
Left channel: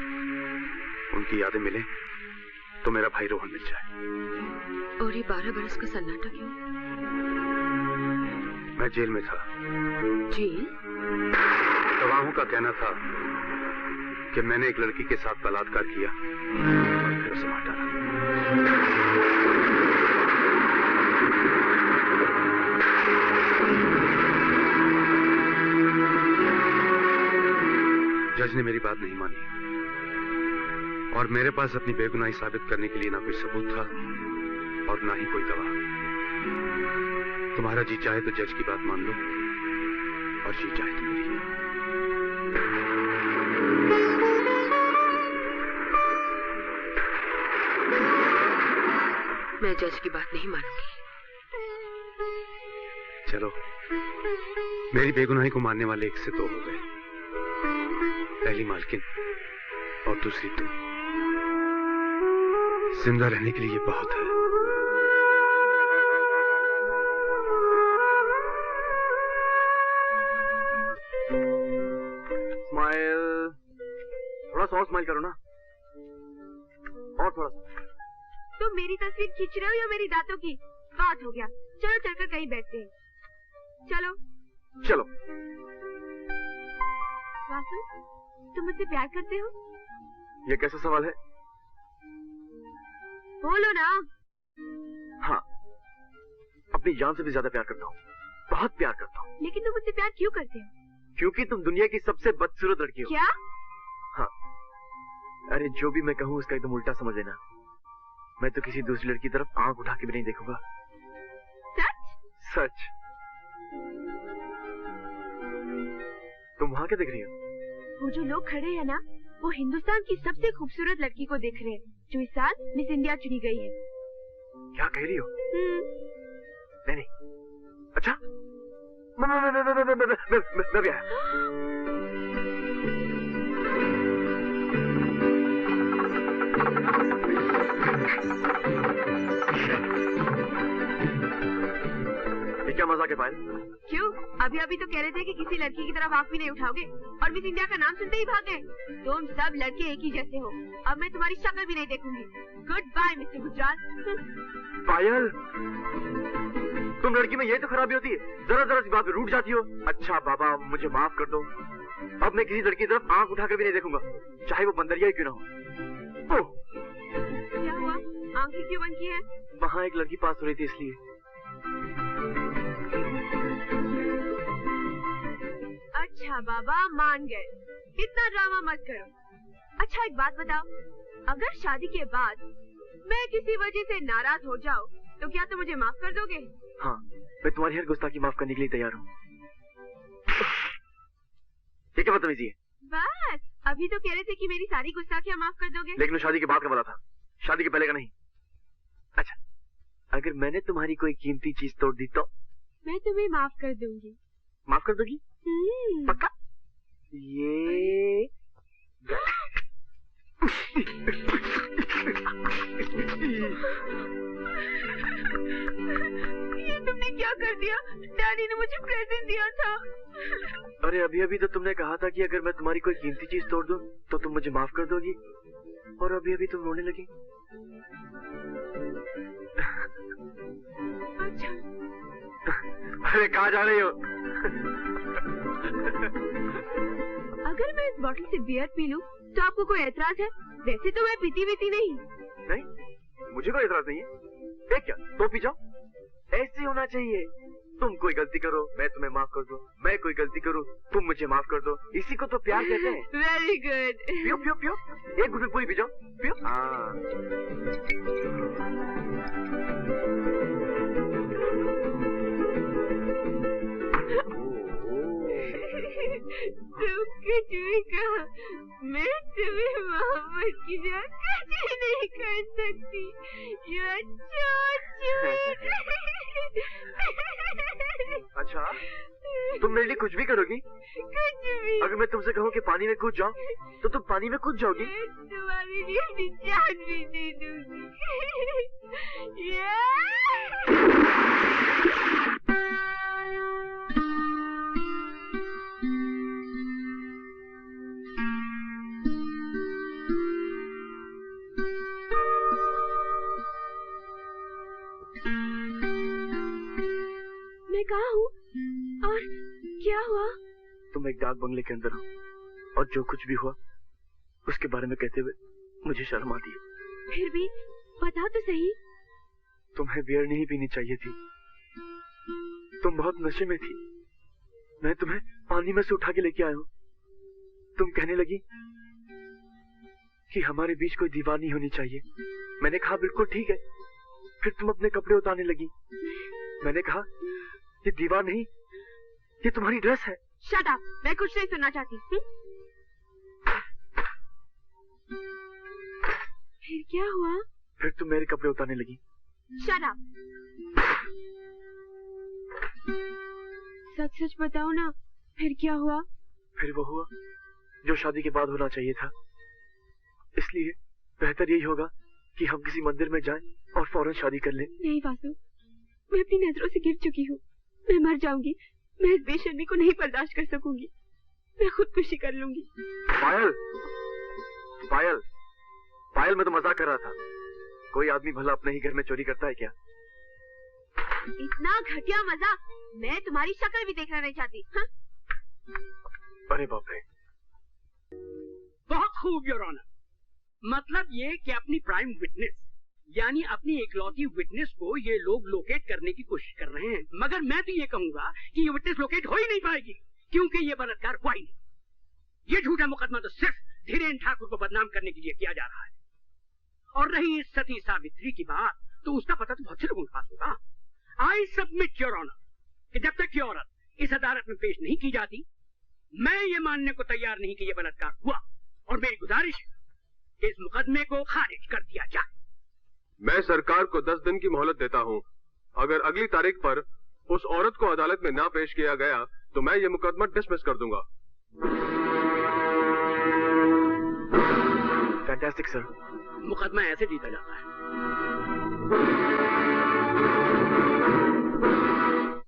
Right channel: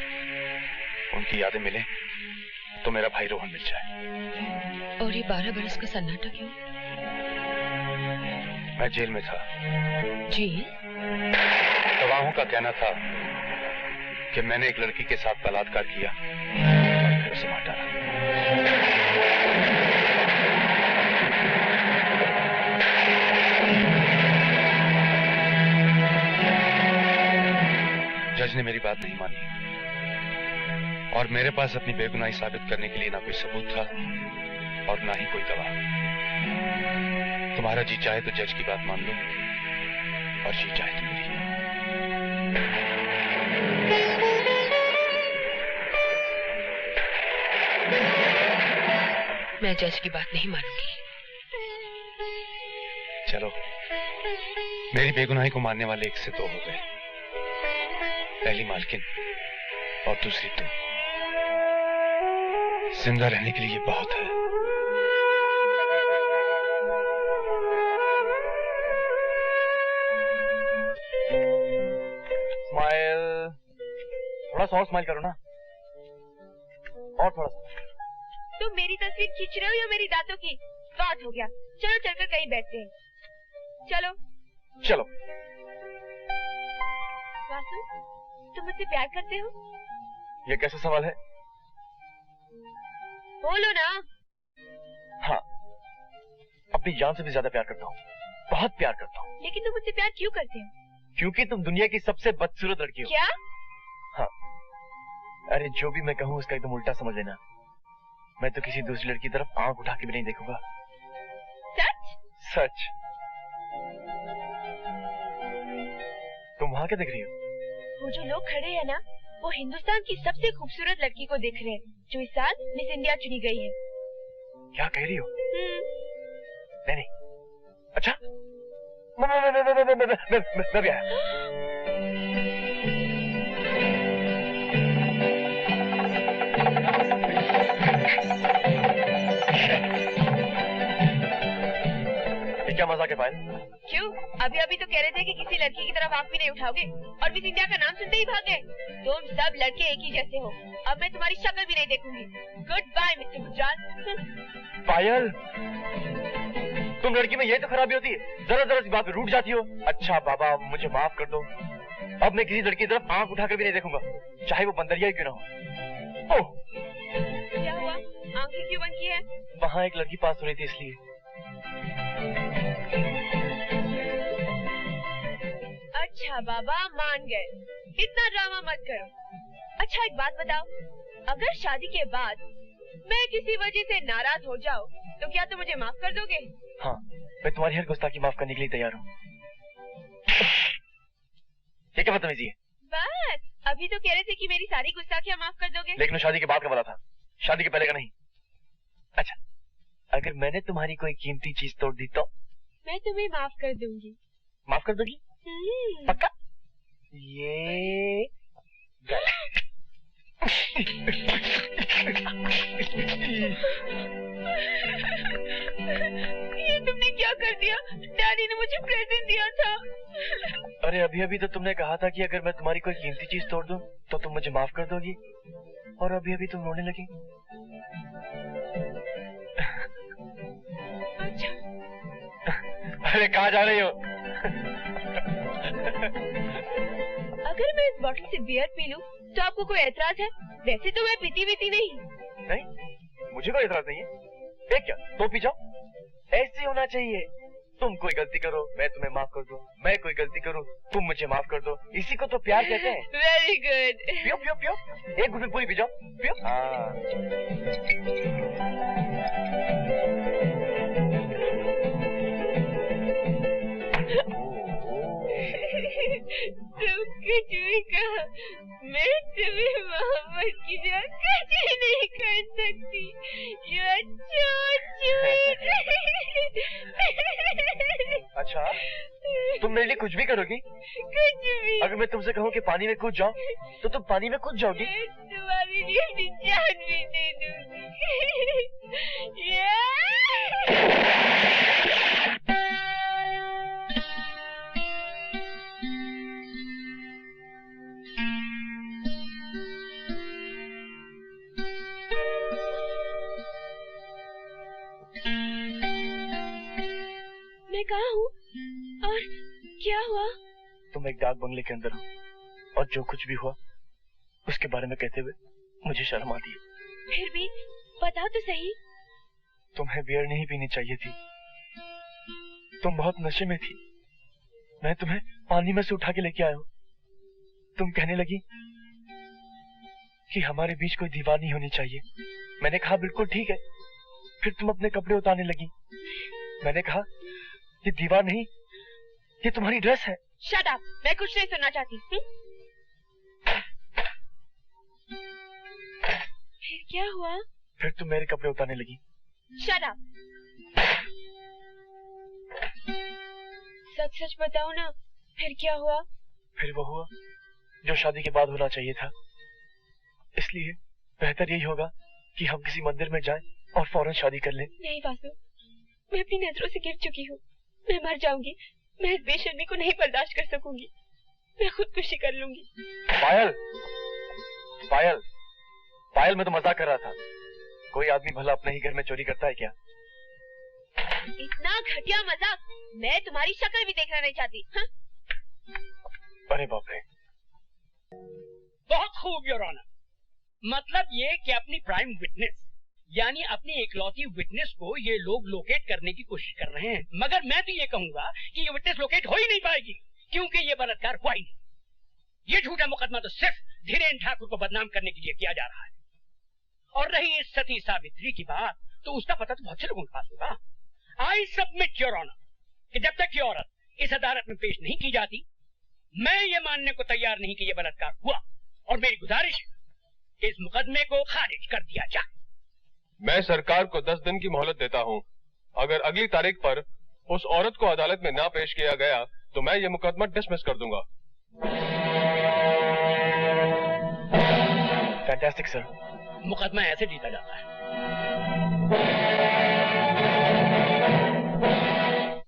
उनकी यादें मिले तो मेरा भाई रोहन मिल जाए। और ये 12 बरस का सन्नाटा क्यों? मैं जेल में था। जेल? गवाहों का कहना था कि मैंने एक लड़की के साथ बलात्कार किया और फिर उसे मार डाला। जज ने मेरी बात नहीं मानी और मेरे पास अपनी बेगुनाही साबित करने के लिए ना कोई सबूत था और ना ही कोई गवाह। तुम्हारा जी चाहे तो जज की बात मान लो और जी चाहे तो मेरी। मैं जज की बात नहीं मानूंगी। चलो, मेरी बेगुनाही को मानने वाले 1 से 2 हो गए। पहली मालकिन और दूसरी तुम। जिंदा रहने के लिए ये बहुत है। स्माइल, थोड़ा सा और स्माइल करो ना, और थोड़ा सा। तुम मेरी तस्वीर खींच रहे हो या मेरी दांतों की? बात हो गया, चलो चलकर कहीं बैठते हैं। चलो चलो। वासु, तुम मुझसे प्यार करते हो? ये कैसा सवाल है? बोलो ना। हाँ, अपनी जान से भी ज्यादा प्यार करता हूँ, बहुत प्यार करता हूँ। लेकिन तुम मुझसे प्यार क्यों करते हो? क्योंकि तुम दुनिया की सबसे बदसूरत लड़की हो। क्या? हाँ, अरे जो भी मैं कहूँ उसका एकदम उल्टा समझ लेना। मैं तो किसी दूसरी लड़की की तरफ आंख उठा के भी नहीं देखूंगा। सच? सच। तुम वहां क्या देख रही हो? वो जो लोग खड़े हैं ना, वो हिंदुस्तान की सबसे खूबसूरत लड़की को देख रहे हैं, जो इस साल मिस इंडिया चुनी गई है। क्या कह रही हो? नहीं। अच्छा, मैं भी आया। क्या मजाक है पायल? क्यों? अभी अभी तो कह रहे थे कि किसी लड़की की तरफ आंख भी नहीं उठाओगे और मिस इंडिया का नाम सुनते ही भाग गए। तुम सब लड़के एक ही जैसे हो। अब मैं तुम्हारी शक्ल भी नहीं देखूंगी। Goodbye mister Gujral. Payal, तुम लड़की में यही तो खराबी होती है, जरा जरा सी बात पे रूठ जाती हो। अच्छा बाबा, मुझे माफ कर दो। अब मैं किसी लड़की की तरफ आंख उठाकर भी नहीं देखूंगा, चाहे वो बंदरिया ही क्यों ना हो। ओह, क्या हुआ? आंखें क्यों बंद की है? वहाँ एक लड़की पास हो रही थी इसलिए। अच्छा बाबा, मान गए। इतना ड्रामा मत करो। अच्छा एक बात बताओ, अगर शादी के बाद मैं किसी वजह से नाराज हो जाऊँ तो क्या तुम मुझे माफ कर दोगे? हाँ, मैं तुम्हारी हर गुस्ताखी माफ करने के लिए तैयार हूँ। ये क्या बदतमीजी है? बस, अभी तो कह रहे थे कि मेरी सारी गुस्ताखियाँ माफ कर दोगे। लेकिन वो शादी के बाद का वाला था, शादी के पहले का नहीं। अच्छा, अगर मैंने तुम्हारी कोई कीमती चीज तोड़ दी तो? मैं तुम्हें माफ कर दूंगी। माफ कर दोगी? पक्का? ये तुमने क्या कर दिया? डैडी ने मुझे प्रेजेंट दिया था। अरे अभी अभी तो तुमने कहा था कि अगर मैं तुम्हारी कोई कीमती चीज तोड़ दूं तो तुम मुझे माफ कर दोगी, और अभी अभी तुम रोने लगी। अच्छा। अरे कहाँ जा रही हो? अगर मैं इस बोतल से बियर पी लूं तो आपको कोई एतराज है? वैसे तो मैं पीती नहीं। नहीं, मुझे कोई एतराज नहीं है। एक क्या, तो पी जाओ। ऐसे होना चाहिए। तुम कोई गलती करो, मैं तुम्हें माफ कर दूं। मैं कोई गलती करूं, तुम मुझे माफ कर दो। इसी को तो प्यार कहते हैं। Very good. पियो पियो पियो, एक घुट में पूरी पी जाओ। पियो। तुम कुछ भी कहो, मैं तुम्हें मोहब्बत की जगह कुछ नहीं कर सकती। You are so sweet। अच्छा, तुम मेरे लिए कुछ भी करोगी? कुछ भी। अगर मैं तुमसे कहूँ कि पानी में कूद जाओ तो तुम पानी में कूद जाओगी? तुम्हारे लिए अपनी जान भी दे दूंगी। मैं कहाँ हूँ और क्या हुआ? तुम एक डाक बंगले के अंदर हो, और जो कुछ भी हुआ उसके बारे में कहते हुए मुझे शर्म आती है। फिर भी बताओ तो सही। तुम्हें बियर नहीं पीनी चाहिए थी, तुम बहुत नशे में थी। मैं तुम्हें पानी में से उठा के लेके आया हूँ। तुम कहने लगी कि हमारे बीच कोई दीवार नहीं होनी चाहिए। मैंने कहा बिल्कुल ठीक है। फिर तुम अपने कपड़े उतारने लगी। मैंने कहा ये दीवार नहीं, ये तुम्हारी ड्रेस है। शट अप, मैं कुछ नहीं सुनना चाहती। फिर क्या हुआ? फिर तुम मेरे कपड़े उतारने लगी। Shut up. सच सच बताओ ना, फिर क्या हुआ? फिर वो हुआ जो शादी के बाद होना चाहिए था। इसलिए बेहतर यही होगा कि हम किसी मंदिर में जाएं और फौरन शादी कर लें। नहीं वासु, मैं अपनी नजरों से गिर चुकी हूँ। मैं मर जाऊंगी। मैं इस बेशर्मी को नहीं बर्दाश्त कर सकूंगी। मैं खुदकुशी कर लूंगी। पायल, पायल, पायल, मैं तो मजाक कर रहा था। कोई आदमी भला अपने ही घर में चोरी करता है क्या? इतना घटिया मजाक मैं तुम्हारी शक्ल भी देखना नहीं चाहती। हाँ? अरे बाप रे। बहुत खूब योर ऑनर। मतलब ये कि अपनी प्राइम विटनेस यानी अपनी एकलौती विटनेस को ये लोग लोकेट करने की कोशिश कर रहे हैं, मगर मैं तो ये कहूंगा कि ये विटनेस लोकेट हो ही नहीं पाएगी, क्योंकि ये बलात्कार हुआ ही नहीं। ये झूठा मुकदमा तो सिर्फ धीरेन ठाकुर को बदनाम करने के लिए किया जा रहा है। और रही इस सती सावित्री की बात, तो उसका पता तो बहुत से लोगों के पास होगा। आई सबमिट योर ऑनर कि जब तक ये औरत इस अदालत में पेश नहीं की जाती, मैं ये मानने को तैयार नहीं कि ये बलात्कार हुआ, और मेरी गुजारिश है कि इस मुकदमे को खारिज कर दिया जाए। मैं सरकार को 10 दिन की मोहलत देता हूँ। अगर अगली तारीख पर उस औरत को अदालत में ना पेश किया गया तो मैं ये मुकदमा डिसमिस कर दूंगा। Fantastic sir. मुकदमा ऐसे जीता जाता है।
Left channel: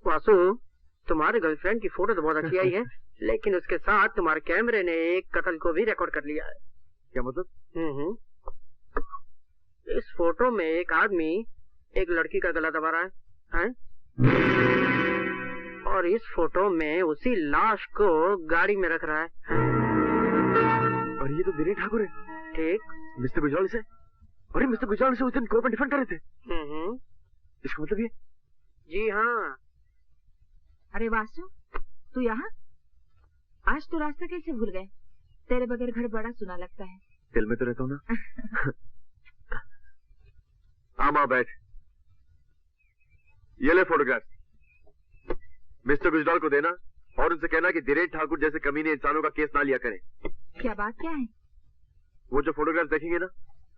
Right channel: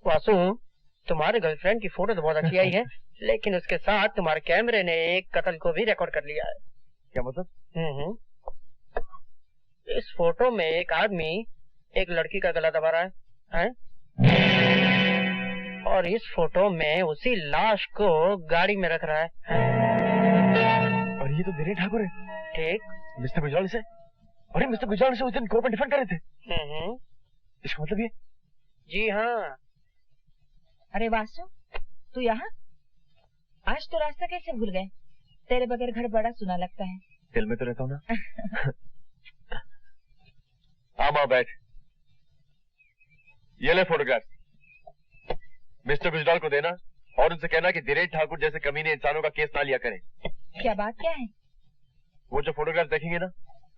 वासु, तुम्हारे गर्लफ्रेंड की फोटो तो बहुत अच्छी आई है, लेकिन उसके साथ तुम्हारे कैमरे ने एक कत्ल को भी रिकॉर्ड कर लिया है। क्या मतलब? इस फोटो में एक आदमी एक लड़की का गला दबा रहा है? और इस फोटो में उसी लाश को गाड़ी में रख रहा है? और ये तो धीरेन ठाकुर है। ठीक। मिस्टर गुजराल से, अरे मिस्टर गुजराल से उस दिन कोर्ट में डिफेंड कर रहे थे। इसका मतलब ये? जी हाँ। अरे वासु, तू यहाँ? आज तो रास्ता कैसे भूल गए? तेरे बगैर घर बड़ा सुना लगता है। दिल में तो रहता हूँ ना। माँ बैठ, ये ले फोटोग्राफ, मिस्टर गुजराल को देना और उनसे कहना कि धीरेन ठाकुर जैसे कमीने इंसानों का केस ना लिया करें। क्या बात क्या है? वो जो फोटोग्राफ देखेंगे ना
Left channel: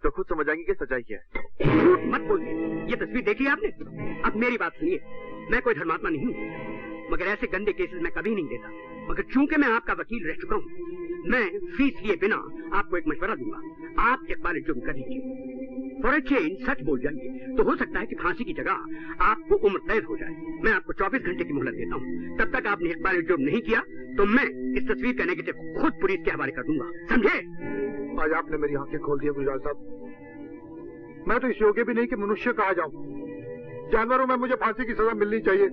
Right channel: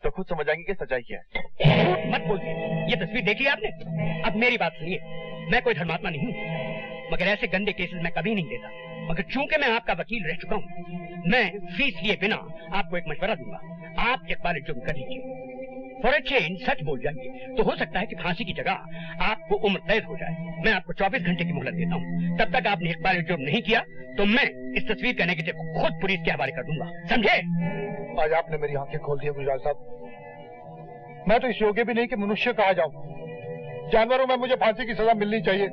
तो खुद समझ आएंगे कि सच्चाई क्या है। झूठ मत बोलिए। ये तस्वीर देखी आपने? अब मेरी बात सुनिए, मैं कोई धर्मात्मा नहीं हूँ, मगर ऐसे गंदे केसेस मैं कभी नहीं देता। मगर चूंकि मैं आपका वकील रह चुका हूँ, मैं फीस लिए बिना आपको एक मशवरा दूंगा। आप इकबाल जुर्म कर लीजिए, फॉर ए चेंज सच बोल जाइए, तो हो सकता है कि फांसी की जगह आपको उम्र कैद हो जाए। मैं आपको 24 घंटे की मोहलत देता हूँ। तब तक आपने इकबाल जुर्म नहीं किया तो मैं इस तस्वीर का नेगेटिव खुद पुलिस के हवाले कर दूंगा, समझे? आज आपने मेरी आंखें खोल दी गुजराल साहब। मैं तो इस योग्य भी नहीं कि मनुष्य कहा जाऊं। जानवरों में मुझे फांसी की सजा मिलनी चाहिए।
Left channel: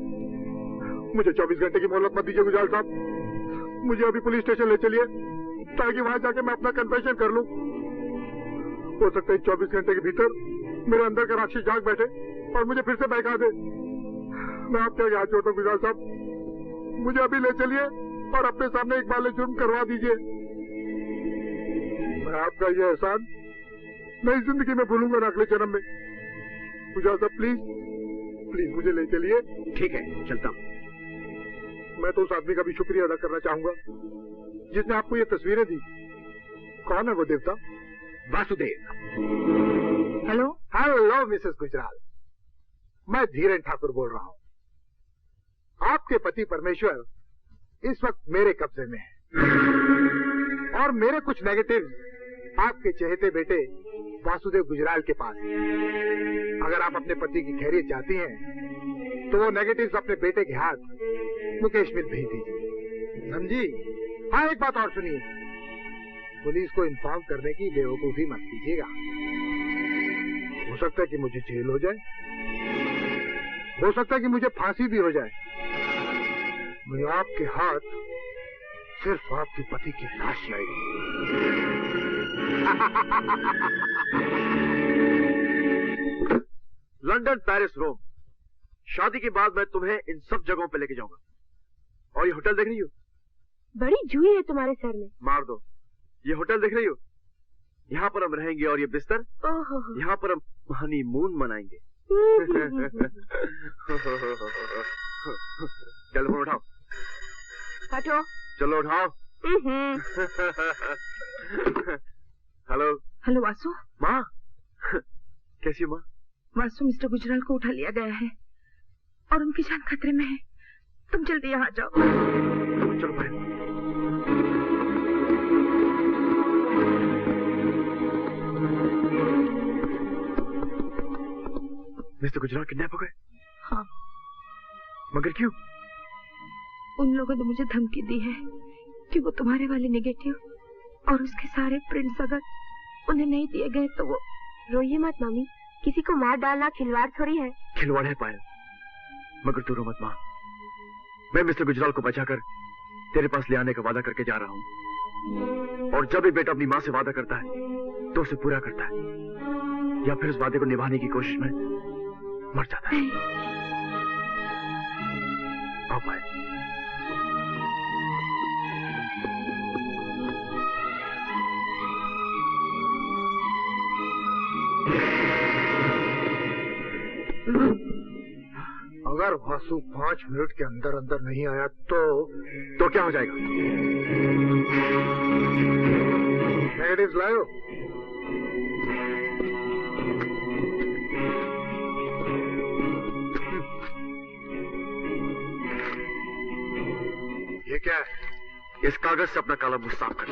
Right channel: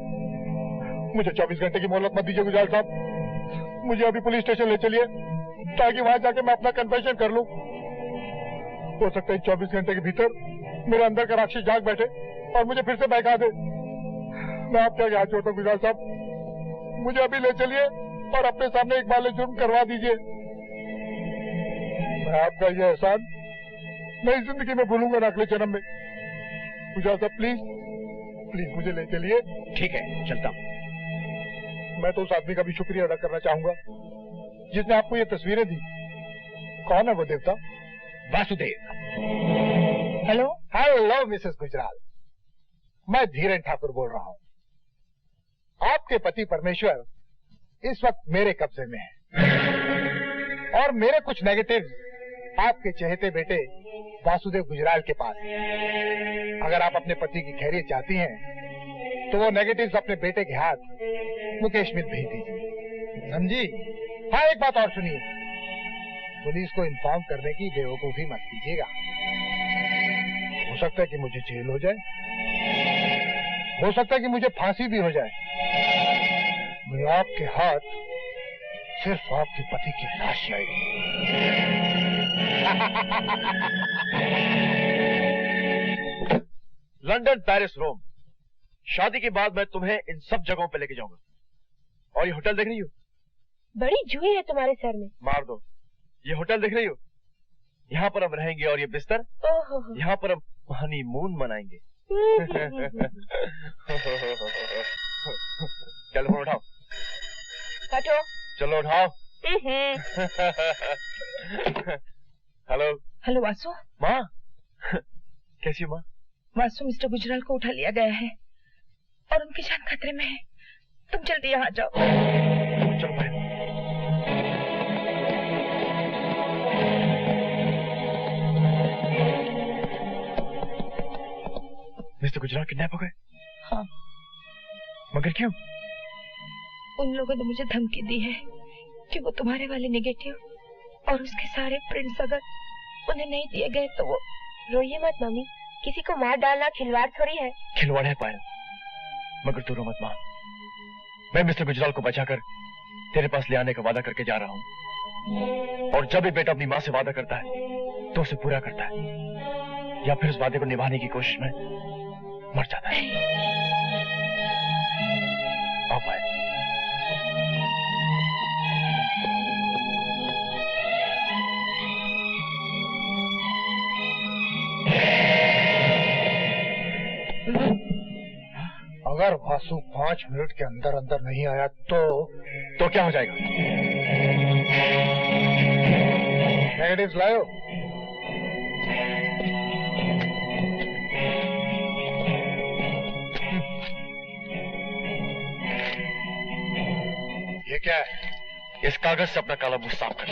मुझे 24 घंटे की मोहलत मत दीजिए गुजराल साहब। मुझे अभी पुलिस स्टेशन ले चलिए ताकि वहां जाके मैं अपना कन्फेशन कर लूं। हो सकता है 24 घंटे के भीतर मेरे अंदर का राक्षस जाग बैठे और मुझे फिर से बहका दे। मैं आपके आगे हाथ जोड़ता हूँ गुजराल साहब, मुझे अभी ले चलिए और अपने सामने एक बार जुर्म करवा दीजिए। मैं आपका ये एहसान नई जिंदगी में भूलूंगा ना, अगले जन्म में। गुजराल साहब प्लीज प्लीज मुझे ले चलिए। ठीक है, चलता हूँ। मैं तो उस आदमी का भी शुक्रिया अदा करना चाहूंगा जिसने आपको ये तस्वीरें दी। कौन है वो देवता? Vasudev. Hello hello Mrs Gujral, मैं धीरेन ठाकुर बोल रहा हूँ। आपके पति परमेश्वर इस वक्त मेरे कब्जे में है और मेरे कुछ नेगेटिव आपके चहेते बेटे वासुदेव गुजराल के पास है। अगर आप अपने पति की खैरियत चाहती हैं तो वो नेगेटिव्स अपने बेटे के हाथ मुकेश मिल भेज दीजिए, समझी? हाँ, एक बात और सुनिए, पुलिस को इन्फॉर्म करने की बेवकूफी मत कीजिएगा। हो सकता है कि मुझे जेल हो जाए, हो सकता है कि मुझे फांसी भी हो जाए। मैं आपके हाथ सिर्फ आपके पति की लाश लाएगी। लंदन, पेरिस, रोम, शादी के बाद मैं तुम्हें इन सब जगहों पे लेके जाऊंगा। और ये होटल देख रही हो? बड़ी जुई है तुम्हारे सर में। मार दो। ये होटल देख रही हो? यहाँ पर हम रहेंगे और ये बिस्तर, यहाँ पर हम हनीमून मनाएंगे। टेलीफोन उठाओ। हटो। चलो उठाओ। हेलो। हेलो वासु। माँ कैसी हो माँ? वासु, मिस्टर गुजराल को उठा लिया गया है और उनकी जान खतरे में है। तुम जल्दी यहाँ जाओ। चलो भाई। मिस्टर गुजराल किडनैप हो गए? हाँ। मगर क्यों? उन लोगों ने मुझे धमकी दी है कि वो तुम्हारे वाले नेगेटिव और उसके सारे प्रिंट्स अगर उन्हें नहीं दिए गए तो वो। रोइए मत मम्मी, किसी को मार डालना खिलवाड़ थोड़ी है। खिलवाड़ है पायल, मगर तू रो मत माँ। मैं मिस्टर गुजराल को बचाकर तेरे पास ले आने का वादा करके जा रहा हूँ, और जब भी बेटा अपनी माँ से वादा करता है तो उसे पूरा करता है, या फिर उस वादे को निभाने की कोशिश में मर जाता है। आओ पायल। अगर वासु 5 मिनट के अंदर अंदर नहीं आया तो क्या हो जाएगा? नेगेटिव्स लाओ। ये क्या है? इस कागज से अपना काला मुंह साफ कर।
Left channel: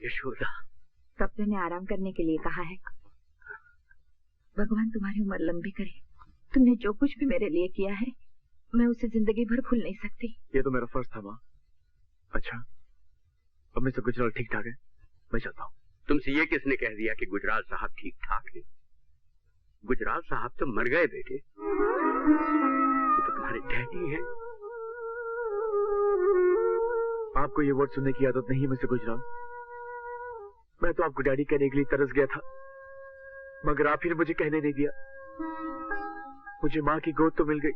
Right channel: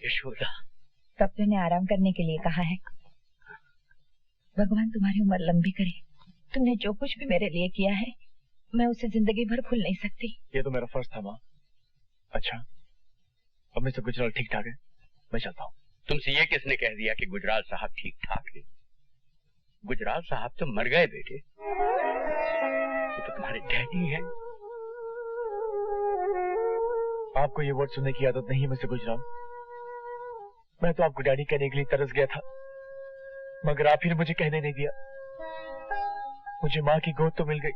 यशोदा, डॉक्टर ने आराम करने के लिए कहा है। भगवान तुम्हारी उम्र लंबी करे। तुमने जो कुछ भी मेरे लिए किया है, मैं उसे जिंदगी भर भूल नहीं सकती। ये तो मेरा फर्ज था माँ। अच्छा, अब मिस्टर गुजराल ठीक ठाक है, मैं चलता हूँ। तुमसे ये किसने कह दिया कि गुजराल साहब ठीक ठाक है? गुजराल साहब तो मर गए बेटे। ये तो तुम्हारे डैडी हैं। आपको ये वर्ड सुनने की आदत नहीं है मिस्टर गुजराल। मैं तो आपको डैडी कहने के लिए तरस गया था, मगर आप ही ने मुझे कहने नहीं दिया। मुझे माँ की गोद तो मिल गई,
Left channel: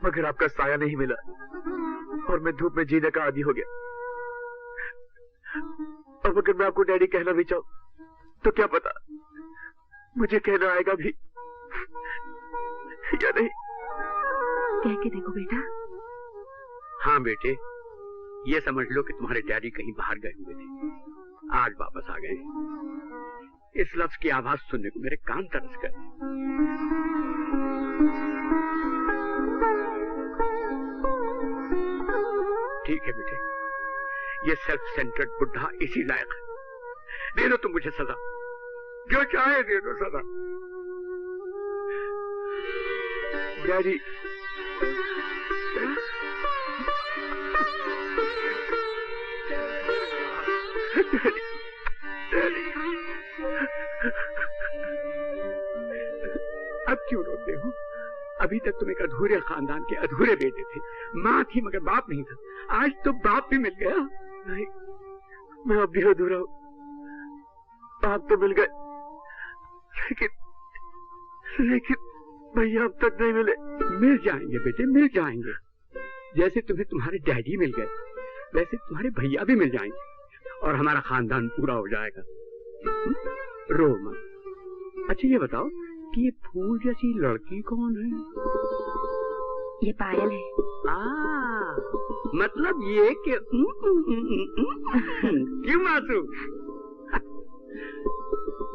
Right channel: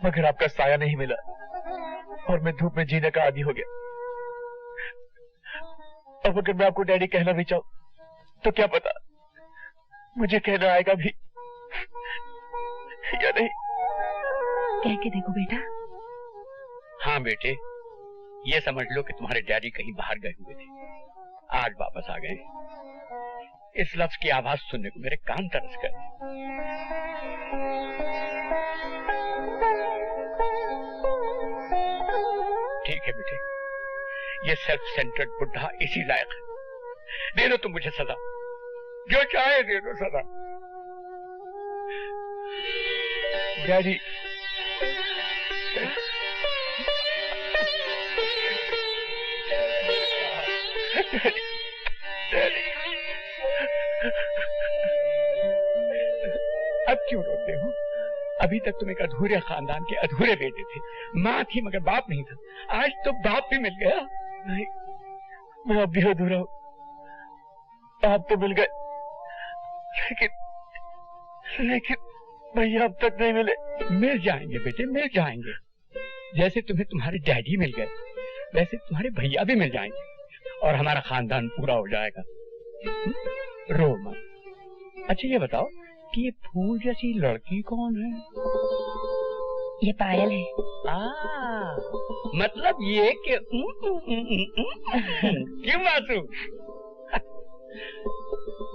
मगर आपका साया नहीं मिला, और मैं धूप में जीने का आदी हो गया। अब अगर मैं आपको डैडी कहना भी चाहूं, तो क्या पता मुझे कहना आएगा भी या नहीं। कह के देखो बेटा। हाँ बेटे, ये समझ लो कि तुम्हारे डैडी कहीं बाहर गए हुए थे, आज वापस आ गए। इस लफ्ज की आवाज सुनने को मेरे कान तरस गए। ठीक है बेटे, ये सेल्फ सेंटर्ड बुढ़ा इसी लायक है। दे दो तुम मुझे सजा, जो चाहे दे दो सजा। डैडी, अब क्यों रोते हो? अभी तक तुम एक अधूरे खानदान के अधूरे बेटे थे। माँ थी मगर बाप नहीं था, आज तो बाप भी मिल गया। नहीं, मैं अब भी अधूरा हूँ। आप तो मिल गए, लेकिन भैया अब तक नहीं मिले। मिल जाएंगे बेटे, मिल जाएंगे। जैसे तुम्हें तुम्हारे डैडी मिल गए, वैसे तुम्हारे भैया भी मिल जाएंगे, और हमारा खानदान पूरा हो जाएगा। रो मत। अच्छा ये बताओ कि ये फूल जैसी लड़की कौन है? ये पायल है। मतलब ये कि क्यों मासू?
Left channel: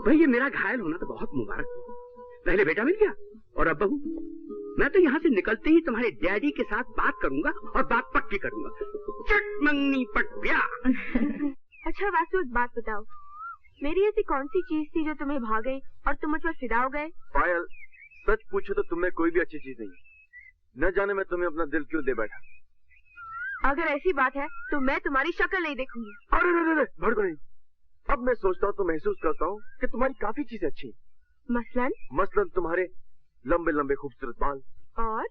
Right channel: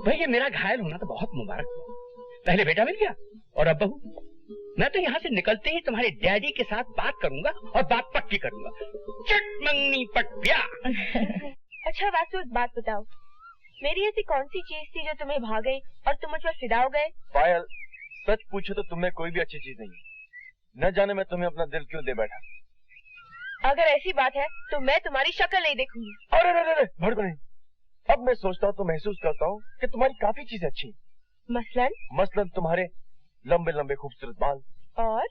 भाई ये मेरा घायल होना तो बहुत मुबारक हुआ। पहले बेटा मिल गया और अब बहू। मैं तो यहाँ से निकलते ही तुम्हारे डैडी के साथ बात करूंगा और बात पक्की करूंगा। चट मंगनी पट ब्याह। अच्छा वासु, एक बात बताओ, मेरी ऐसी कौन सी चीज थी जो तुम्हें भा गई और तुम मुझ पर फिदा हो गए? पायल, सच पूछो तो तुम में कोई भी अच्छी चीज नहीं है। न जाने मैं तुम्हें अपना दिल क्यों दे बैठा। अगर ऐसी बात है तो मैं तुम्हारी शक्ल नहीं देखूंगी। अरे भड़को नहीं। अब मैं सोचता हूँ तो महसूस करता हूँ कि तुम्हारी काफी चीजें अच्छी। मसलन तुम्हारे लंबे लंबे खूबसूरत बाल, और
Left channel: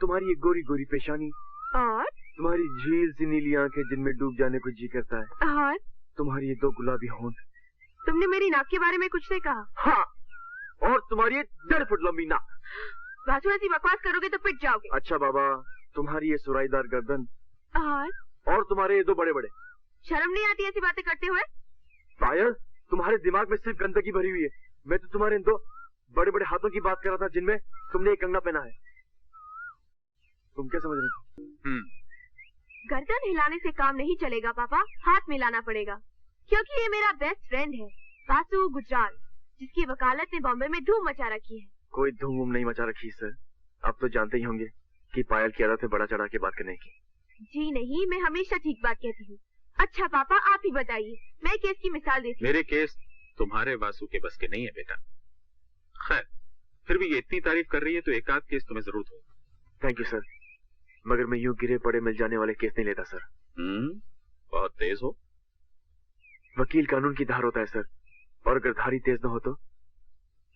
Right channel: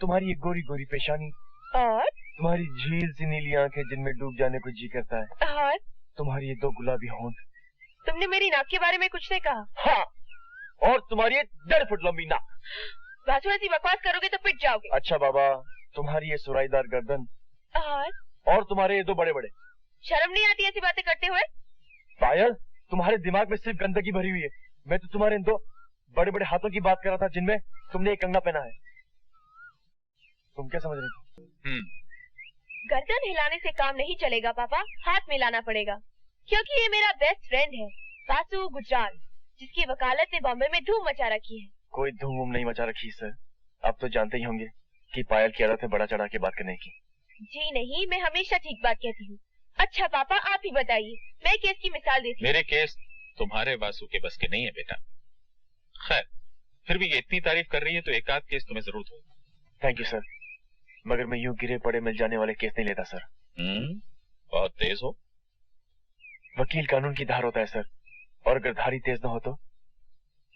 तुम्हारी ये गोरी गोरी पेशानी, और तुम्हारी झील सी नीली आंखें जिनमें डूब जाने को जी करता है, और तुम्हारी ये 2 गुलाबी होंठ। तुमने मेरी नाक के बारे में कुछ नहीं कहा? हाँ, और तुम्हारी ये 1.5 फुट लंबी नाक। वासु, ऐसी बकवास करोगे तो पिट जाओगे। अच्छा बाबा, तुम्हारी ये सुराईदार गर्दन और तुम्हारे ये दो बड़े बड़े। शर्म नहीं आती ऐसी बातें करते हुए? पायल, तुम्हारे दिमाग में सिर्फ गंदगी भरी हुई है। मैं तो तुम्हारे इन दो बड़े बड़े हाथों की बात कर रहा था जिनमें तुमने एक कंगना पहना है। तुम क्या समझ रही थी? गर्दन हिलाने से काम नहीं चलेगा पापा, हाथ मिलाना पड़ेगा, क्योंकि ये मेरा बेस्ट फ्रेंड है वासु गुजराल, जिसकी वकालत ने बॉम्बे में धूम मचा रखी है। कोई धूम नहीं मचा रखी सर। आप तो जानते ही होंगे कि पायल की आदत है बड़ा चढ़ा के बात करने की। जी नहीं, मैं हमेशा ठीक बात कहती हूँ। अच्छा पापा आप ही बताइए, मैं केस की मिसाल देती हूँ। मेरे केस तुम्हारे वासु के बस के नहीं है बेटा। खैर, फिर भी ये इतनी तारीफ कर रही है तो एक आध केस तुम्हें जरूर होगा। थैंक यू सर, मगर मैं यूं गिरे पड़े मिल जाने वाले केस नहीं लेता सर। बहुत तेज हो। वकील कानून की धार होता है सर, और अगर धारी तेज न हो तो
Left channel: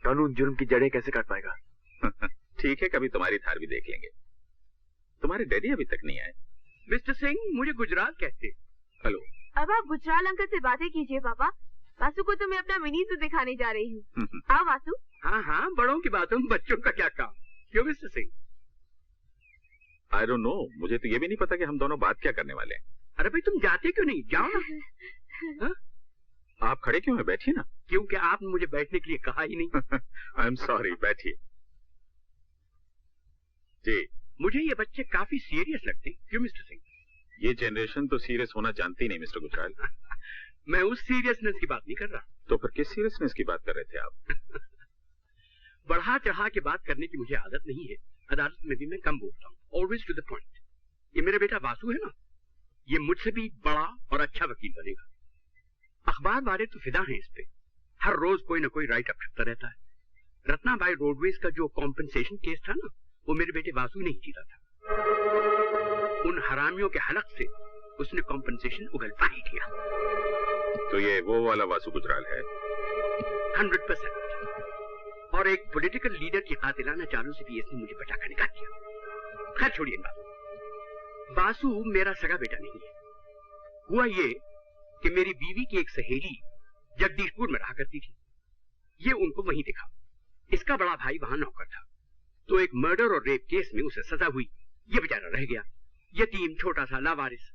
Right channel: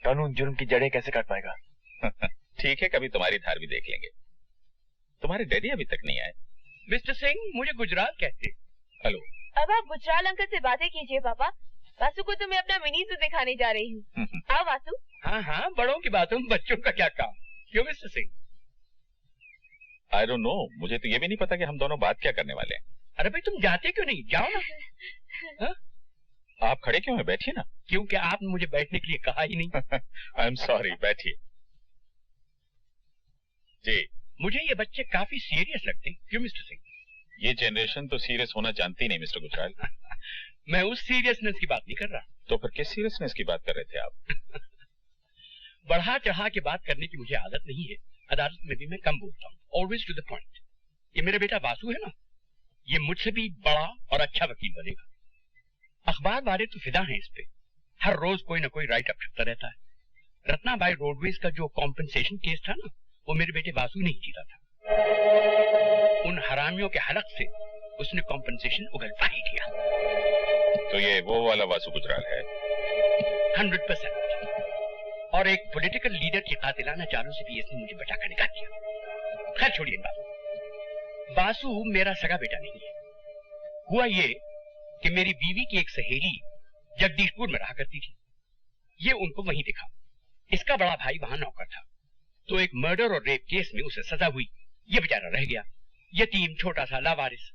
कानून जुर्म की जड़ें कैसे काट पाएगा। ठीक है, कभी तुम्हारी धार भी देख लेंगे। तुम्हारे डैडी अभी तक नहीं आए। मिस्टर सिंह, मुझे गुजरात कहते। हेलो। अब आप गुजराल अंकल से बातें कीजिए पापा। वासु को तो मैं अपना मिनी सूट दिखाने जा रही हूँ। आओ वासु। हाँ हाँ, बड़ों की बातों में बच्चों का क्या काम। क्यों mister Singh? I don't know, मुझे तो ये भी नहीं पता कि हम दोनों बात क्या करने वाले हैं। अरे भाई तुम जाते क्यों नहीं? जाओ ना। हा? आप खड़े क्यों हैं? बैठिए ना। क्योंकि आपने मुझे बैठने के लिए कहा ही नहीं। आई एम सॉरी, बैठिए। जी, मुझे ये बच्चे काफी सीरियस लगते हैं। क्यों मिस्टर सिंह? ये जनरेशन तो सीरियस होना जानती नहीं मिस्टर गुजराल। मैं उस सीरियसनेस की बात नहीं कर रहा। तो फिर किस सीरियसनेस की बात कर रहे थे आप? बढ़ा चढ़ा के बात करने की मुझे आदत नहीं है। अदालत में भी मैं कम बोलता हूँ, ऑलवेज टू द पॉइंट। ये मेरा बेटा वासु है ना, ये मुझसे भी बड़ा और अच्छा वकील बनेगा। अखबार वाले तो फिदा हैं इस पे, हर रोज कोई ना कोई राइट अप छपता रहता है। रत्नाबाई रोडवेज का जो कॉम्पेंसेशन केस था ना, वो मेरे बेटे वासु ने ही जीता था। उन हरामियों के हलक से उसने कॉम्पेंसेशन उगलवा ही दिया। तो ये वो वाला वासु गुजराल है? 100%। और एक पॉलिटिकल लीडर की कातिलाना चालों से भी इसने मुझे बचाकर निकाल दिया। खैर छोड़िए इन बातों। वासु मेरा सगा बेटा नहीं है। हुआ ये कि मेरी बीवी की एक सहेली जगदीशपुर में रहा करती थी। ये उनको वहीं दिखा। इसका बड़ा भाई वहां नौकर था, तो एक मर्डर और रेप केस में उसे सजा हुई। ये बेचारा रह गया यतीम, छोटा सा लावारिस।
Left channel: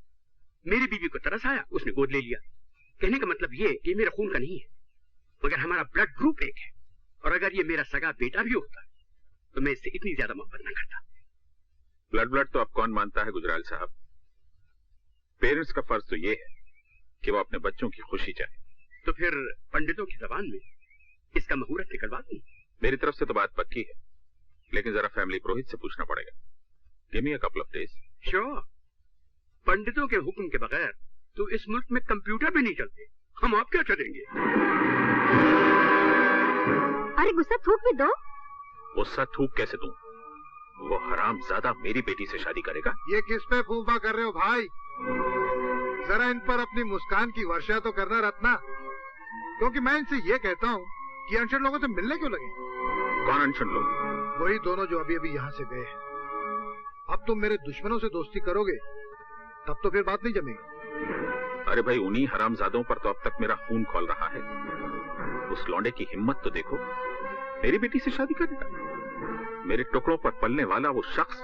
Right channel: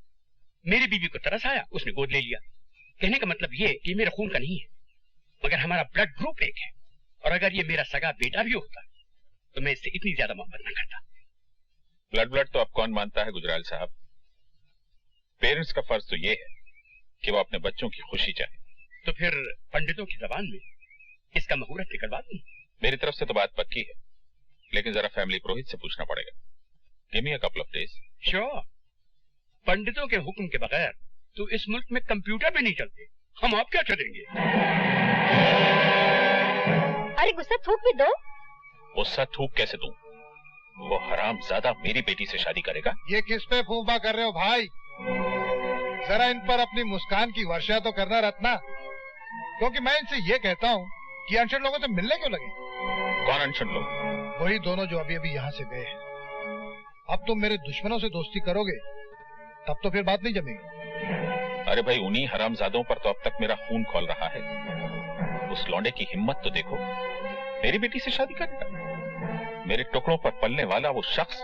मेरी बीवी को तरस आया, उसने गोद ले लिया। कहने का मतलब ये कि मेरा खून का नहीं है, मगर हमारा ब्लड ग्रुप एक है। और अगर ये मेरा सगा बेटा भी होता तो मैं इससे इतनी ज्यादा मोहब्बत न करता। ब्लड तो अब कौन मानता है गुजराल साहब? पेरेंट्स का फर्ज तो ये है कि वो अपने बच्चों की खुशी चाहे। तो फिर पंडितों की जबान में इसका मुहूर्त निकलवा दूं? मेरी तरफ से तो बात पक्की है, लेकिन जरा फैमिली पुरोहित से पूछना पड़ेगा। Give me a couple of days. Sure. पंडितों के हुक्म के बगैर तो इस मुल्क में कंप्यूटर भी नहीं चलते। हम आप क्या करेंगे? अरे गुस्सा थूक भी दो। गुस्सा थूक कैसे दूं? वो हरामजादा मेरी बेटी से शादी करेगा। ये किस पे फूफा कर रहे हो भाई? जरा इन पर अपनी मुस्कान की वर्षा तो करना रत्ना, क्योंकि मैं इनसे ये कहता हूँ कि अनशन लोगों से मिलने क्यों लगे? कौन अनशन लोग? वही दोनों जो अभी अभी यहाँ से गए हैं। अब तुम मेरे दुश्मनों से दोस्ती करोगे तब तो फिर बात नहीं जमेगी। अरे भाई, उन्हीं हरामजादों पर तो अब तक मेरा खून खौल रहा है। उस लौंडे की हिम्मत तो देखो, मेरी बेटी से शादी करेगा। मेरे टुकड़ों पर पलने वाला वो शख्स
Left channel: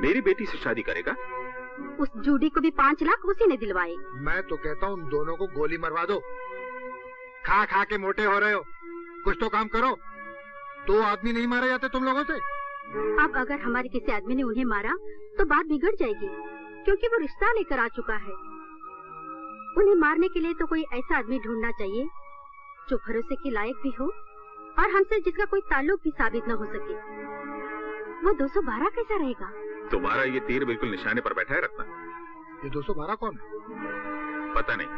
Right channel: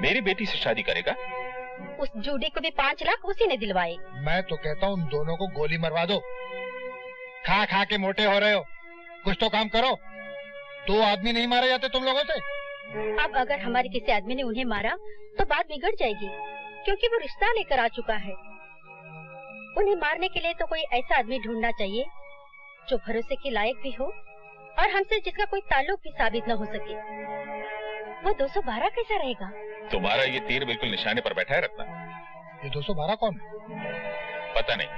मेरी बेटी से शादी करेगा। उस जूडी को भी 5 लाख उसी ने दिलवाए। मैं तो कहता हूँ उन दोनों को गोली मरवा दो। खा खा के मोटे हो रहे हो, कुछ तो काम करो। 2 आदमी नहीं मारे जाते तुम लोगों से। अब अगर हमारे किसी आदमी ने उन्हें मारा तो बात बिगड़ जाएगी, क्योंकि वो रिश्ता लेकर आ चुका है। उन्हें मारने के लिए तो कोई ऐसा आदमी ढूंढना चाहिए जो भरोसे के लायक भी हो और हमसे जिसका कोई ताल्लुक भी साबित न हो सके। वो 212 कैसा रहेगा? तुम्हारा ये तीर बिल्कुल निशाने पर बैठा है रत्ना। ये 212 कौन है? पता नहीं,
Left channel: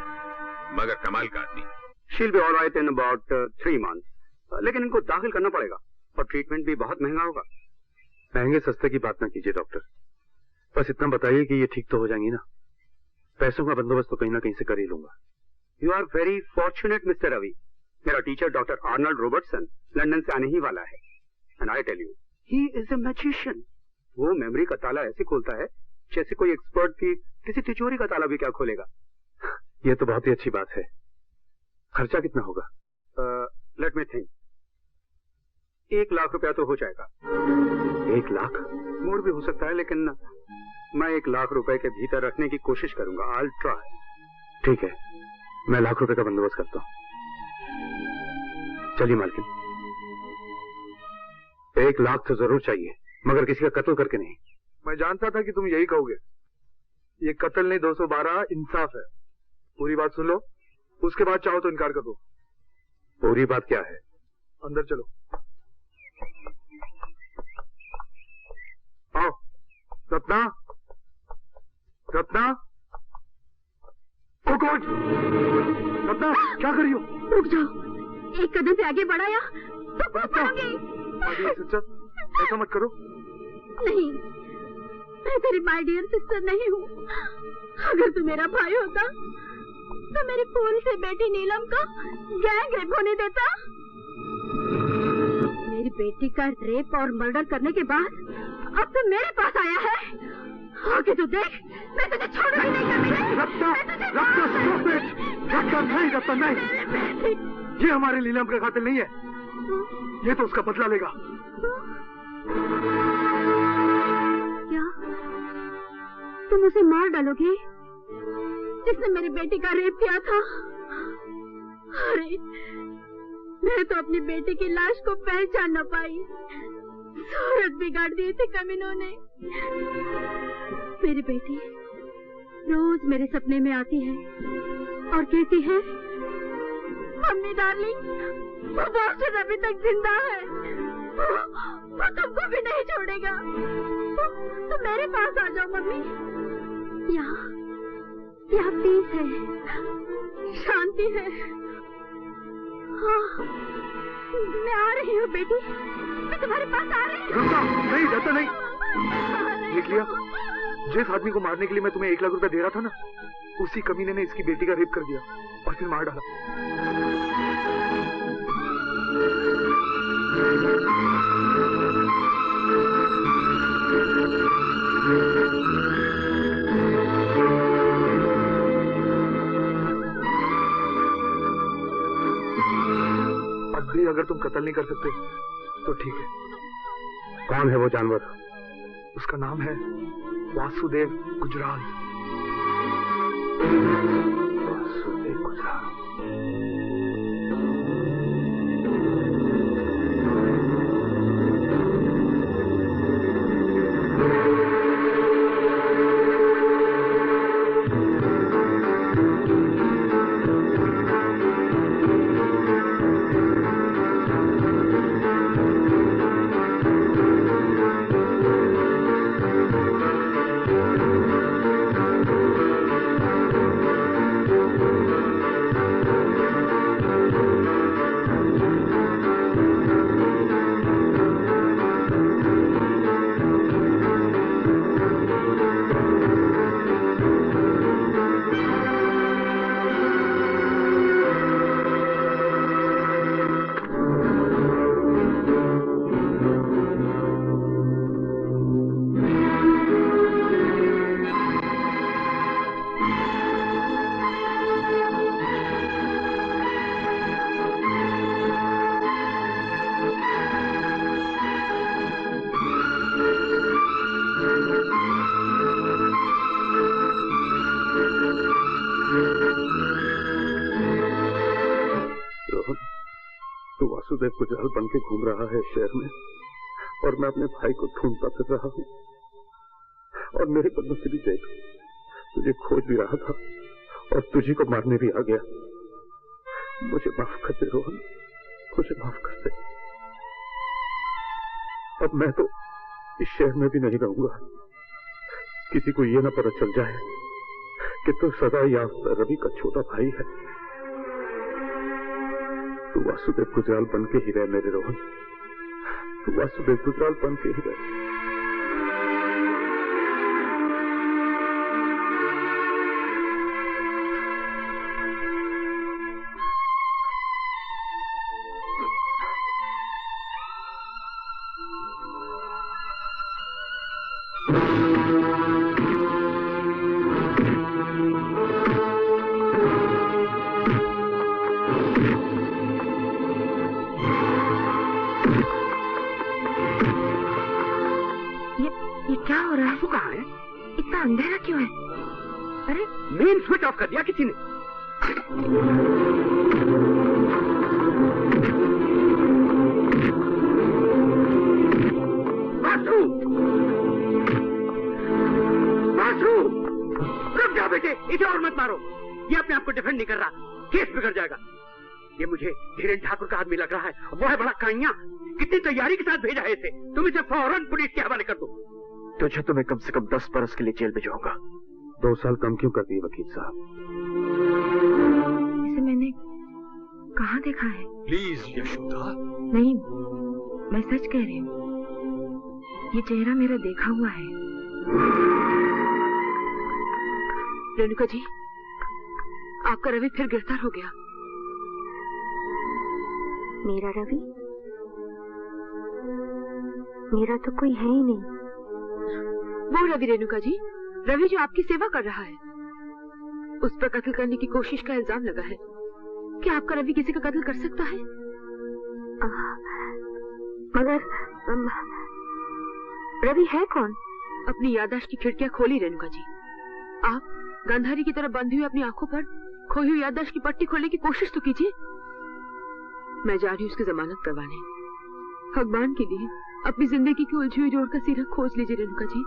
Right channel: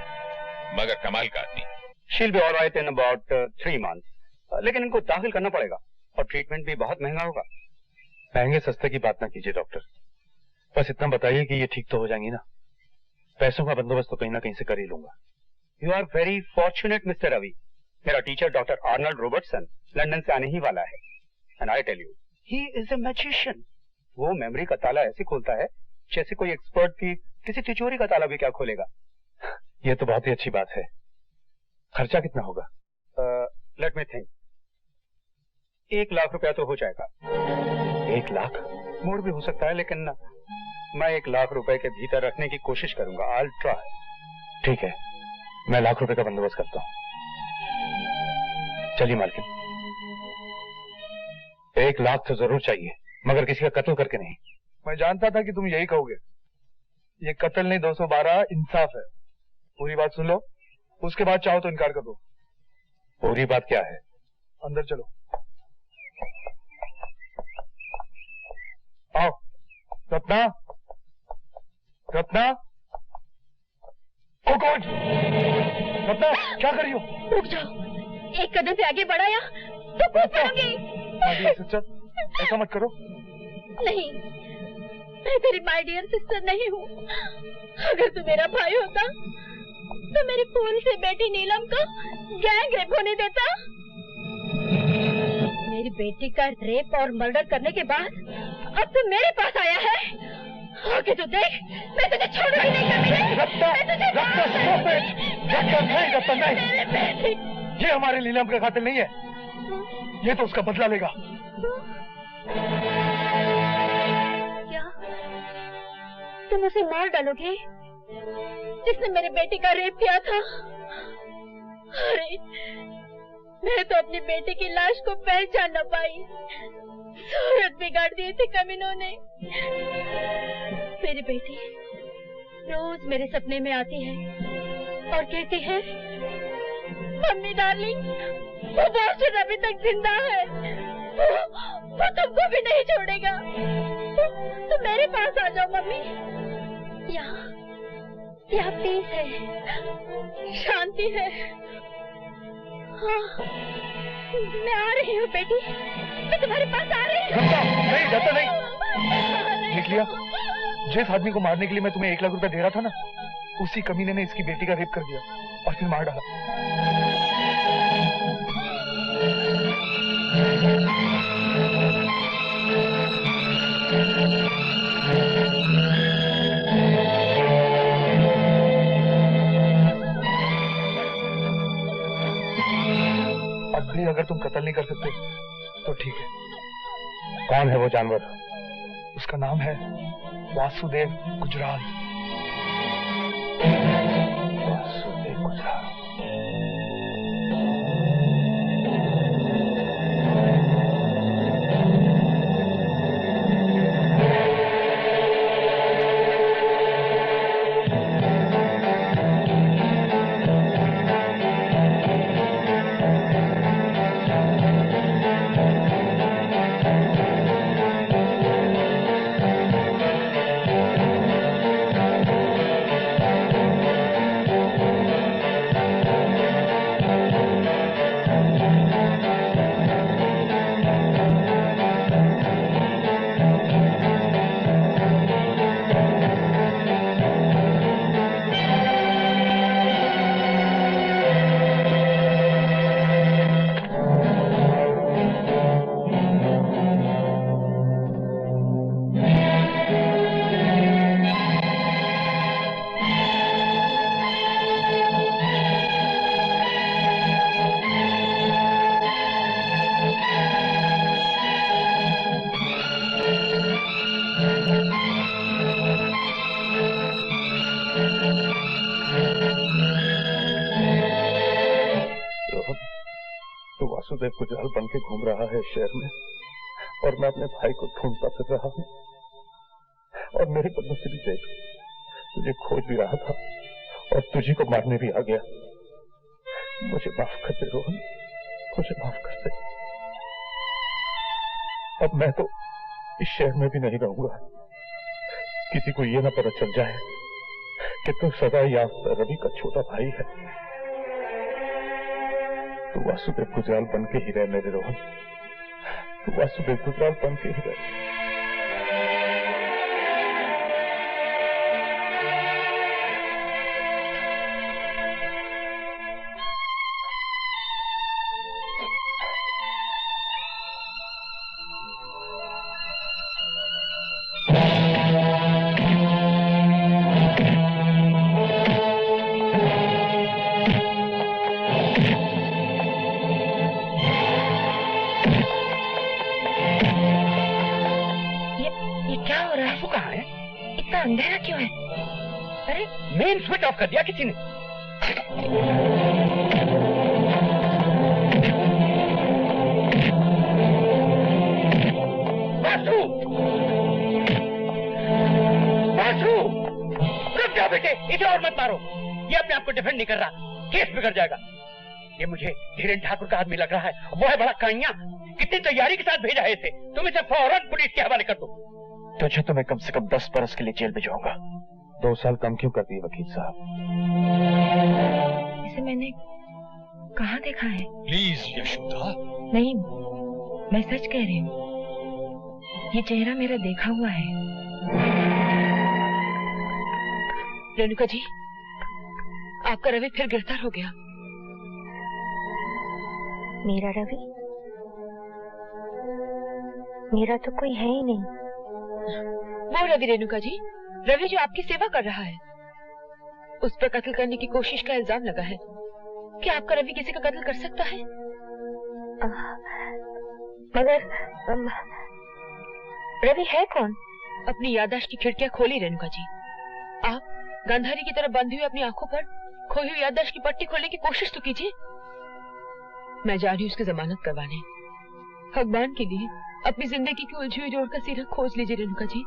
मगर कमाल का आदमी। She'll be all right in about 3 months. लेकिन इनको दाखिल करना पड़ेगा और ट्रीटमेंट भी बहुत महंगा होगा। महंगे सस्ते की बात ना कीजिए डॉक्टर, बस इतना बताइए कि ये ठीक तो हो जाएंगी ना। पैसों का बंदोबस्त तो कहीं ना कहीं से कर ही लूंगा। You are very fortunate mister Ravi. मेरा teacher doctor Arnold Robertson London से आने ही वाला है। And I tell you, he is a magician. वो मेमोरी का ताला ऐसे खोलता है जैसे कोई एक्सपर्ट भी किसी तिजोरी का ताला भी क्या खोलेगा। ये तो बहुत ही अच्छी बात है। खर्चा कितना होगा? Let me think. 1 लाख रुपया तो हो जाएगा। 1 लाख? मोड़ भी हो सकता है, लेकिन मैं 1 लाख रुपए के भीतर रखने की कोशिश करूंगा। I'll try। ठीक है, मैं 1 लाख रुपए का बंदोबस्त करता हूँ। चलिए मालकिन, 1 लाख तो जरूर चाहिए, मगर किसी का कत्ल करके नहीं। मैं जानता था कि तुम यही कहोगे। ये कत्ल नहीं, 212 इंसाफ है। पूरी बात सुन लो, उसके बाद चाहो तो इनकार कर दो। पूरी बात क्या है? अंदर चलो। आओ। रत्ना, रत्ना, कौन? रत्ना, क्या कर रही हो? रुक जाओ, एक कदम पे आगे बढ़ाया तो कूद पड़ोगी। माय डियर सिस्टर, ऐसा मत करो। नहीं, मैं तेरी माय डियर सिस्टर नहीं हूँ। अगर तू मेरा भाई होता तो मेरी फूल से बेटी नीलम को गैंग रेप होने देता। मेरी बेटी का रेप और मर्डर करने के बाद अब तू मेरे पास आया है। आगे तो देख, मैं तुझे छोड़ूंगी नहीं कभी। Ratna, Ratna, stop it! रत्ना नहीं, रत्ना नहीं। ये हमारे नीलम का कातिल नहीं है। ये तो उसका बदला लेगा। क्या तुम उसे मार डालोगे जिसने मेरे बेटे का रेप किया था? अरे, मैं तो अपनी बेटे की लाश को पहचान न पाई। सूरत बिगाड़ दिए थे कमीनों ने। मेरी बेटी रोज मेरे सपने में आती है और कहती है, मम्मी डार्लिंग, वो बॉस्टन अभी तक जिंदा है, वो तुमको भी नहीं छोड़ेगा। तो मेरे पास आ जाओ मम्मी। यहाँ पीस है, शांति है। हाँ, मैं आ रही हूँ बेटी, मैं तुम्हारे पास आ रही हूँ। नहीं, जाता नहीं। देख लिया, जिस आदमी को मारने के लिए मैं तुम्हें 1 लाख रुपए दे रहा था ना, उसी कमीने ने इसकी बेटी का रेप कर दिया और फिर मार डाला। अब भी अगर तुम कत्ल नहीं कर सकते तो ठीक है। कौन है वो जानवर? उसका नाम है वासुदेव गुजराल। वासुदेव गुजराल। वासुदेव गुजराल बन के घूम रहा है शहर में और मैं अपने भाई को ढूंढता फिर रहा हूँ। और मेरे बदले से भी देख, तुझे खोज भी रहा था और तुझी को मारने भी आ गया। मुझे माफ कर दे रोहन, मुझे माफ कर दे। अब मैं तो इस शहर में भी नहीं रहूंगा। किसी को ये ना पता चल जाए कि तू सदा याफ्ता रवि का छोटा भाई है। तू वासुदेव गुजराल बन के ही रह मेरे रोहन, तू वासुदेव गुजराल बन के ही रह। इतना अंधेरा क्यों है? अरे मेन स्विच ऑफ कर दिया किसी ने। वासु! वासु! रुक जाओ बेटे, इसे और मत मारो। ये अपने आप को डिफेंड नहीं कर रहा, केस बिगड़ जाएगा। ये मुझे धीरेन्द्र ठाकुर का आदमी लग रहा है, वो है बड़ा काइया। कितनी तैयारी के साथ भेजा है इसे। तुम इसे फौरन पुलिस के हवाले कर दो। तुझे तो मैं कम से कम 10 बरस के लिए जेल भिजवाऊंगा। 2 साल कम क्यों करती है वकील साहब? इसे मैंने कहाँ देखा है? प्लीज यशोदा। नहीं, मैं सच कह रही हूँ, ये चेहरा मेरा देखा हुआ है। रेणुका जी, आपका रवि फिर गिरफ्तार हो गया। मेरा रवि? मेरा तो कोई है ही नहीं। वो रवि रेणुका जी, रवि जो आपकी सेवा कर रहा है। उस पर कत्ल करने की कोशिश का इल्जाम लगा है। क्या आपका रवि किसी का कत्ल कर सकता है? मगर रवि है कौन? अपनी याददाश्त की खिड़कियां खोली रेणुका जी। आप गांधारी की तरह बंधी हुई अपनी आंखों पर खोई हुई याददाश्त की पट्टी खोलने की कोशिश तो कीजिए। मैं जा रही हूँ उसकी जमानत करवाने। भगवान के लिए अपनी जिंदगी की उलझी हुई जोड़ का सिरा खोज लीजिए रेणुका जी।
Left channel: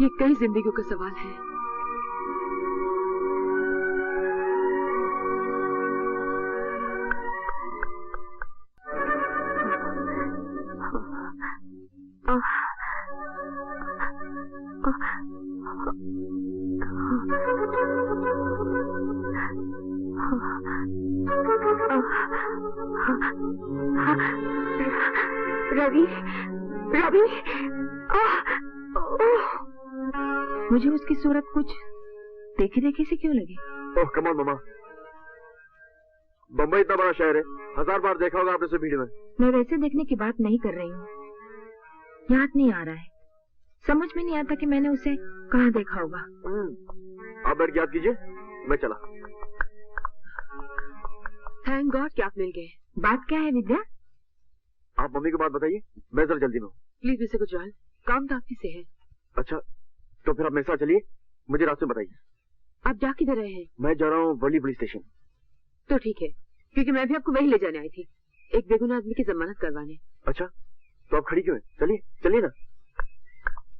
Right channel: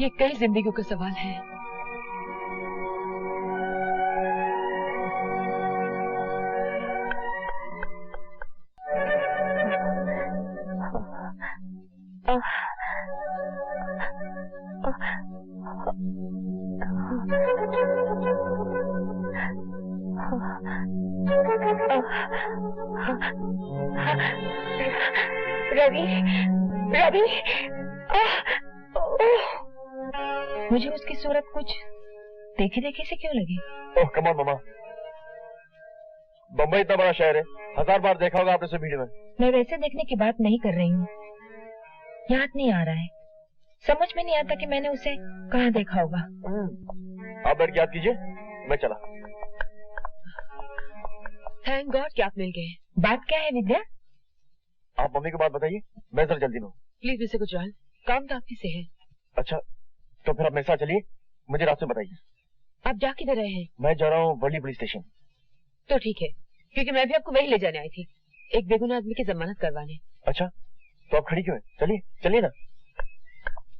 ये कई जिंदगियों का सवाल है। रवि, रवि, मुझे उसकी सूरत कुछ देखे देखे से क्यों लगी? ओह कम ऑन मामा, बम्बई इतना बड़ा शहर है, 1000 बार देखा होगा आपने उसे भीड़ में। मैं वैसे देखने की बात नहीं कर रही हूँ, याद नहीं आ रहा है, समझ में नहीं आता कि मैंने उसे कहाँ देखा होगा। आप बैठ के याद कीजिए, मैं चला। थैंक गॉड कि आप मिल गए। बात क्या है विद्या? आप मम्मी को बात बताइए, मैं जरा जल्दी में हूँ। प्लीज मिस्टर गुजराल, काम तो आपकी से है। अच्छा, तो फिर आप मेरे साथ चलिए, मुझे रास्ते बताइए। आप जा किधर रहे हैं? मैं जा रहा हूँ वर्ली पुलिस स्टेशन। तो ठीक है, क्योंकि मैं भी आपको वही ले जाने आई थी, एक बेगुनाह आदमी की जमानत करवाने। अच्छा, तो आप खड़ी क्यों हैं? चलिए चलिए ना।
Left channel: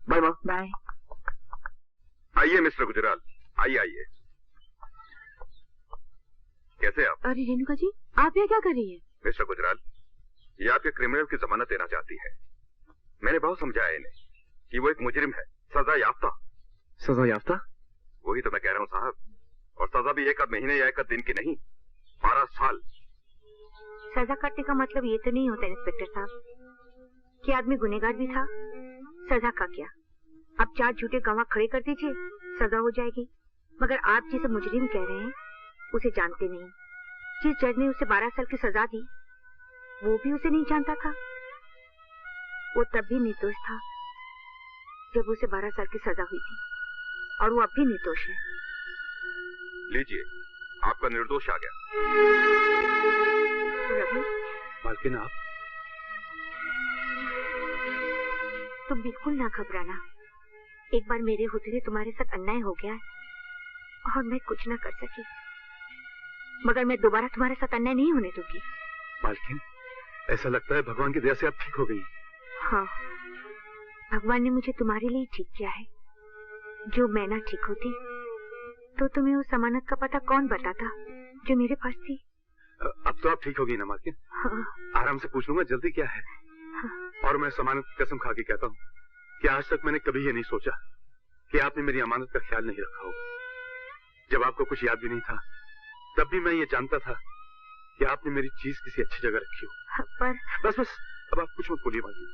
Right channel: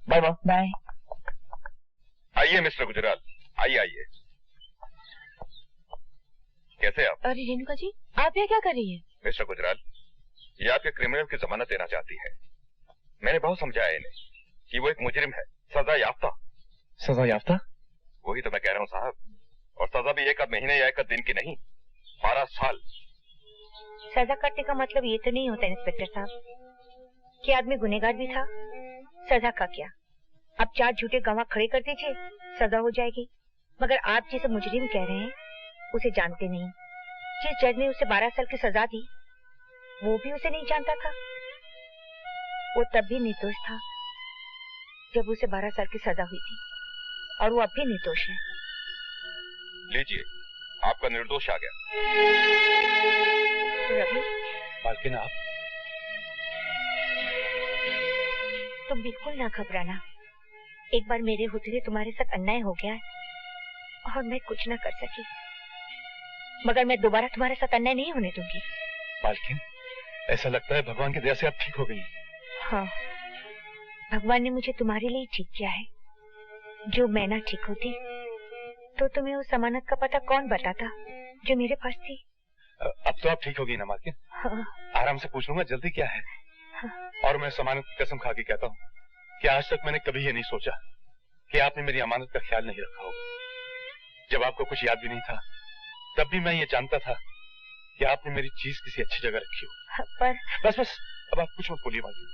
बाय माँ। बाय। आइए मिस्टर गुजराल, आइए आइए। कैसे आप? अरे रेणुका जी, आप यहाँ क्या कर रही हैं? मिस्टर गुजराल, ये आपके क्रिमिनल की जमानत देना चाहती है। मैंने बहुत समझाया इन्हें कि वो एक मुजरिम है, सजा याफ्ता। सजा याफ्ता? वही तो मैं कह रहा हूँ साहब, और सजा भी 1 महीने या 1 दिन की नहीं, 12 साल। सजा काटने का मतलब ये तो नहीं होता इंस्पेक्टर साहब कि आदमी गुनहगार भी था। सजा का क्या, आप 4 झूठे गवाह खड़े कर दीजिए, सजा हो जाएगी। मगर आप जिसे मुजरिम कह रहे हैं उसे जानते नहीं। जिस जज ने उसे 12 साल की सजा दी वो भी उसे नहीं जानता था। वो तब भी निर्दोष था जब उसे 12 साल की सजा हुई थी, और वो अब भी निर्दोष है। लीजिए, आपका निर्दोष आ गया। रवि, मालकिन आप? तुम बिल्कुल ना घबराना। एक बार मेरे होते हुए तुम्हारे साथ अन्याय हो गया है और मैं कुछ ना कर सकी, मगर मैं दोबारा तुम्हारे साथ अन्याय नहीं होने दूंगी। मालकिन, ऐसा लगता है भगवान की दया से आप ठीक हो गई। हाँ, भगवान ने मुझे तुम्हारे लिए ठीक किया है। जो मैं ना ठीक होती तो तुम्हें उस जमानत का पता कौन बताता जो मेरे पास थी। अब तो आप ठीक हो गई ना मालकिन? हाँ। आराम से पूछ लूंगा, जल्दी क्या है? हाँ। और मैं जमानत की कसम खा के कहता हूँ कि आज तक मैंने कभी ये नहीं सोचा कि आपने मेरी अमानत का ख्याल नहीं रखा होगा। जब आपको कुछ याद भी नहीं था तब भी मैं ये जानता था कि आपने मेरी चीज किसी अच्छी जगह रखी हो। पर बस बस, अब आप कुछ मत बोलिए मालकिन।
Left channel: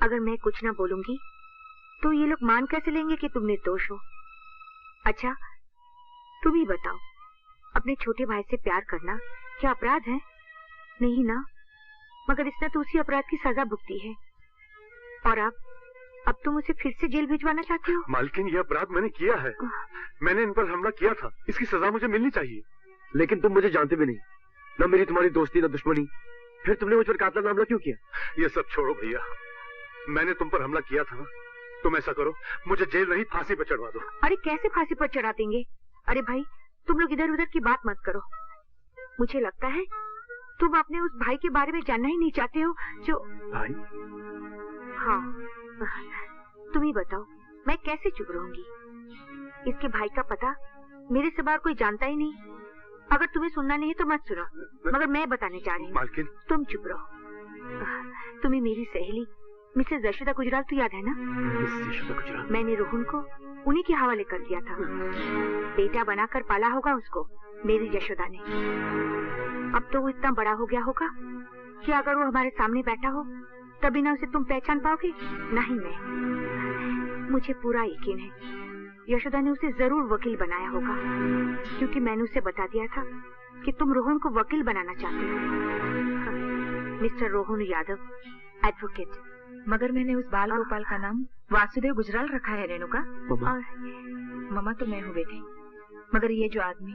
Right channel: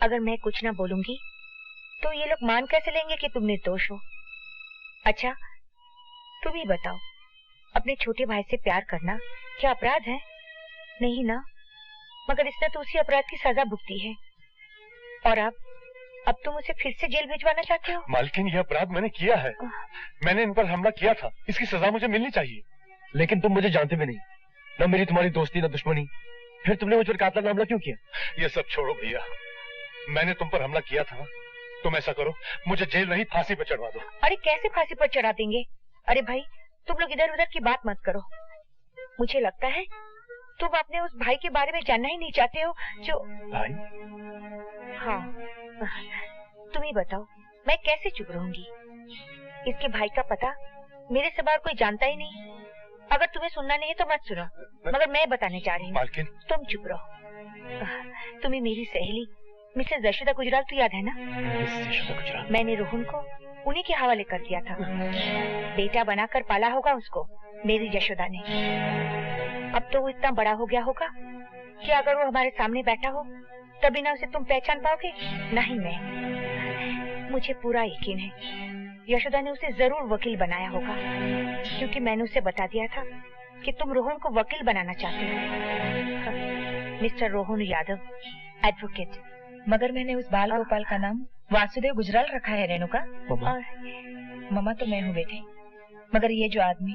अगर मैं कुछ ना बोलूंगी तो ये लोग मान कैसे लेंगे कि तुम निर्दोष हो? अच्छा, तुम ही बताओ, अपने छोटे भाई से प्यार करना क्या अपराध है? नहीं ना, मगर इसने तो उसी अपराध की सजा भुगती है, और अब तुम उसे फिर से जेल भिजवाना चाहते हो? मालकिन, यह अपराध मैंने किया है। मैंने इन पर हमला किया था, इसकी सजा मुझे मिलनी चाहिए। लेकिन तुम मुझे जानते भी नहीं, ना मेरी तुम्हारी दोस्ती ना दुश्मनी, फिर तुमने मुझ पर कातलाना हमला क्यों किया? ये सब छोड़ो भैया, मैंने तुम पर हमला किया था तुम ऐसा करो, मुझे जेल नहीं फांसी पर चढ़वा दो। अरे कैसे फांसी पर चढ़ा देंगे? अरे भाई तुम लोग इधर उधर की बात मत करो। मुझे लगता है तुम अपने उस भाई के बारे में जानना ही नहीं चाहते हो जो भाई। हाँ तुम ही बताओ मैं कैसे चुप रहूंगी? इसके भाई का पता मेरे सिवा कोई जानता ही नहीं। अगर तुम्हें सुनना नहीं है तो मत सुनो, मगर मैं बताने जा रही हूँ। मालकिन तुम चुप रहो। तुम्हें मेरी सहेली मिसेस यशोदा गुजराल तो याद है ना? मिसेस यशोदा गुजराल। मैंने रोहन को उन्हीं के हवाले कर दिया था। बेटा बनाकर पाला होगा उसको मेरी यशोदा ने। अब तो वो इतना बड़ा हो गया होगा कि अगर वो हमारे सामने बैठा हो तभी ना उसे तुम पहचान पाओगे। नहीं मैं, मुझे पूरा यकीन है यशोदा ने उसे जरूर वकील बनाया होगा, क्योंकि मैंने उसे बता दिया था कि तुम रोहन को वकील बनाना चाहते हो। Mister Rohan Yadav, advocate. मगर मैंने उस बाल गोपाल का नाम वासुदेव गुजराल रखा है रेणुका। और ममा तो मैं हूँ बेटे, मगर ये जो आदमी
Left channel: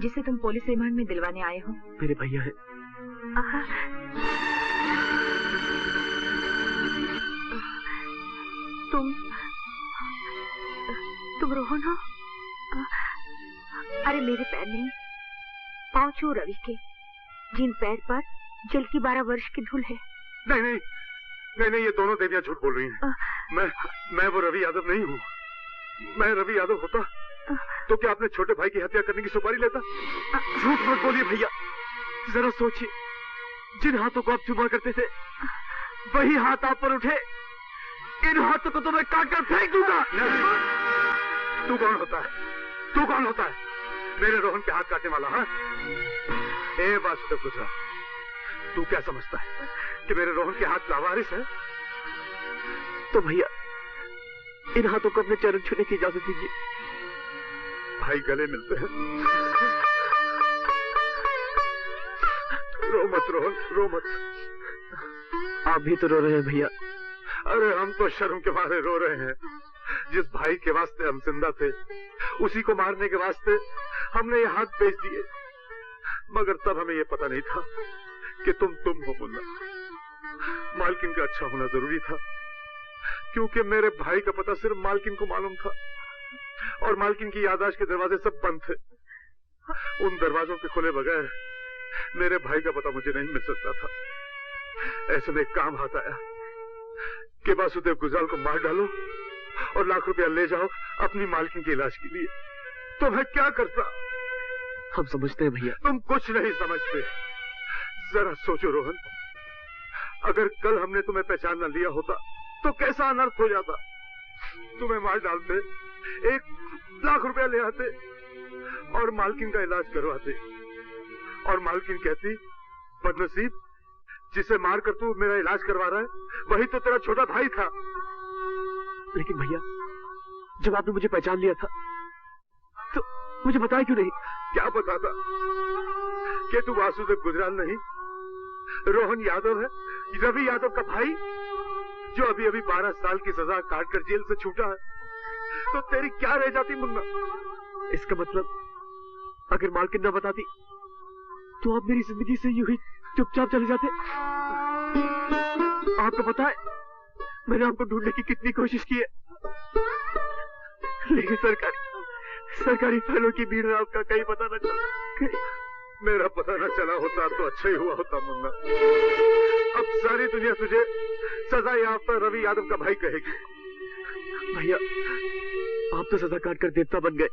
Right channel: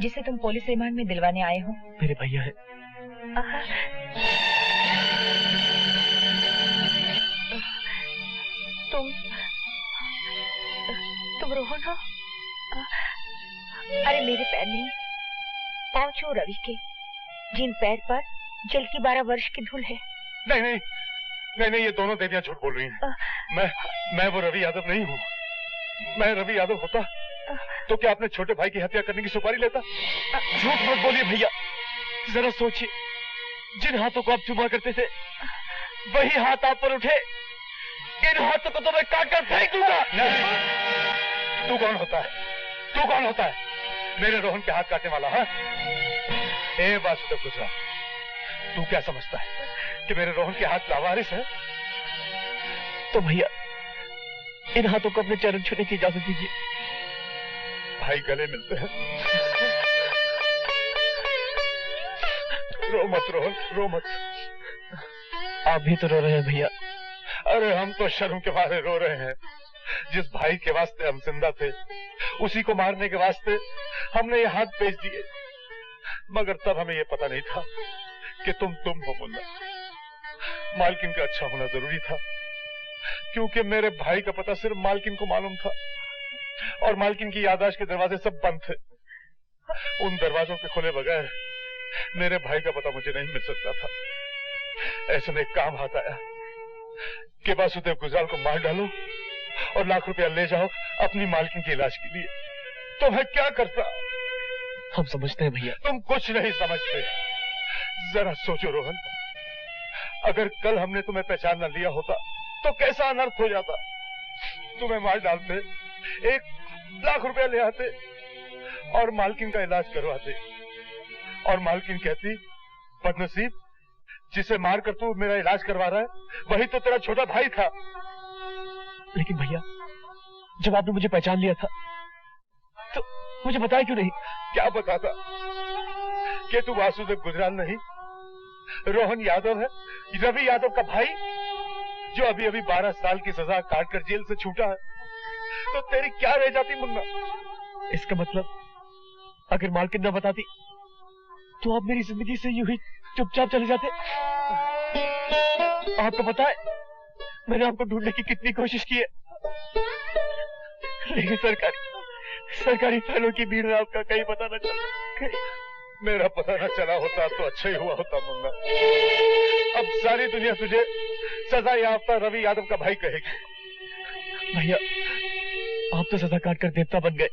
जिसे तुम पुलिस रिमांड में दिलवाने आए हो मेरे भैया है। तुम रोहन हो? अरे मेरे पैर नहीं, पाँव छू रवि के, जिन पैर पर जल की 12 वर्ष की धूल है। नहीं नहीं नहीं नहीं, ये दोनों देवियां झूठ बोल रही हैं। मैं वो रवि यादव नहीं हूँ। मैं रवि यादव होता तो क्या अपने छोटे भाई की हत्या करने की सुपारी लेता? झूठ मत बोलिए भैया, जरा सोचिए, जिन हाथों को आप चुमा करते थे वही हाथ आप पर उठे। इन हाथों को तो मैं काट कर फेंक दूंगा। तू कौन होता है? तू कौन होता है मेरे रोहन के हाथ काटने वाला? हाँ ए वासुदेव गुजराल, तू क्या समझता है कि मेरे रोहन के हाथ लावारिस है? तो भैया इन हाथों को अपने चरण छूने की इजाजत दीजिए। भाई गले मिलते हैं। रो मत रोहन, रो मत। आप भी तो रो रहे हैं भैया। अरे हम तो शर्म के मारे रो रहे हैं। जिस भाई के वास्ते हम जिंदा थे उसी को मारने के वास्ते हमने ये हाथ बेच दिए। मगर तब हमें ये पता नहीं था कि तुम हो मुन्ना। मालकिन का अच्छा होना जरूरी था, क्योंकि मेरे भाई का पता सिर्फ मालकिन को मालूम था और मालकिन की याददाश्त के दरवाजे सब बंद थे। उन दरवाजों के खुले बगैर मेरे भाई का पता मुझे नहीं मिल सकता था। ऐसे में एक काम हाथ आया कि वासुदेव गुजराल को मार डालो और लाख रुपया ले जाओ अपनी मालकिन के इलाज के लिए। तो मैं क्या करता? हम समझते हैं भैया। तुम कुछ नहीं समझते। जरा सोचो रोहन, अगर कल हमने तुम्हें पहचान न लिया होता तो कैसा अनर्थ हो जाता। तुम्हें मार डालते, 1 लाख रुपया ले आते और मालकिन का इलाज करवाते, और मालकिन कहती बदनसीब, जिसे मारकर तू मेरा इलाज करवा रहा है वही तो तेरा छोटा भाई था। लेकिन भैया जब आपने मुझे पहचान लिया था तो मुझे बताया क्यों नहीं? क्या बताता कि तू वासुदेव गुजराल नहीं, रोहन यादव है, रवि यादव का भाई, जो अभी अभी 12 साल की सजा काटकर जेल से छूटा है। तो तेरी क्या रह जाती मुन्ना? इसका मतलब अगर मालकिन न बताती तो आप मेरी जिंदगी से यूं ही चुपचाप चले जाते। आपको पता है मैंने आपको ढूंढने की कितनी कोशिश की है, लेकिन सरकारी फाइलों की भीड़ में आपका कहीं पता न चला। मेरा पता न चला होता तो अच्छा ही हुआ होता मुन्ना। अब सारी दुनिया तुझे सजा याफ्ता रवि यादव का भाई कहेगी। भैया आप तो सजा काट कर देवता बन गए,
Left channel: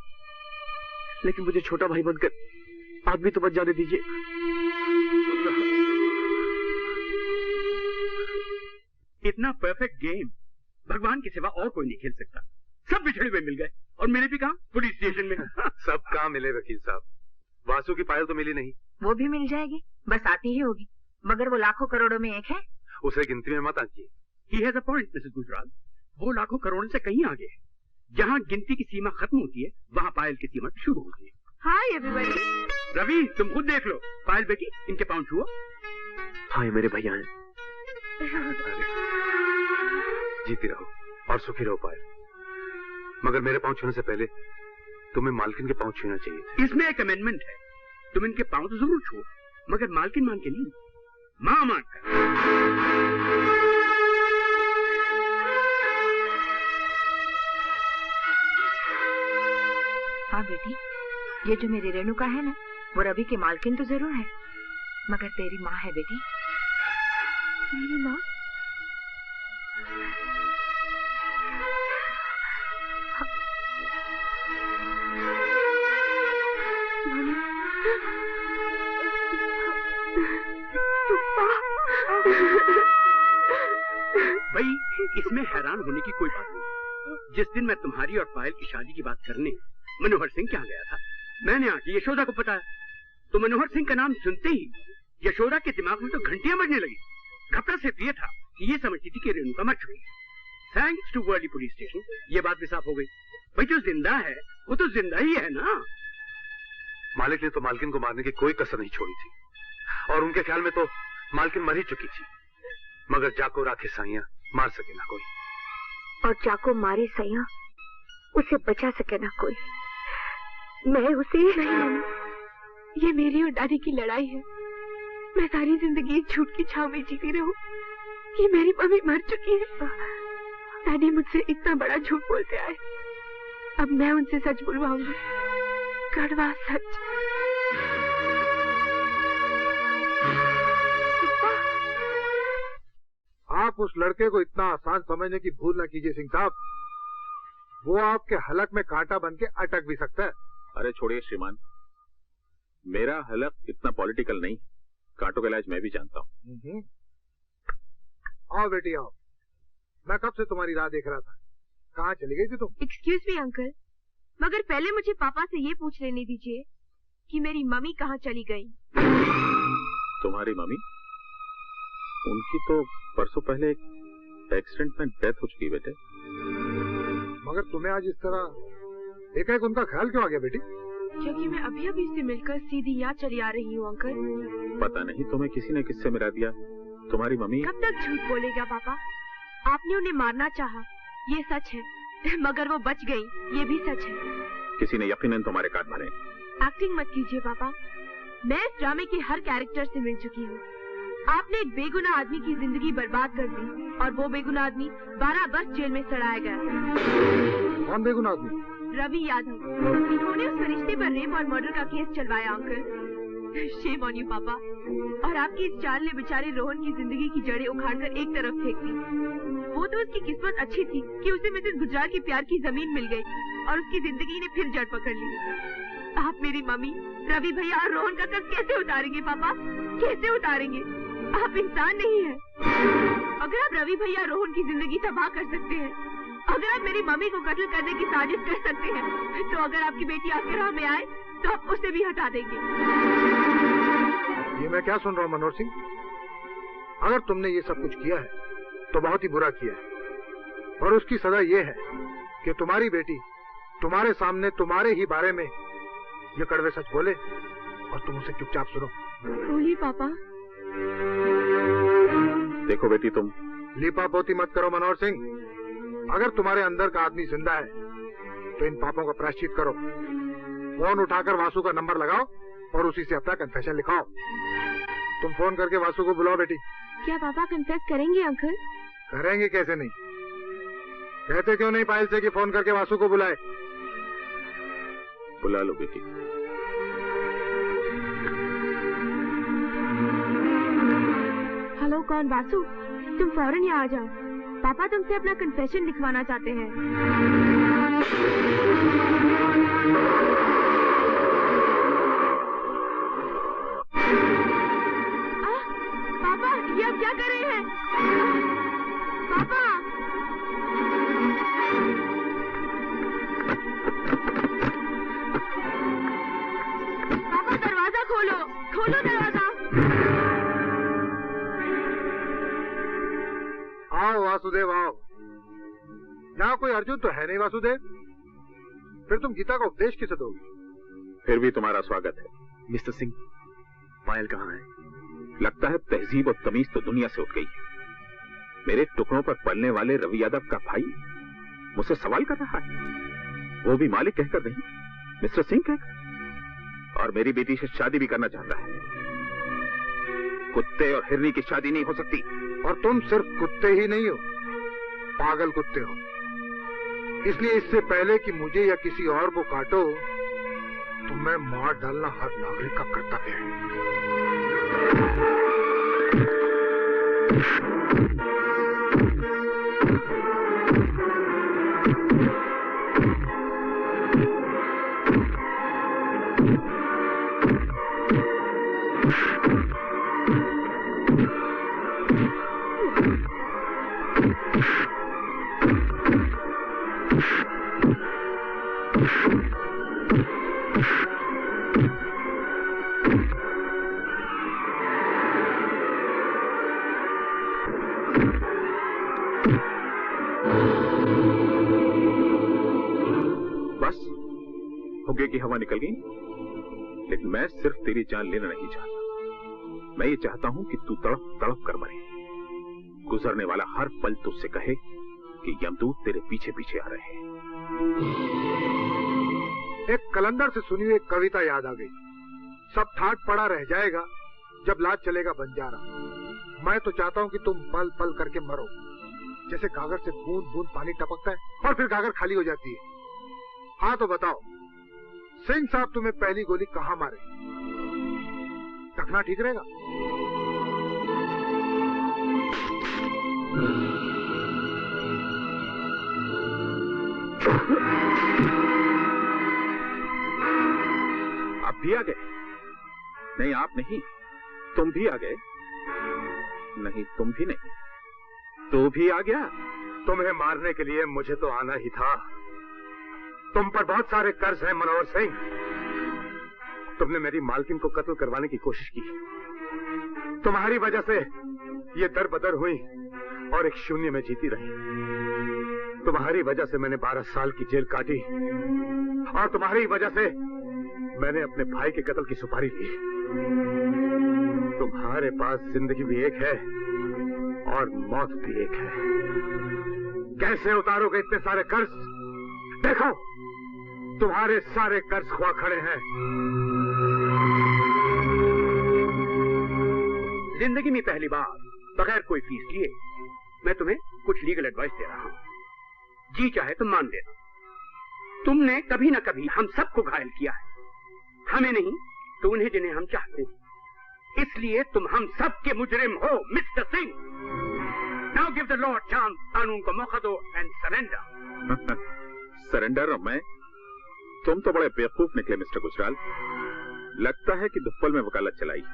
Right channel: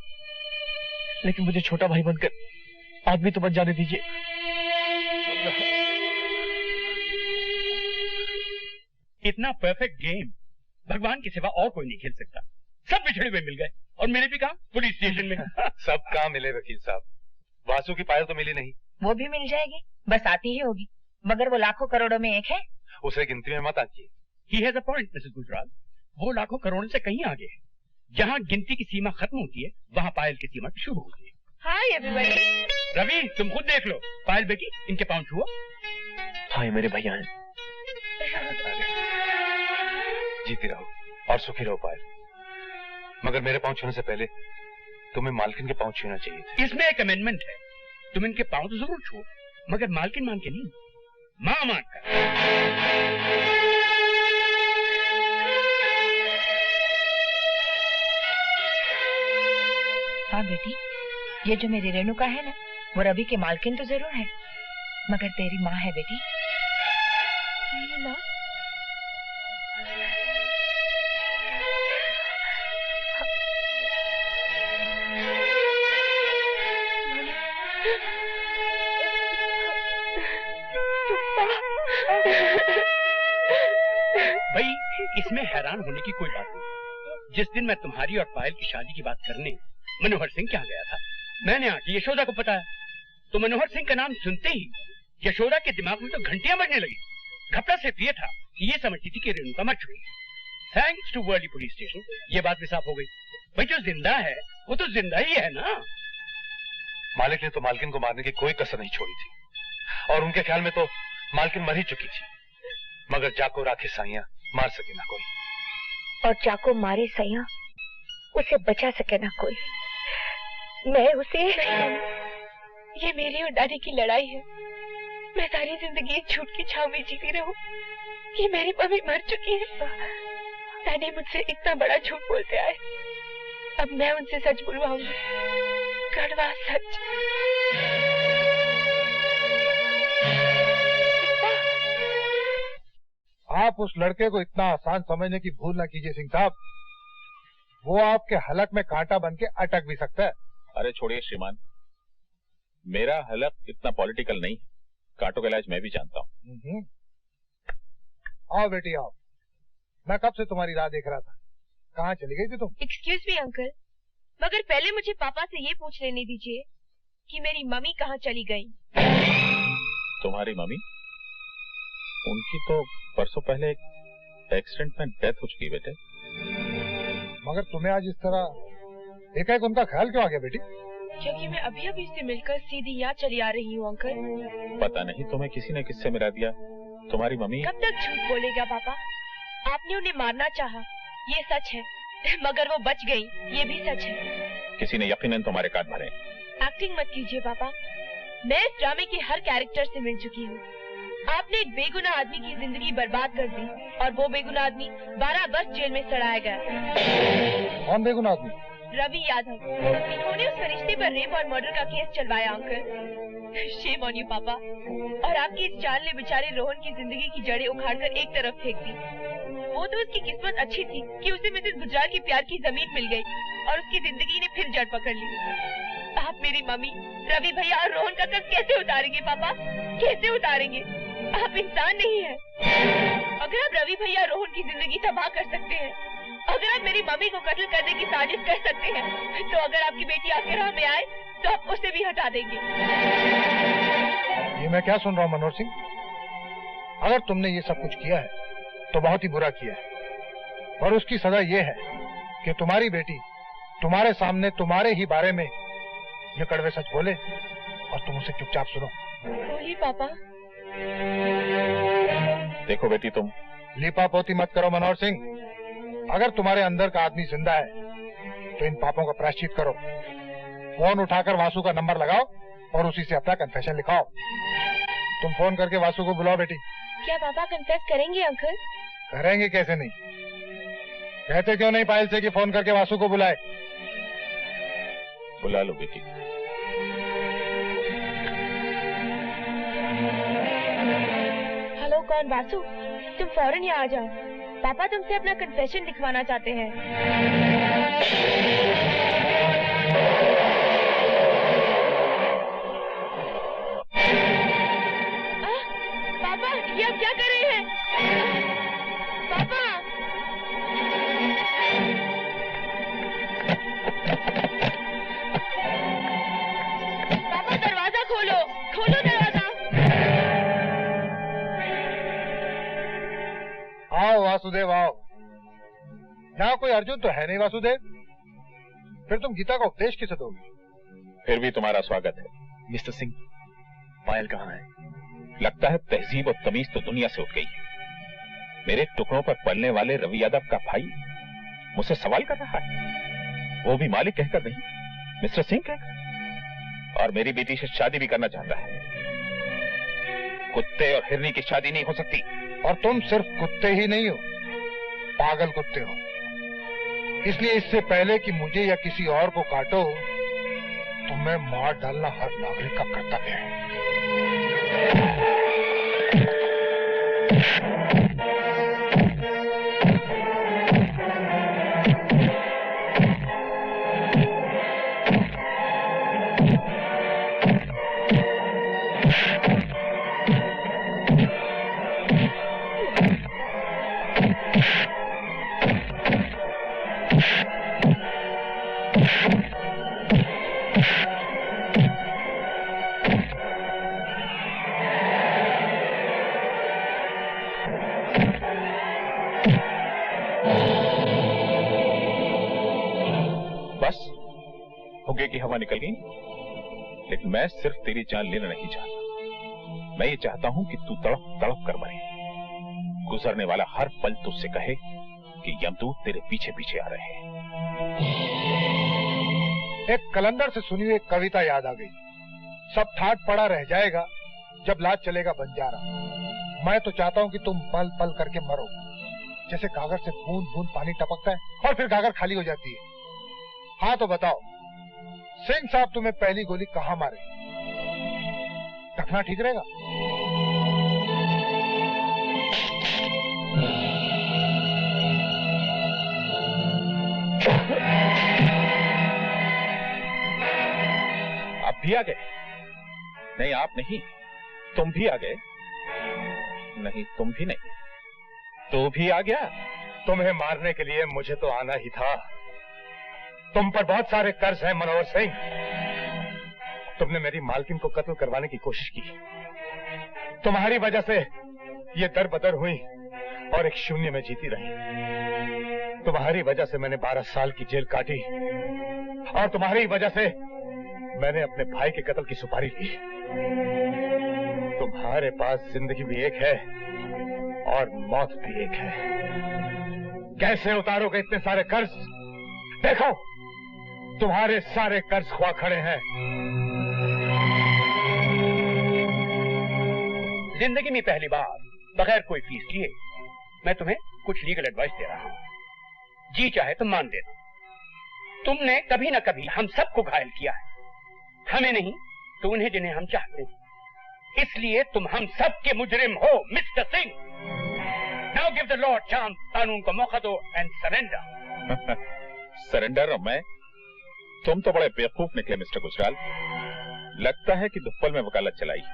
लेकिन मुझे छोटा भाई बनकर आदमी तो बन जाने दीजिए। इतना परफेक्ट गेम भगवान के सिवा और कोई नहीं खेल सकता। सब बिछड़े हुए मिल गए और मेरे भी कहा पुलिस स्टेशन में। सब कहाँ मिले वकील साहब? वासु की पायल तो मिली नहीं। वो भी मिल जाएगी, बस आती ही होगी, मगर वो लाखों करोड़ों में एक है। उसे गिनती में मत आंकिए। He has a point, Mrs Gujral. वो लाखों करोड़ों से कहीं आगे है। जहाँ गिनती की सीमा खत्म होती है वहाँ पायल की सीमा शुरू होती है। Hi everybody. रवि तुम खुद देख लो। पायल बेटी इनके पाँव छुओ। हाँ ये मेरे भैया हैं। जीती रहो और सुखी रहो पायल, मगर मेरे पाँव छूने से पहले तुम्हें मालकिन के पाँव छूना चाहिए था। इसमें एक अमेंडमेंट है, तुम इनके पाँव तो जरूर छुओ, मगर मालकिन मान के नहीं, माँ मान कर। हाँ बेटी, ये जो मेरी रेणुका है ना, वो रवि के मालकिन तो जरूर है, मगर तेरी माँ है बेटी। मेरी माँ? भाई इसमें हैरान होने की कोई बात नहीं। जिस दिन मैं तुम्हारी और पायल की शादी की बात करने मनोहर सिंह के यहाँ गया था, मैंने आके यशोदा को बताया, तो मनोहर सिंह का नाम सुनते ही यशोदा के दिमाग में तो घंटियां बजने लगी। घपला सिर्फ ये था कि ये समझती थी कि रेणुका मर चुकी। Thanks to Worli police station ये बात भी साफ हो गई। भाई जो जिंदा है वो तो जिंदा ही है ना। मालिक ने तो मालकिन को मारने की कोई कसर नहीं छोड़ी थी, और उनके ख्याल में तो मालकिन मर ही चुकी थी, मगर जाको राखे साइया मार सके ना कोई। और जाको मारे सैया उसे बचा सके ना कोई। मैं उसे नहीं, ये मेरी और दादी की लड़ाई है। मैं सारी जिंदगी इस झूठ की छाव में जीती रहूं कि मेरी मम्मी मर चुकी है। दादी मुझसे इतना बड़ा झूठ बोलते आए, अब मैं उनसे सच बुलवाऊंगी, कड़वा सच। आप उस लड़के को इतना आसान समझने की भूल न कीजिए सिंह साहब, वो आपके हलक में कांटा बन के अटक भी सकता है। अरे छोड़िए श्रीमान, मेरा हलक इतना पॉलिटिकल नहीं, कांटों का इलाज मैं भी जानता हूँ। आओ बेटी आओ, मैं कब से तुम्हारी राह देख रहा था। कहाँ चली गई थी तुम? एक्सक्यूज मी अंकल, मगर पहले मुझे पापा से ये पूछ लेने दीजिए कि मेरी मम्मी कहाँ चली गई। तुम्हारी मम्मी? उनकी तो परसों पहले एक एक्सीडेंट में डेथ हो चुकी बेटे। मगर तुम्हें आज इस तरह एकाएक उनका ख्याल क्यों आ गया बेटी? क्योंकि मैं अभी अभी से मिलकर सीधी यहाँ चली आ रही हूँ अंकल। पता नहीं तुम्हें किसी ने किससे मिला दिया। तुम्हारी मम्मी कब तक झूठ बोलेगा पापा? आपने उन्हें मारना चाहा, ये सच है, मगर वो बच गई, ये भी सच है। किसी ने यकीनन तुम्हारे कान भरे। एक्टिंग मत कीजिए पापा, मैं इस ड्रामे के हर कैरेक्टर से मिल चुकी हूँ। आपने एक बेगुनाह आदमी की जिंदगी बर्बाद कर दी और वो बेगुनाह आदमी 12 वर्ष जेल में सड़ाया गया। कौन बेगुनाह आदमी? रवि यादव। इन्होंने उस फरिश्ते पर रेप और मर्डर का केस चलवाया uncle. Shame on you papa. और आपकी इस चाल ने बेचारे रोहन की जिंदगी की जड़ें उखाड़कर एक तरफ फेंक दी। वो तो उसकी किस्मत अच्छी थी कि उसे मिसेस गुजराल की प्यार की जमीन मिल गई और उसकी जिंदगी ने फिर जड़ पकड़ ली। आप मेरी मम्मी, रवि भैया और रोहन का कर्ज कैसे उतारेंगे पापा? कैसे उतारेंगे? आप इंसान नहीं है। अगर आप रवि भैया रोहन की जिंदगी तबाह कर सकते हैं, अगर आप मेरी मम्मी को कत्ल करने की साजिश कर सकते हैं, तो अगर आपकी बेटी आपके राह में आए तो आप उसे भी हटा देंगे। ये मैं क्या सुन रहा हूँ मनोहर सिंह? अगर तुमने ये सब कुछ किया है तो बहुत ही बुरा किया है, और उसकी सजा ये है कि तुम्हारी बेटी तुम्हारे सामने तुम्हारे ही बारे में ये कड़वे सच बोले और तुम उसे चुपचाप सुनो। बोलिए पापा। देखो बेटी, तुम लीपापोती मत करो मनोहर सिंह। अगर तुम्हारे अंदर का आदमी जिंदा है तो इन पापों का प्रायश्चित करो। फोन उठाकर वासु का नंबर लगाओ और उसी से अपना कन्फेशन लिखाओ। तुम फोन करके वासु को बुलाओ बेटी। क्या पापा कन्फेस करेंगे अंकल? करेंगे कैसे नहीं? कहते क्यों नहीं पायल से कि फोन करके वासु को बुलाए? बुला लो बेटी। हेलो, कौन? वासु, तुम फौरन यहाँ आ जाओ। पापा तुमसे अपना कन्फेशन लिखवाना चाहते हैं। पापा, ये आप क्या कर रहे हैं? पापा! पापा दरवाजा खोलो, खोलो दरवाजा। आओ वासुदेव आओ। यहाँ कोई अर्जुन तो है नहीं वासुदेव, फिर तुम गीता का उपदेश किसे दोगे? फिर भी तुम्हारा स्वागत है। मिस्टर सिंह, पायल कहाँ है? लगता है तहजीब और तमीज तो दुनिया से उठ गई है। मेरे टुकड़ों पर पलने वाले रवि यादव का भाई मुझसे सवाल कर रहा है, वो भी मालिक कहकर नहीं, मिस्टर सिंह कहकर, और मेरी बेटी से शादी भी करना चाहता है। कुत्ते और हिरनी की शादी नहीं हो सकती। और तुम सिर्फ कुत्ते ही नहीं हो, पागल कुत्ते हो। इसलिए इससे पहले कि मुझे या किसी और को काटो, तुम्हें मार डालना हर नागरिक का कर्तव्य है। हुक्के की हवा निकल गई, लेकिन मैं सिर्फ तेरी जान लेना नहीं चाहता। मैं ये चाहता हूं कि तू तड़प तड़प कर मरे। गुजरने वाला हर पल तुझसे कहे कि यमदूत तेरे पीछे पीछे आ रहे हैं। एक कलंदर से सुनी हुई एक कविता याद आ गई। सब ठाट पड़ा रह जाएगा जब लाज चलेगा बंजारा। मैं तो चाहता हूं कि तुम पल पल करके मरो, जैसे गागर से बूंद बूंद पानी टपकता है और फिर गागर खाली हो जाती है। हाँ तो बताओ सिंह साहब, तुम्हें पहली गोली कहाँ मारे? रखना ठीक रहेगा? आप भी आ गए? नहीं आप नहीं, तुम भी आ गए। नहीं तुम भी नहीं, तू भी आ गया। तुम्हें मारने के लिए मुझे तो आना ही था। तुम पर बहुत सारे कर्ज हैं मनोहर सिंह। तुमने मेरी मालकिन को कत्ल करवाने की कोशिश की। तुम्हारी वजह से ये दर बदर हुई और एक शून्य में जीती रही। तुम्हारी वजह से मैंने 12 साल की जेल काटी और तुम्हारी वजह से मैंने अपने भाई के कत्ल की सुपारी ली। तुम्हारे पास जिंदगी भी एक है और मौत भी एक है। कैसे उतारोगे इतने सारे कर्ज? देखो तुम्हारे सारे कर्ज खुआ खड़े हैं। जिंदगी में पहली बार बगैर कोई फीस लिए मैं तुम्हें कुछ लीगल एडवाइस दे रहा हूं। जी चाहे तो मान देना। तुमने कभी न कभी हम सबको घायल किया है, हमें नहीं तो उन्हें जिन्हें हम चाहते हैं। इसलिए तुम हम सब के मुजरिम हो mister Singh. Now give the law chance, कानून को मौका दो एंड सरेंडर। सरेंडर? मैं? तुम तो बड़े बेवकूफ निकले मिस्टर गुजराल। लगता है कि दुप्पल में वकालत चलाई है।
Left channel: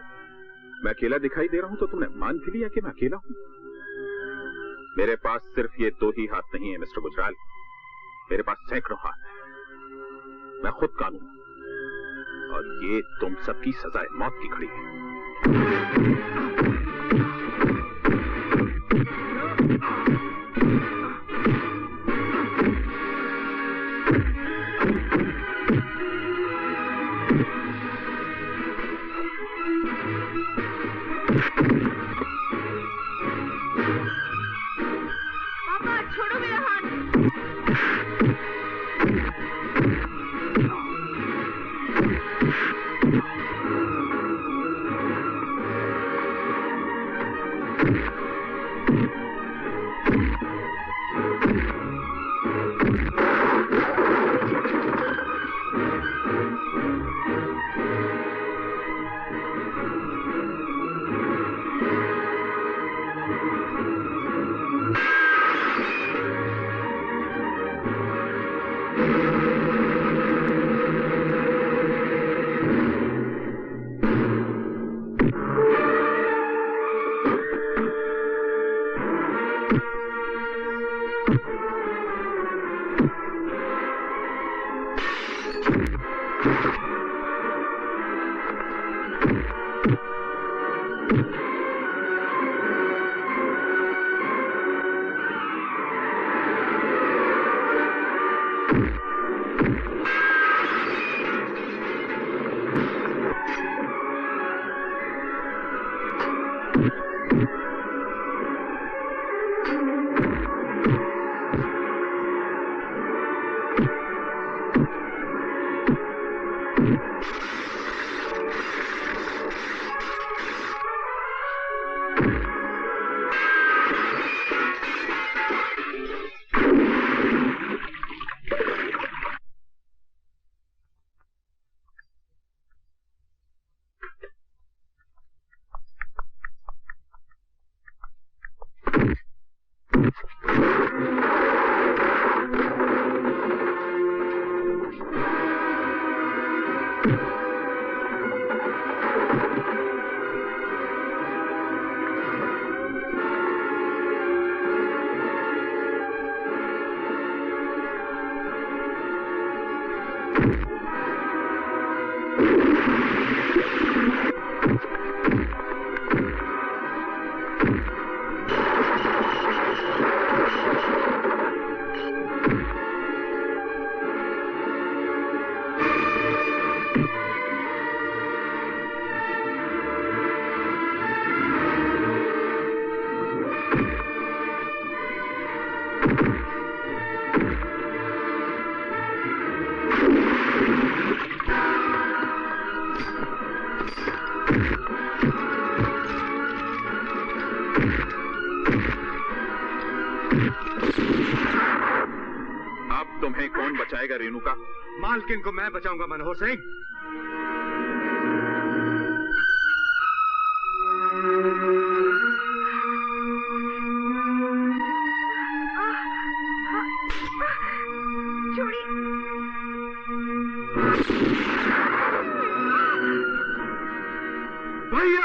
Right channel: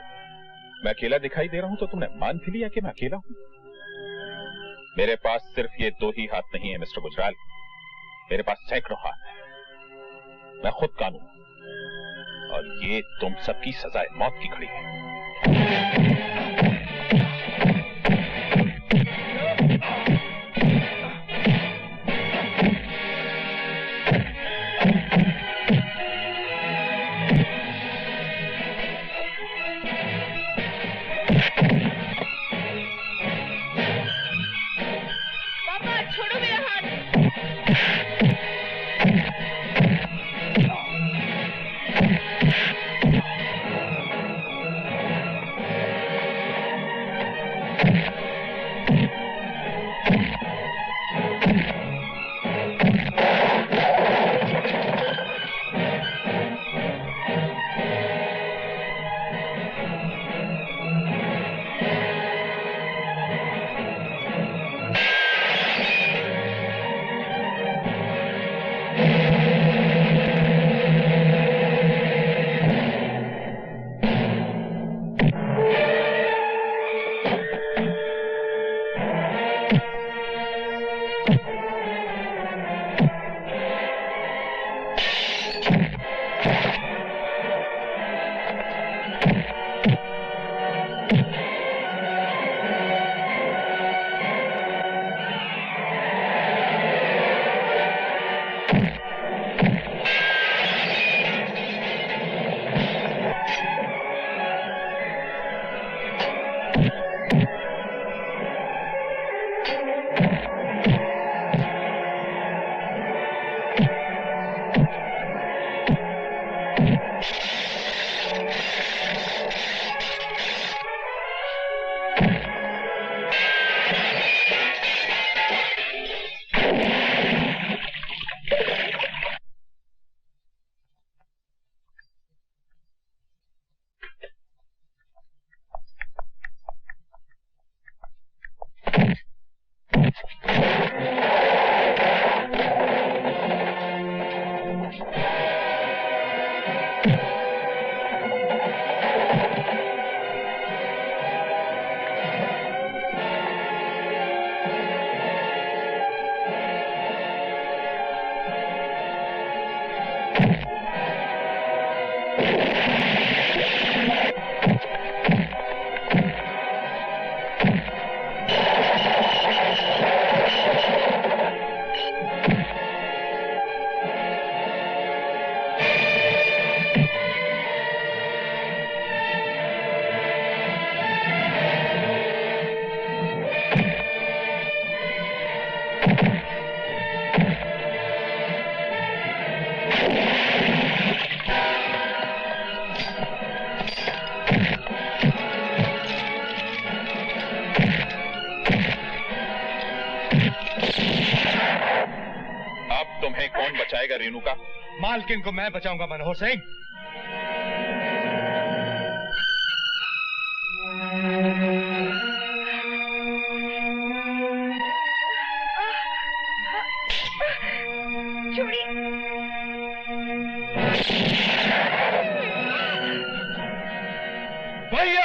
मैं अकेला दिखाई दे रहा हूं तो तुमने मान भी लिया कि मैं अकेला हूं। मेरे पास सिर्फ ये 2 ही हाथ नहीं है मिस्टर गुजराल, मेरे पास सैकड़ों हाथ है। मैं खुद कानून और ये तुम सबकी सजाए मौत की घड़ी है। छोड़ो मेरा हाथ। कौन बचाएगा रेणुका? मालकिन को मैं बचाऊंगा मनोहर सिंह। भैया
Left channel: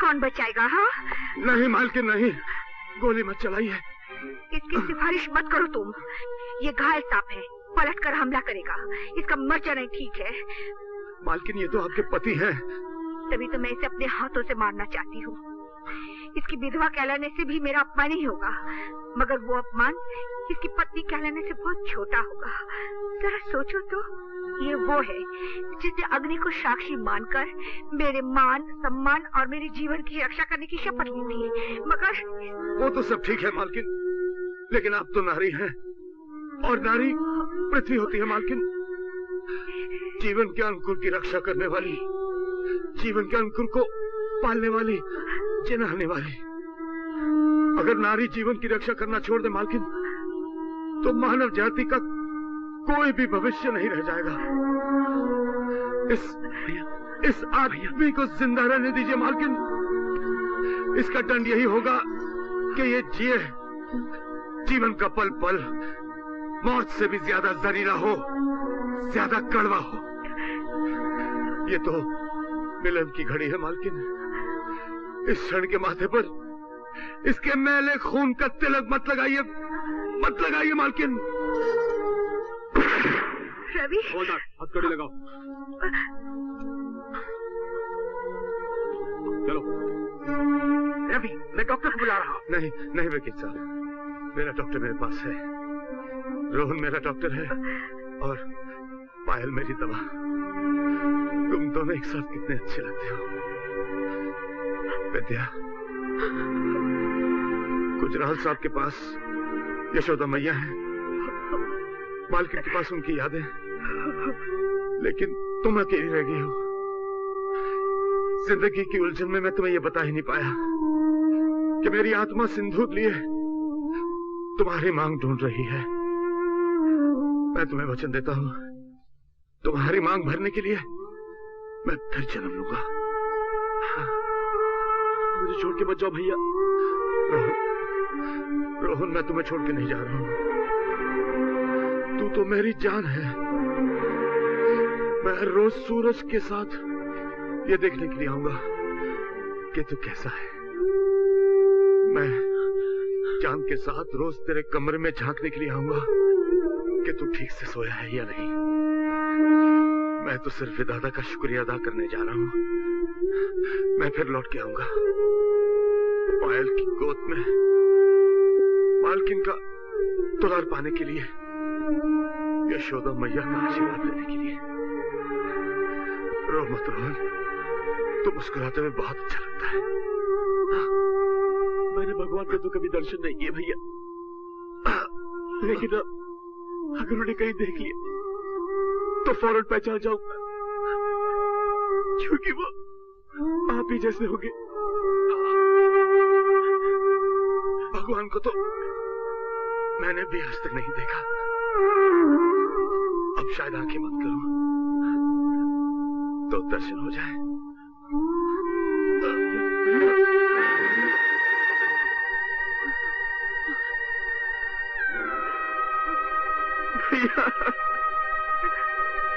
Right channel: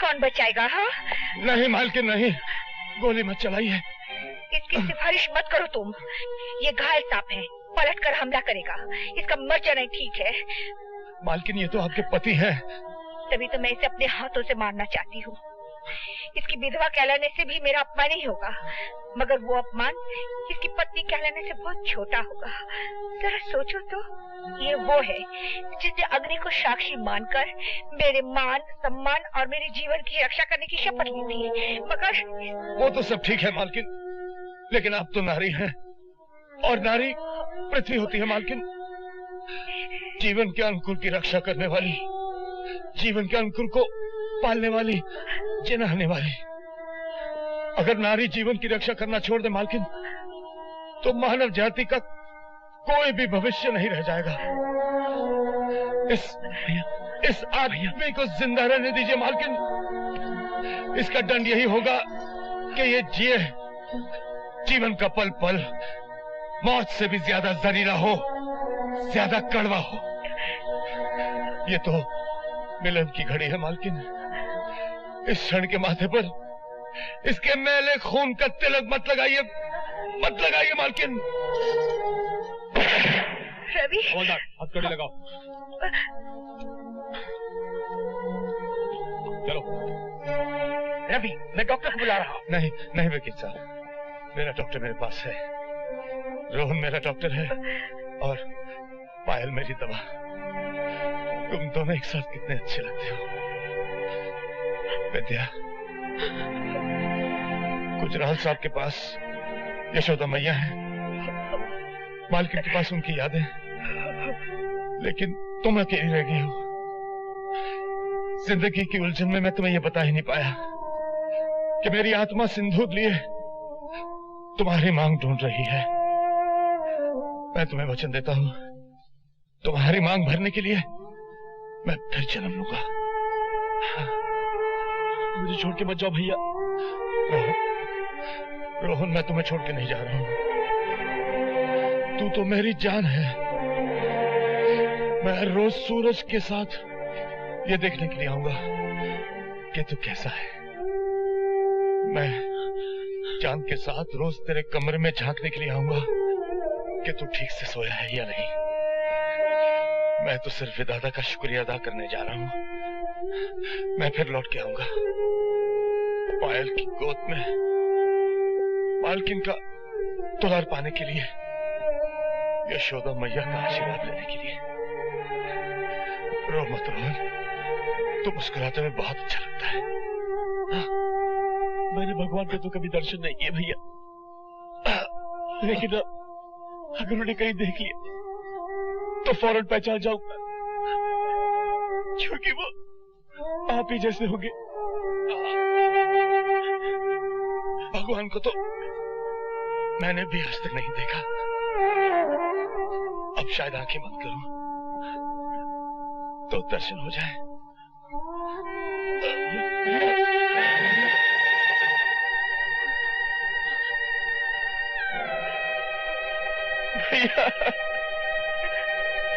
कौन बचाएगा? हाँ नहीं मालकिन नहीं, गोली मत चलाइए। इसकी सिफारिश मत करो तुम। ये घायल सांप है, पलट कर हमला करेगा। इसका मर जाना ठीक है। मालकिन ये तो आपके पति हैं। तभी तो मैं इसे अपने हाथों से मारना चाहती हूँ। इसकी विधवा कहलाने से भी मेरा अपमान ही होगा, मगर वो अपमान इसकी पत्नी कहलाने से बहुत छोटा होगा। जरा सोचो तो, ये वो है जिसने अग्नि को साक्षी मानकर मेरे मान सम्मान और मेरे जीवन की रक्षा करने की शपथ ली थी। मगर वो तो सब ठीक है मालकिन, लेकिन आप तो नारी हैं और नारी पृथ्वी होती है मालकिन। जीवन के अंकुर की रक्षा करने वाली, जीवन के अंकुर को पालने वाली, जिनाने वाली। अगर नारी जीवन की रक्षा करना छोड़ दे मालकिन, तो मानव जाति का कोई भी भविष्य नहीं रह जाएगा। इस आदमी को जिंदा रहने दीजिए मालकिन। इसका दंड यही होगा कि ये जिए, जीवन का पल पल मौत से भी ज्यादा जहरीला हो, ज्यादा कड़वा हो। ये तो मिलन की घड़ी है मालकिन। इस क्षण के माथे पर इसके मैले खून का तिलक मत लगाइए, मत लगाइए मालकिन। रवि, हथकड़ी लगाओ। चलो। रवि, मैं डॉक्टर को बुला रहा हूँ। नहीं नहीं वकील साहब, मेरा डॉक्टर मेरे पास है। रोहन मेरा डॉक्टर है और पायल मेरी दवा। तुम दोनों एक साथ कितने अच्छे लगते हो। विद्या, गुजराल साहब के पास यशोदा मैया है, मालकिन के पास उनकी यादें, लेकिन तुम अकेली रह गई हो। जिंदगी की उलझन में मैं तुम्हें यह बता ही नहीं पाया कि मेरी आत्मा सिंदूर लिए तुम्हारी मांग ढूंढ रही है। मैं तुम्हें वचन देता हूं, तुम्हारी मांग भरने के लिए मैं फिर जन्म लूंगा। मुझे छोड़ के मत जाओ भैया। रोहन, मैं तुम्हें छोड़ के नहीं जा रहा हूं। तू तो मेरी जान है। मैं रोज सूरज के साथ ये देखने के लिए आऊंगा कि तू कैसा है। मैं चांद के साथ रोज तेरे कमरे में झांकने के लिए आऊंगा कि तू ठीक से सोया है या नहीं। मैं तो सिर्फ दादा का शुक्रिया अदा करने जा रहा हूं। मैं फिर लौट के आऊंगा पायल की गोद में मालकिन का दुलार पाने के लिए, यशोदा मैया का आशीर्वाद लेने के लिए। रो मत रोहन, तो मुस्कुराते हुए बहुत अच्छा लगता है। मैंने भगवान का तो कभी दर्शन नहीं किए भैया, लेकिन अगर उन्हें कहीं देख लिया तो फौरन पहचान जाऊंगा, क्योंकि वो आप ही जैसे होंगे। भगवान को तो मैंने भी आज तक नहीं देखा। अब शायद आंखें बंद करूं तो दर्शन हो जाए। भैया